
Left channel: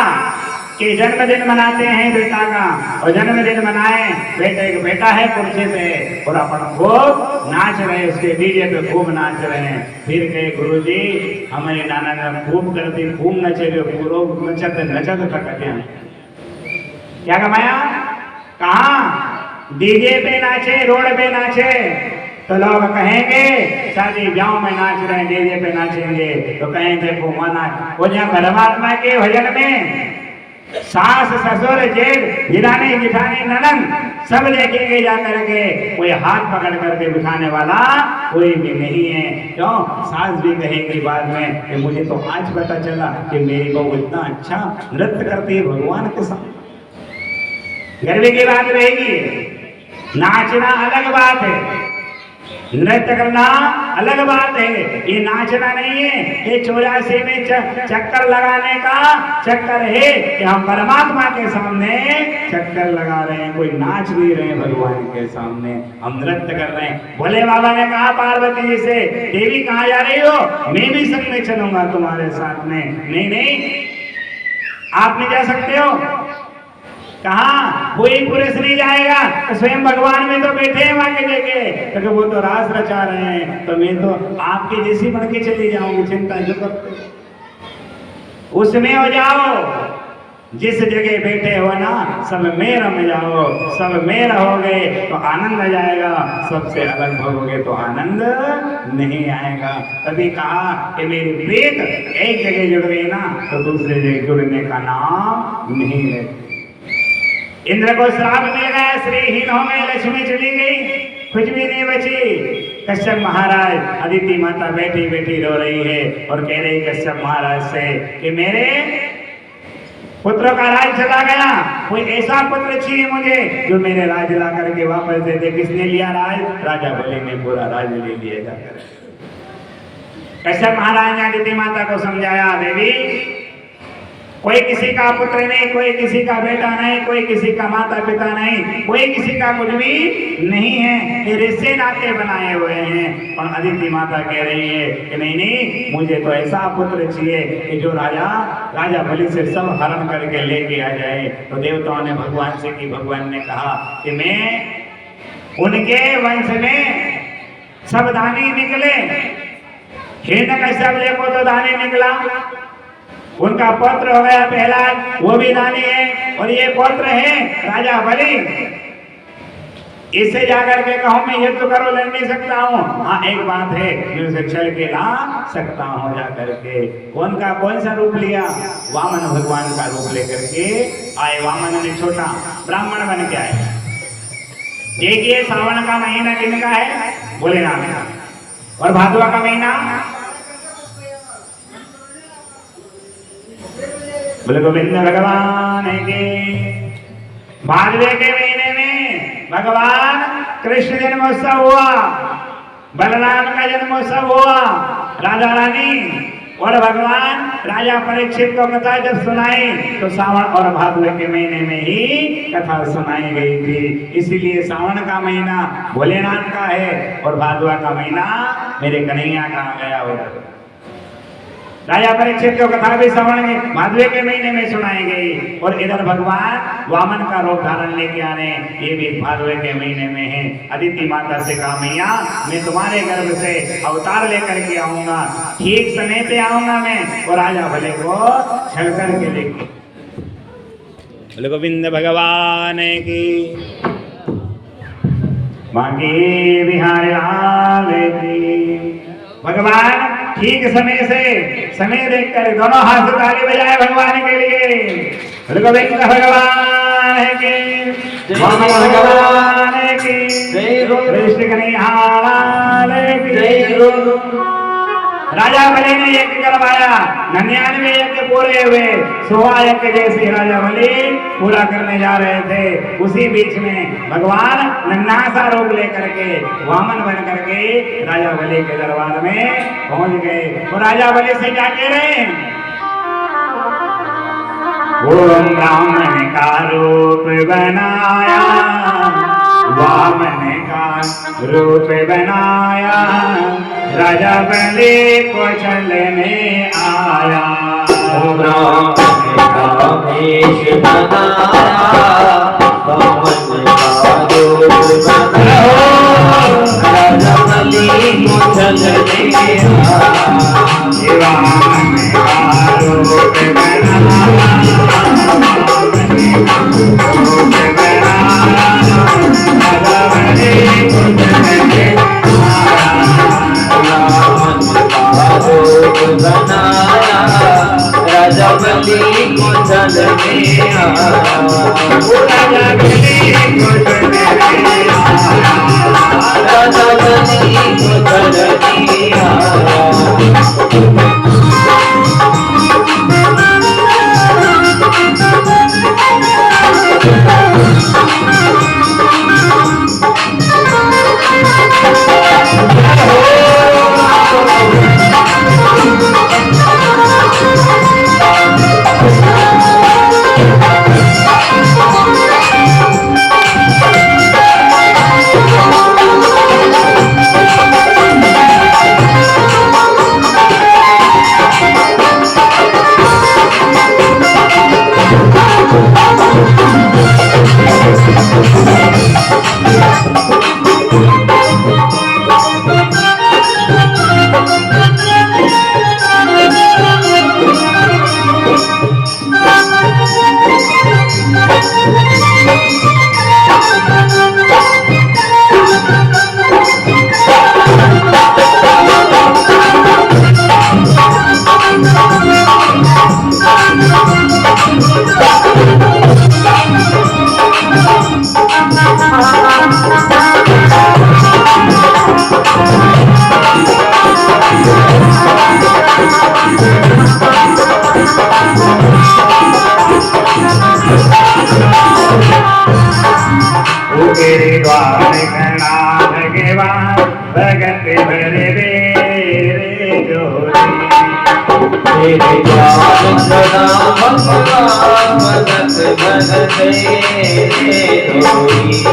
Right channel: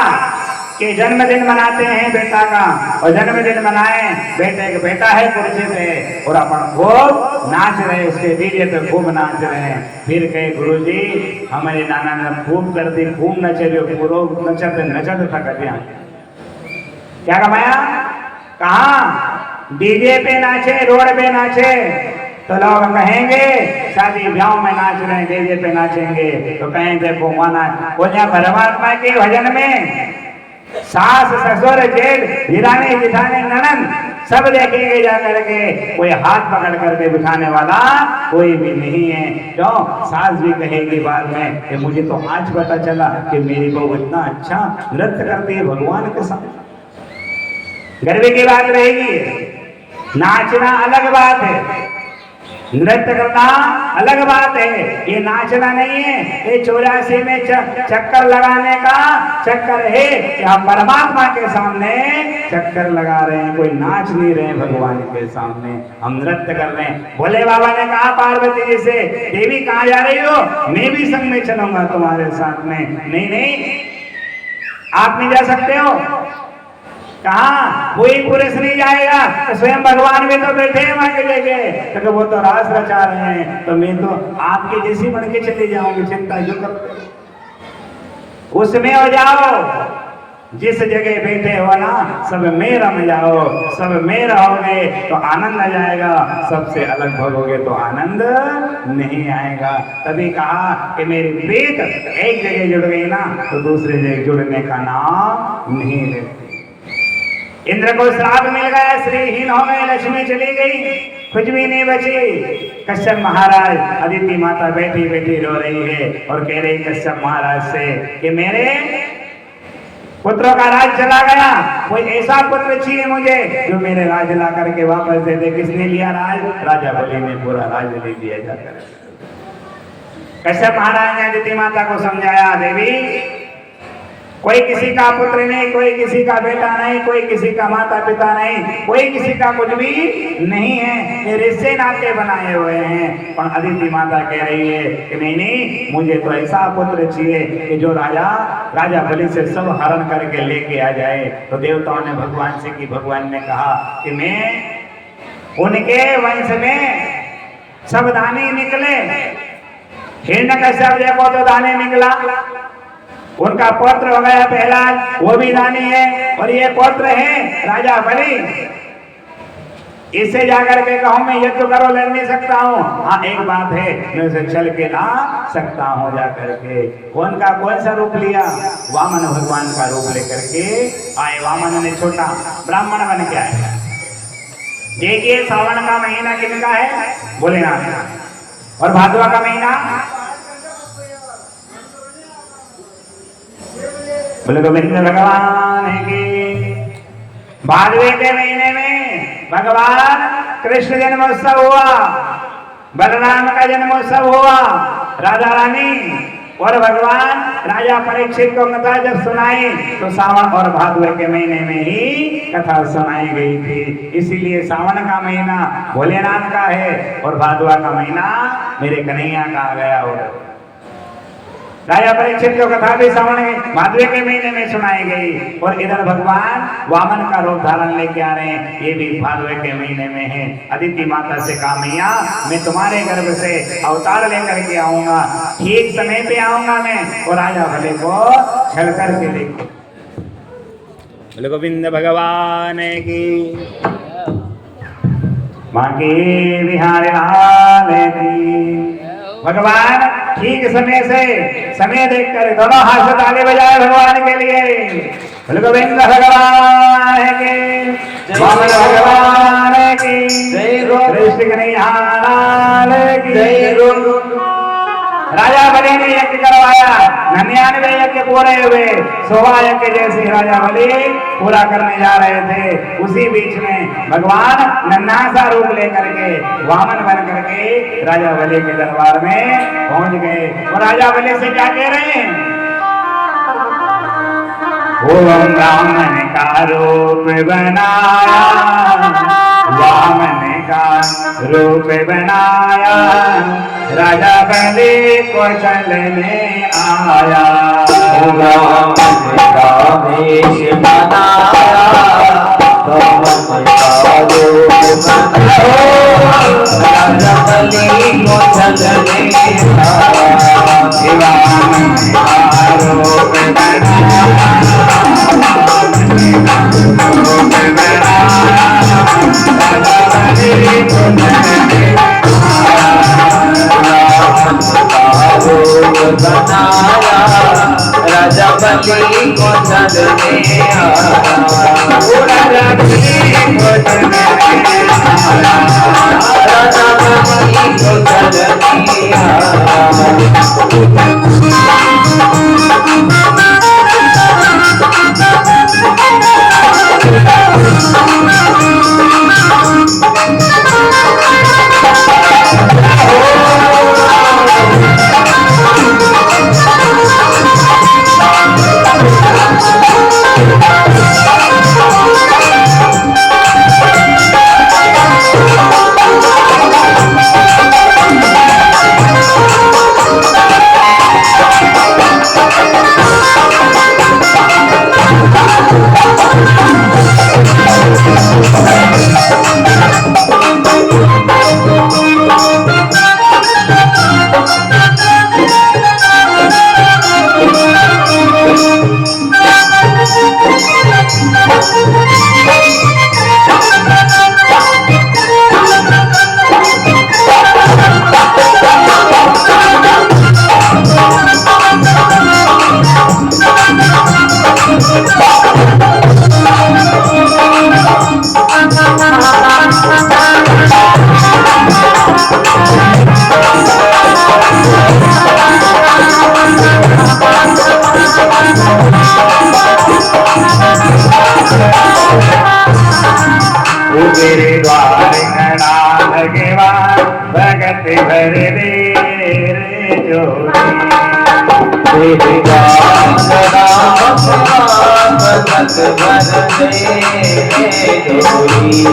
के जन्मदिन मनाते हैं बेटा का, और जन्मदिन मनाए बेटे का बेटा है खुशी से, और अपन खूब नाच रहे, उसके डीजे पे खूब नाच रहे हैं। फिर कहे गुरुजी हमारे नाना ने खूब कर दी, खूब नचे, खूब नचते नचते तक दिया। क्या कमाया? कहा डीजे पे नाचे, रोड पे नाचे, तो लोग कहेंगे शादी ब्याह में नाच रहे हैं, डीजे पे नाचेंगे, तो कहें देखो माना वो जहाँ परमात्मा के भजन में सास ससुर जेठ हिराने जिठाने ननन सब देखेंगे जाकर के, कोई हाथ पकड़ करके बिठाने वाला कोई भी नहीं है। क्यों? सास भी कहेगी बाद में कि मुझे तो आज पता चला कि मेरी बहू इतना अच्छा नृत्य करती है भगवान के साथ। गर्व की बात रहेगी। नाचना अलग बात है, नृत्य करना अलग बात है, ये नाचना नहीं है। ये 84 में चक्कर लगाने का चक्कर है कि हम परमात्मा के सामने चक्कर लगा रहे हैं, कोई नाच नहीं रहे हैं भगवान के सामने, हम नृत्य कर रहे हैं। भोले बाबा ने कहा पार्वती जी से, देवी कहाँ जा रही हो? मैं भी संग में चलूंगा तुम्हारे साथ में। नहीं नहीं, आप नहीं जा सकते हो। कहा कोई पुरुष नहीं जाएगा, तो स्वयं भगवान भी तो बैठे हैं वहां की जगह, तो वो तो रास रचा रहे हैं, तो मैं तो आपकी जैसी बन के चली जाऊंगी, चिंता जो करते उसमें हो जाओ। जिस जगह बैठे हो ना, सब में रम जाओ, सब में रहोगे तो आनंद आ जाएगा, सबसे अलग भगोगे तो आनंद नहीं आएगा। तभी कहा कि मेरी प्रीत एक जगह जुड़ गई ना, तो दूसरी जगह जुड़ने का नाम नहीं लेती। इंद्र को श्राप मिल गया, श्रीहीन हो गए, लक्ष्मी चली गई, कुछ भी नहीं बची। कश्यप महाराज, अदिति माता बैठी बैठी रो रही है और कह रही कश्यप महाराज से कि मेरे पुत्रों का राज चला गया, कोई ऐसा पुत्र चाहिए मुझे जो मेरे राज ला करके वापस दे दे। किसने लिया राज? राजा बलि ने पूरा राज ले लिया जाकर। कश्यप महाराज ने अदिति माता को समझाया, देवी कोई किसी का पुत्र नहीं, कोई किसी का बेटा नहीं, कोई किसी का माता पिता नहीं, कोई किसी का कुछ भी नहीं है, ये रिश्ते नाते बनाए हुए हैं। पर अदिति माता कह रही है कि नहीं नहीं, मुझे तो ऐसा पुत्र चाहिए कि जो राजा बलि से सब हरण करके लेके आ जाए। तो देवताओं ने भगवान से की, भगवान ने कहा कि मैं उनके वंश में सब दानी निकले, हिरण्यकश्यप देखो तो दानी निकला, उनका पुत्र हो गया पहला, वो भी दानी है, और ये पुत्र है राजा बलि। इससे जाकर के कहो मैं युद्ध करो, लड़ नहीं सकता हूँ। हाँ एक बात है, मैं उसे चल के ला सकता हूँ जाकर के। कौन सा रूप लिया? वामन भगवान का रूप लेकर के आए। वामन ने छोटा ब्राह्मण बन के आए। देखिए सावन का महीना किनका है? भोलेनाथ का। और भादवा का महीना गोविंद भगवान के। भादवे के महीने में भगवान कृष्ण जन्मोत्सव हुआ, बलराम का जन्मोत्सव हुआ, राधा रानी और भगवान राजा परीक्षित को कथा जब सुनाई तो सावन और भादव के महीने में ही कथा सुनाई गई थी। इसीलिए सावन का महीना भोलेनाथ का है और भादवा का महीना मेरे कन्हैया का आ गया हो। राजा परीक्षित को कथा भी सावन के भादवे के महीने में सुनाई गई और इधर भगवान वामन का रूप धारण लेके आ रहे हैं, ये भी भादवे के महीने में है। अदिति माता से कहा मैया मैं तुम्हारे गर्भ से अवतार लेकर के आऊंगा, ठीक समय पे आऊंगा मैं और राजा भले को छल करके देखो। बोले गोविंद भगवान की मांगे बिहार लाल की। भगवान ठीक समय देखकर दोनों हाथ ताली बजाए भगवान के लिए। बोले गोविंद भगवान की, वामन भगवान की, कृष्ण कन्हैया लाल की। राजा बलि ने यज्ञ करवाया, 99 यज्ञ पूरे हुए, 100वां यज्ञ जैसे राजा बलि पूरा करने जा रहे थे, उसी बीच में भगवान नन्हा सा रूप लेकर के वामन बन करके राजा बलि के दरबार में पहुंच गए और राजा बलि से क्या कह रहे हैं? ओम वामन का रूप बनाया, वामन का रूप बनाया, राजा बलि को चलने आया। राम का वेश बनाया, वामन का रूप बनाया, राजा बलि को चलने आया। वामन का रूप बनाया, रूप बनाया, राजा बलि को चलने बनाया, राजा बलि को चलने आया। राजा बलि को चलने आया, राजा बलि को चलने आया। तेरे द्वार नाथ के बाद भगत भर रे जोड़ी। तेरे नाम भगत भर रे जोड़ी।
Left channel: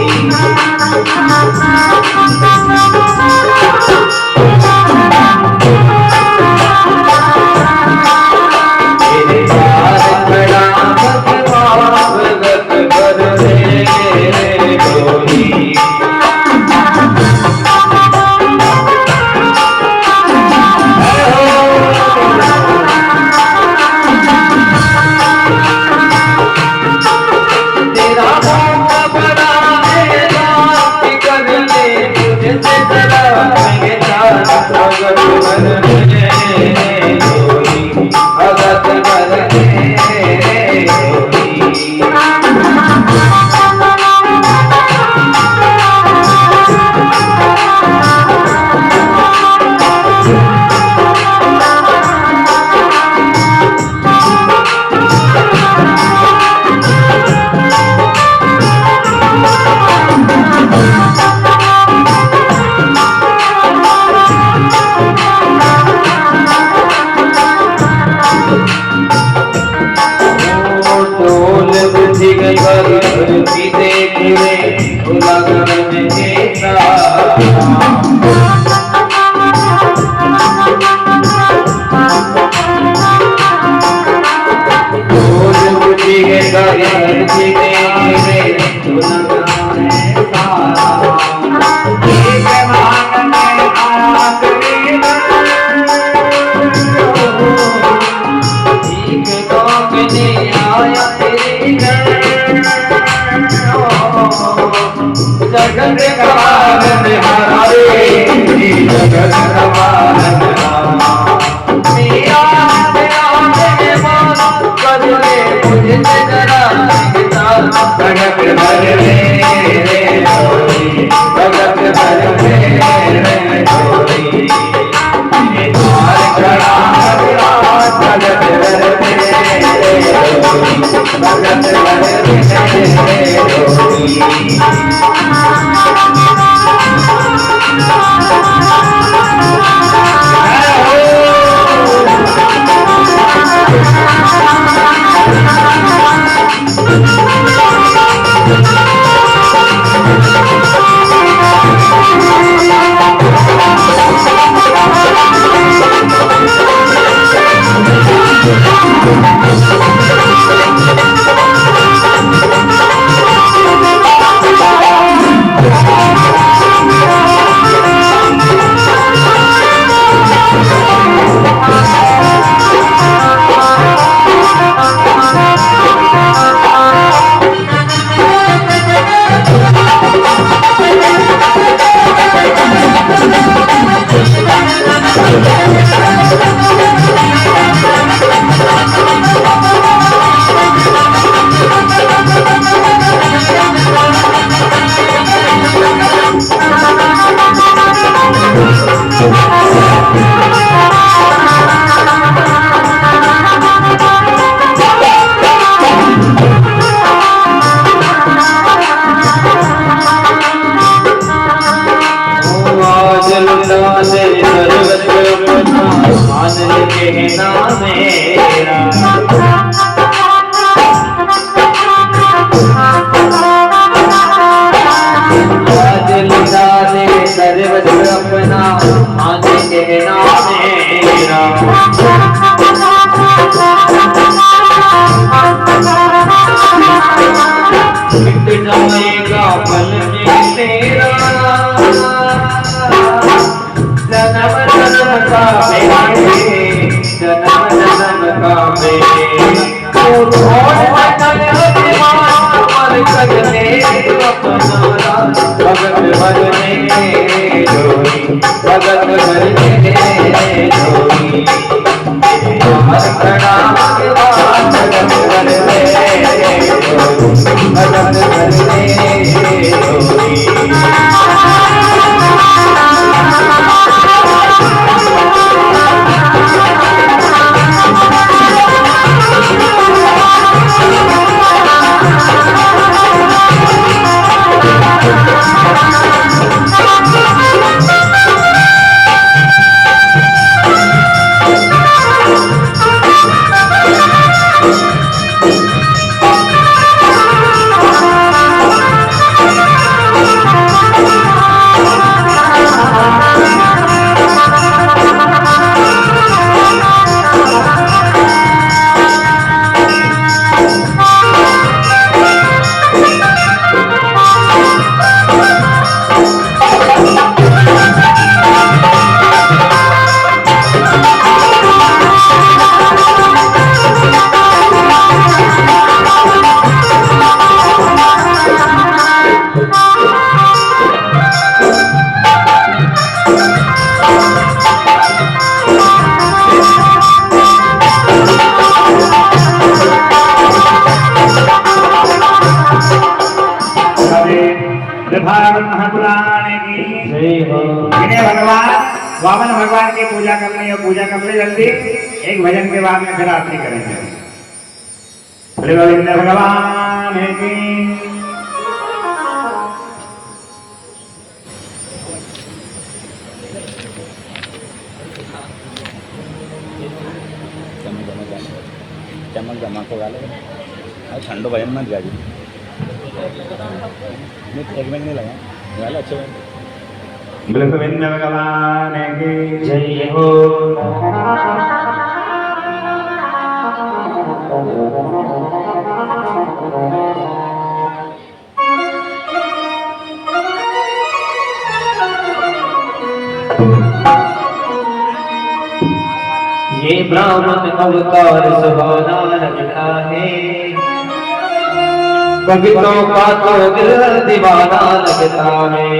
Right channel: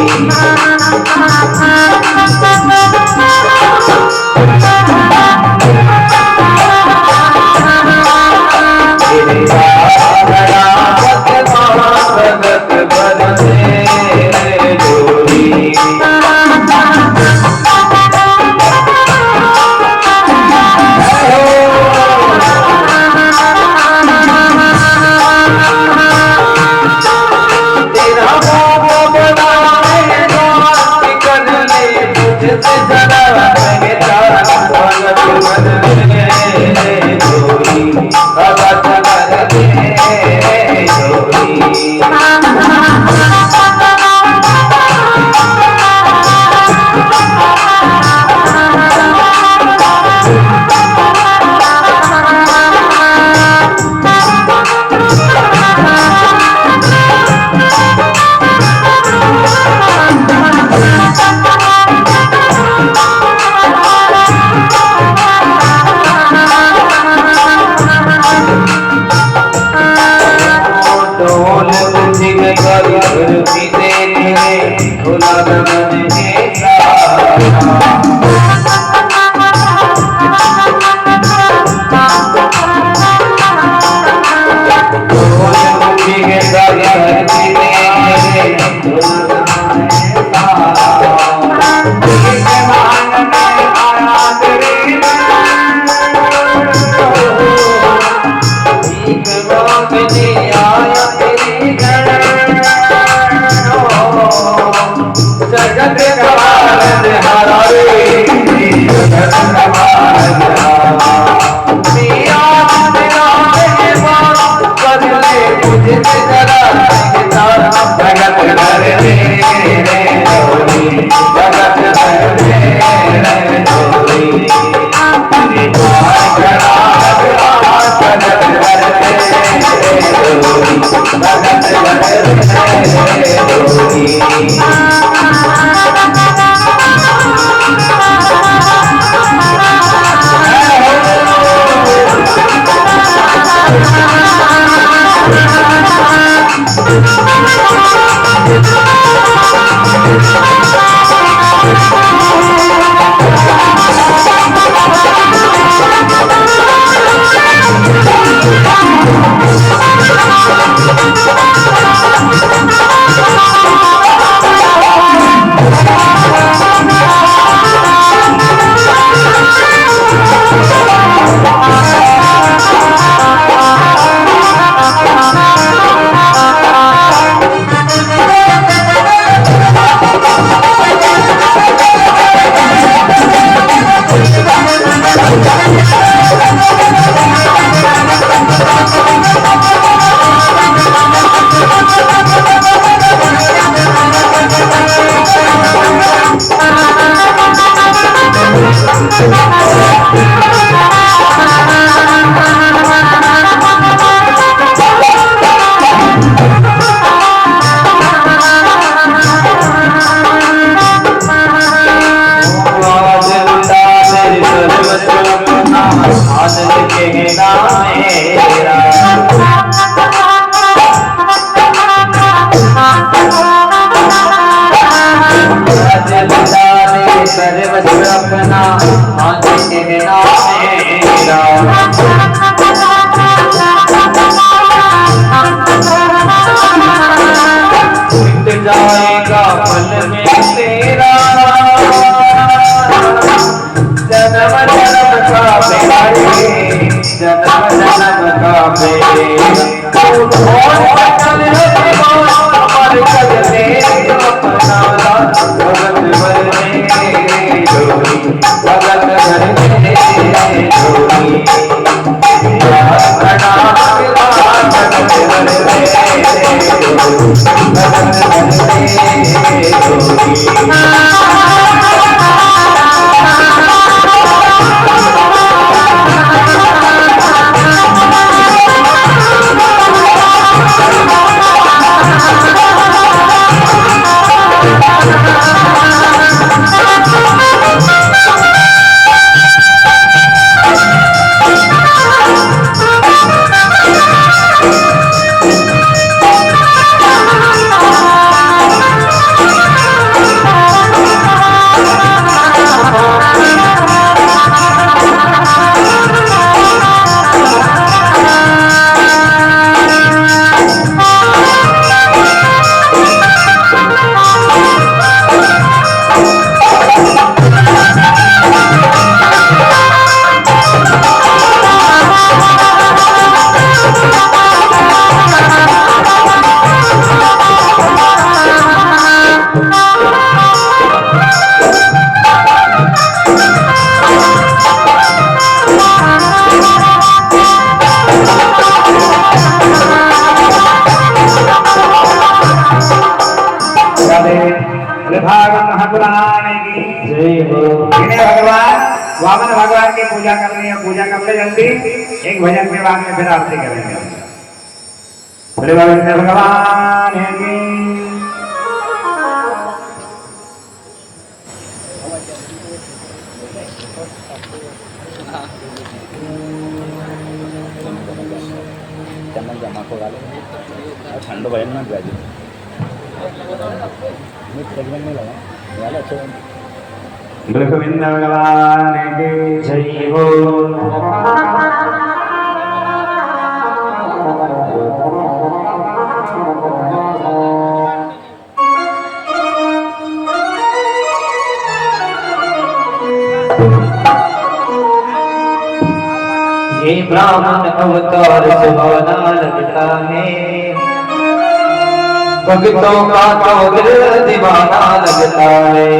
रहे डोली तेरे द्वार खड़ा भगत वर रहे डोली भगत वर रहे डोली वामन भगवान की पूजा करनी है, पूजा कर ले जल्दी। एक भजन के बाद में फिर आरती करेंगे। श्री गोविंद भगवान की चमक जमा को गाले ठंड भयन ना जागी नहीं लगा गाले अच्छे गोविंद भगवान की जय हो। ये ब्राह्मण अवतार सुहाना लगता है, भक्तों का तो दिल दीवाना लगता है।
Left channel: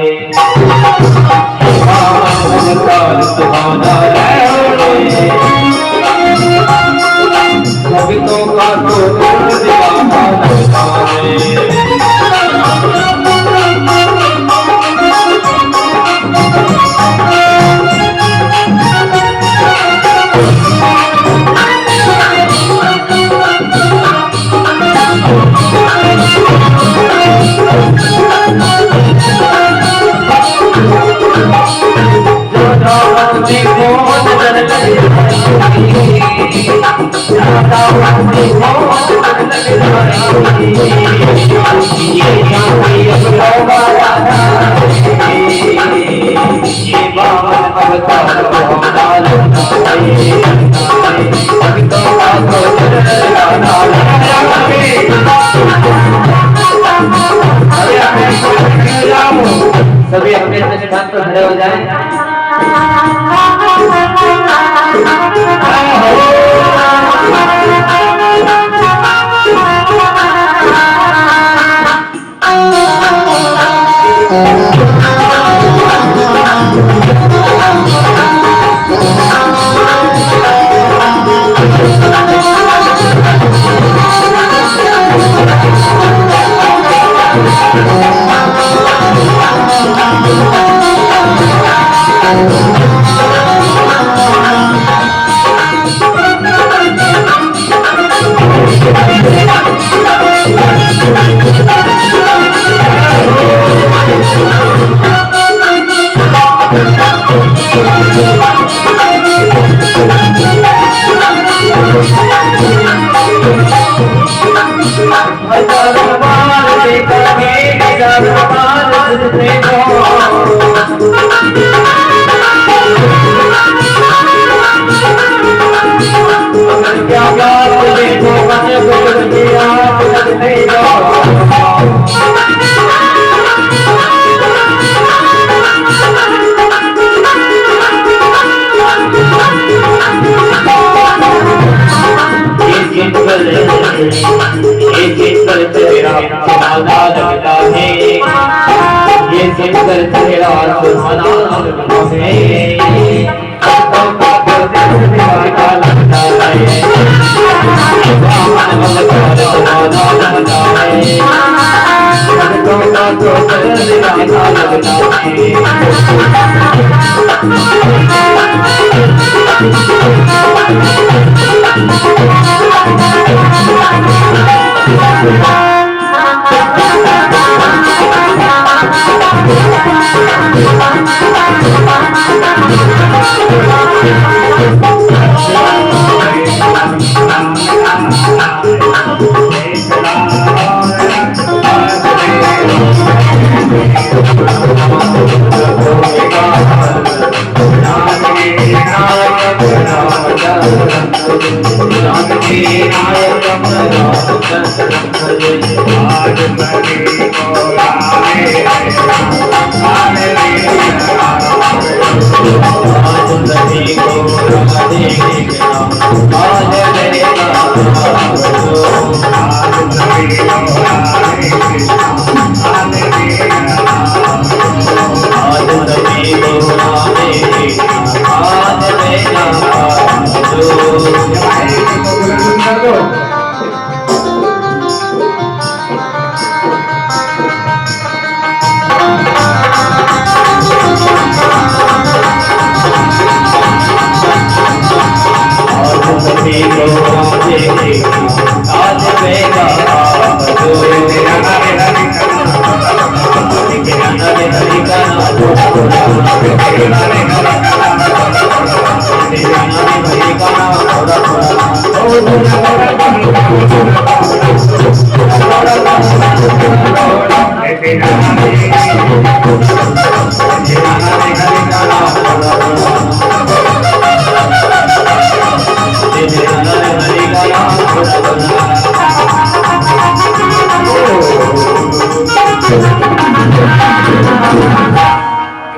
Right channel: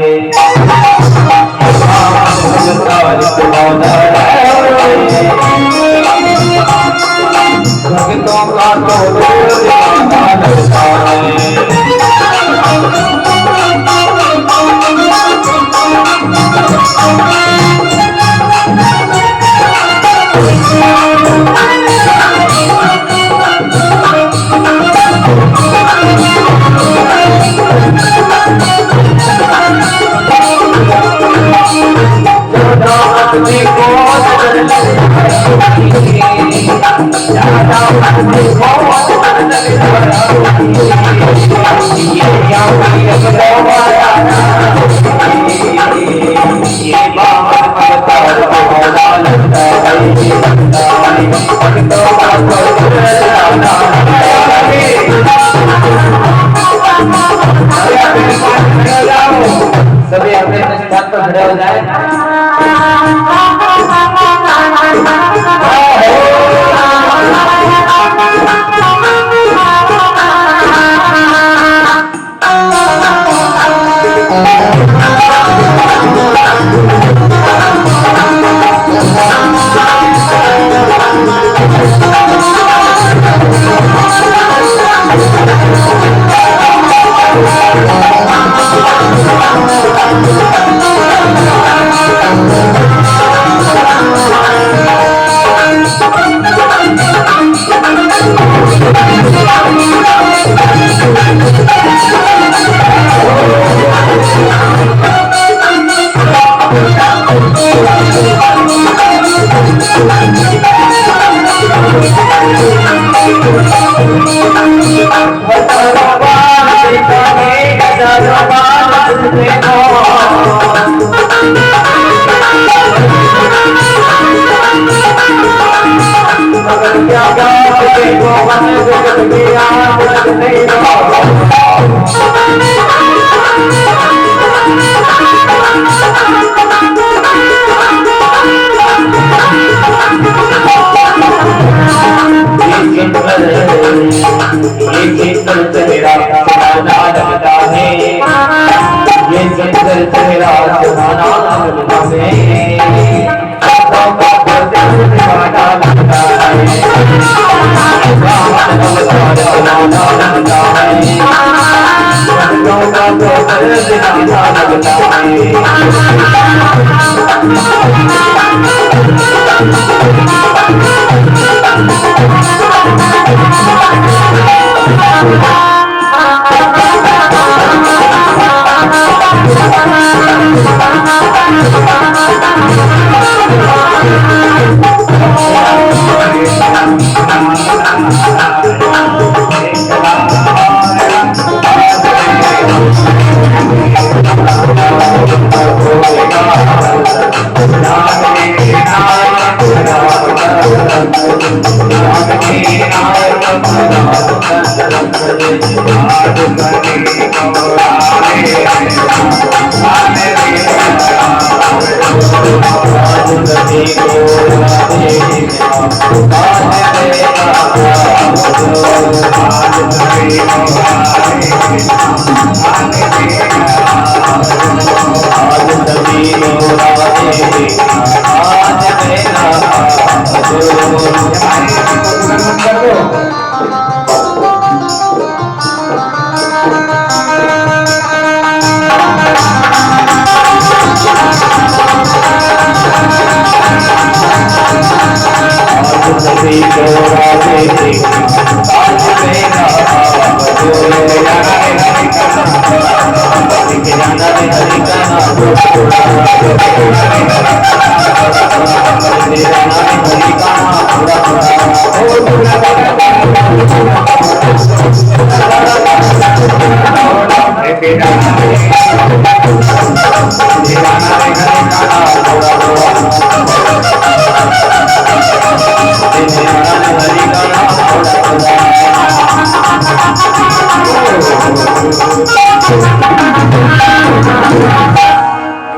अवतार सुहाना है, भक्तों का तो दिल दीवाना लगता है। दामन में को नजर लग जाएगी, दामन में को नजर लग जाएगी, ये क्यों अगलो माया ये बावन अवतार होना लगता है, भक्तों का पुत्र लाना सभी अपने अपने छत पर खड़े हो जाए।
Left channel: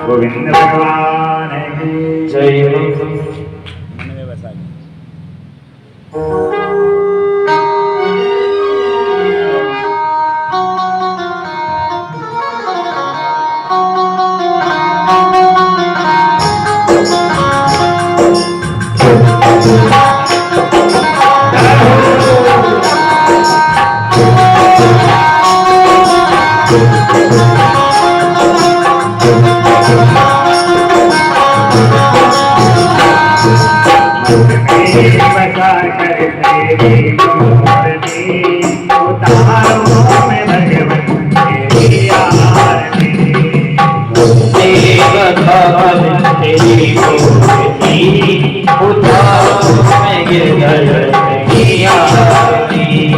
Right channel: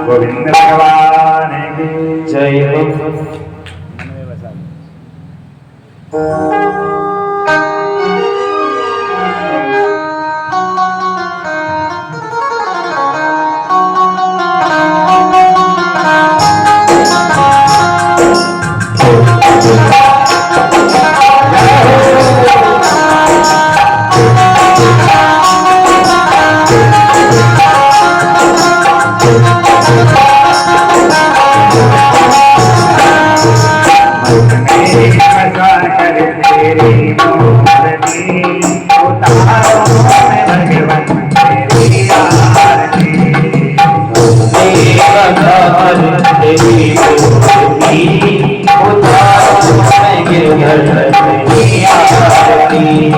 गोविंद भगवान की जय। भगवान तेरी भक्ति उतारो मैं गिरधर की आरती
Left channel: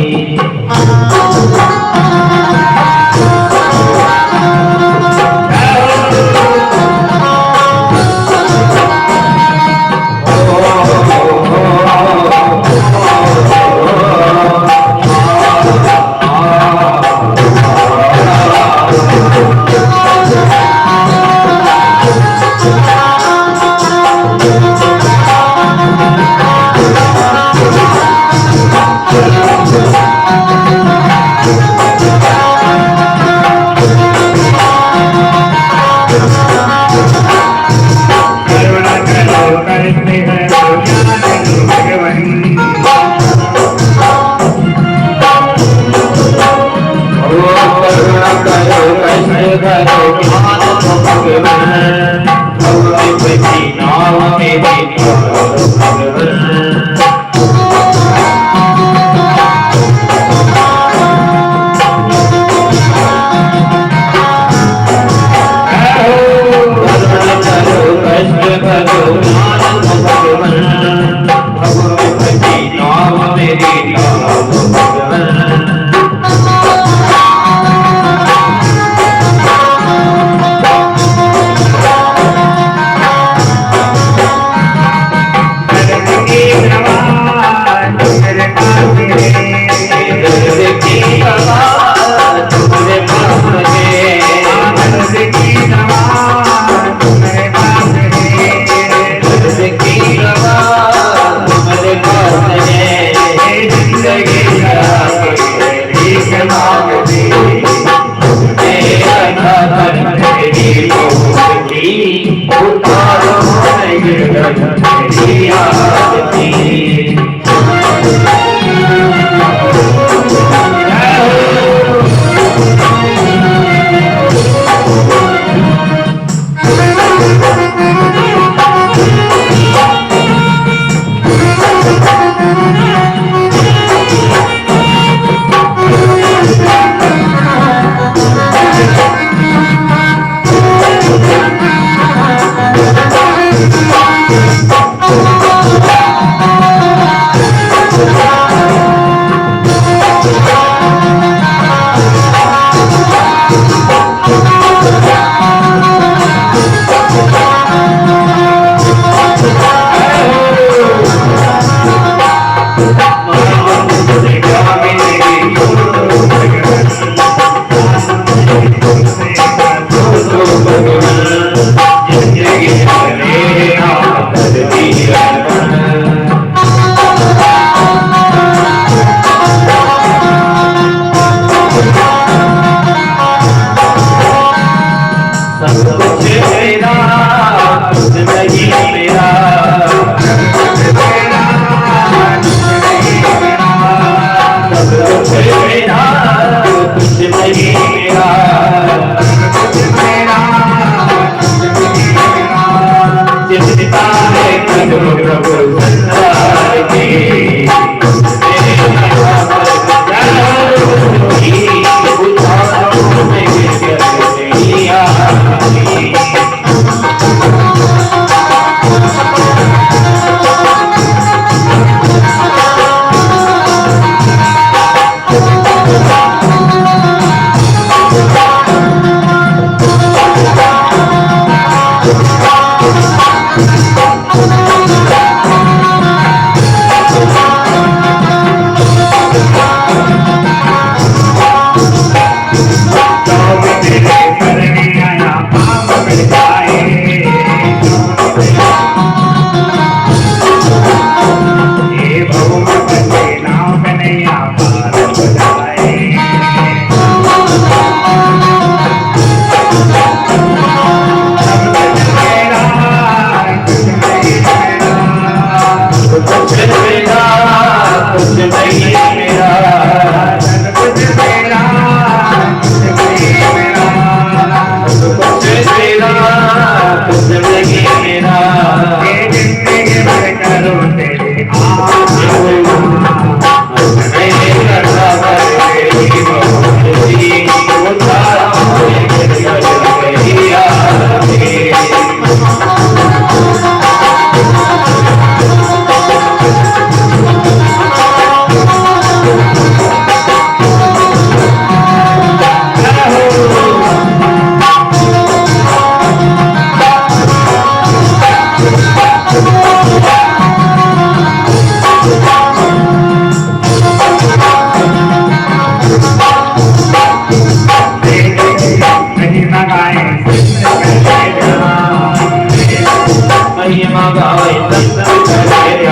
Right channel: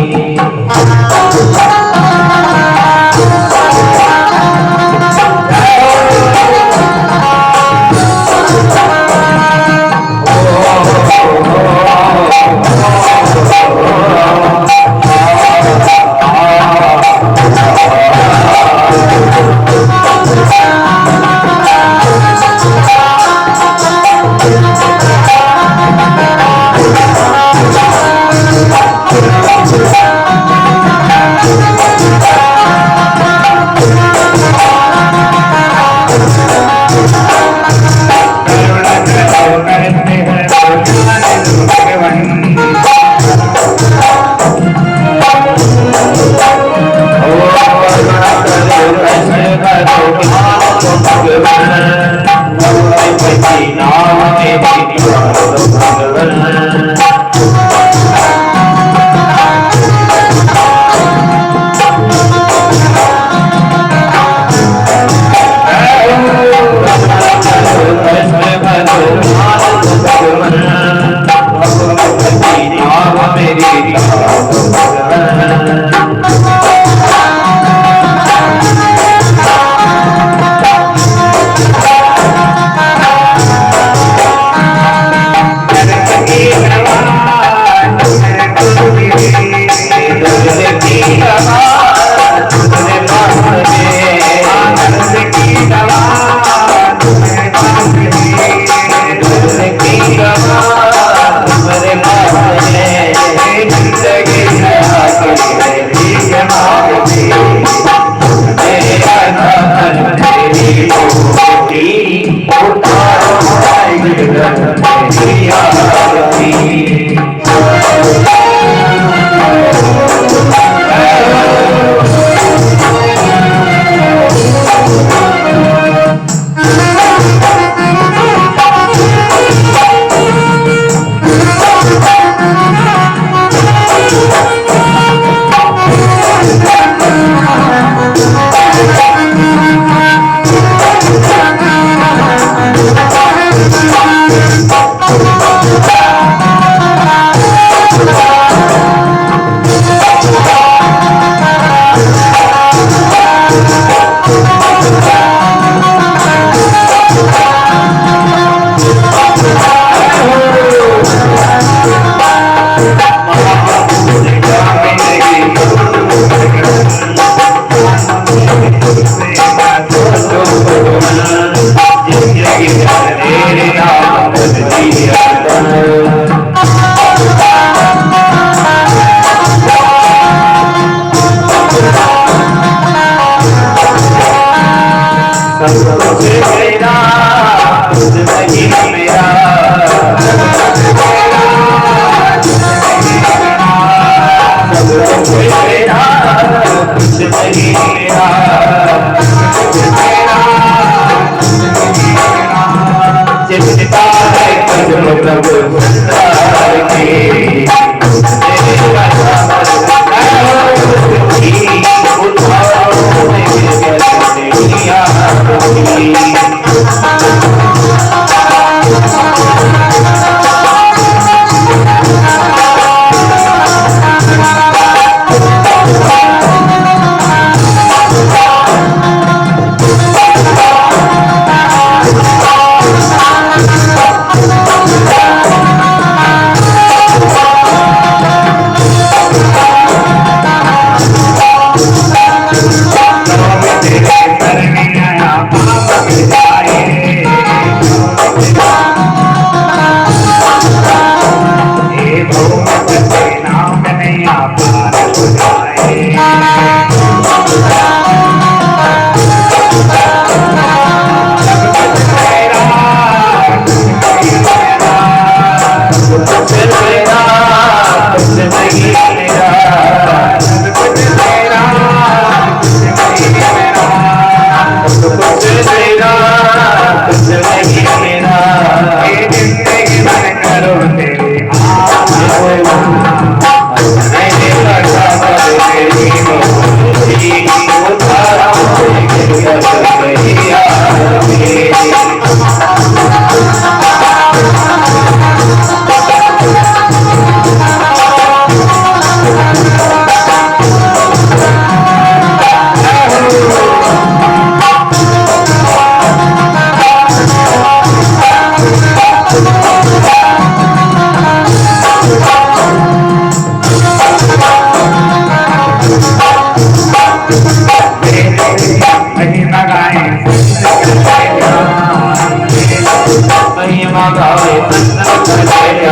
महिमा गाए दर्शन करे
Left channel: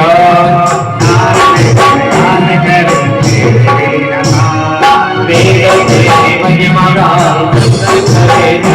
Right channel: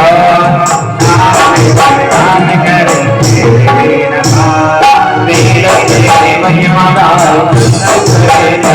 मेरे तेरी महिमा गाए दर्शन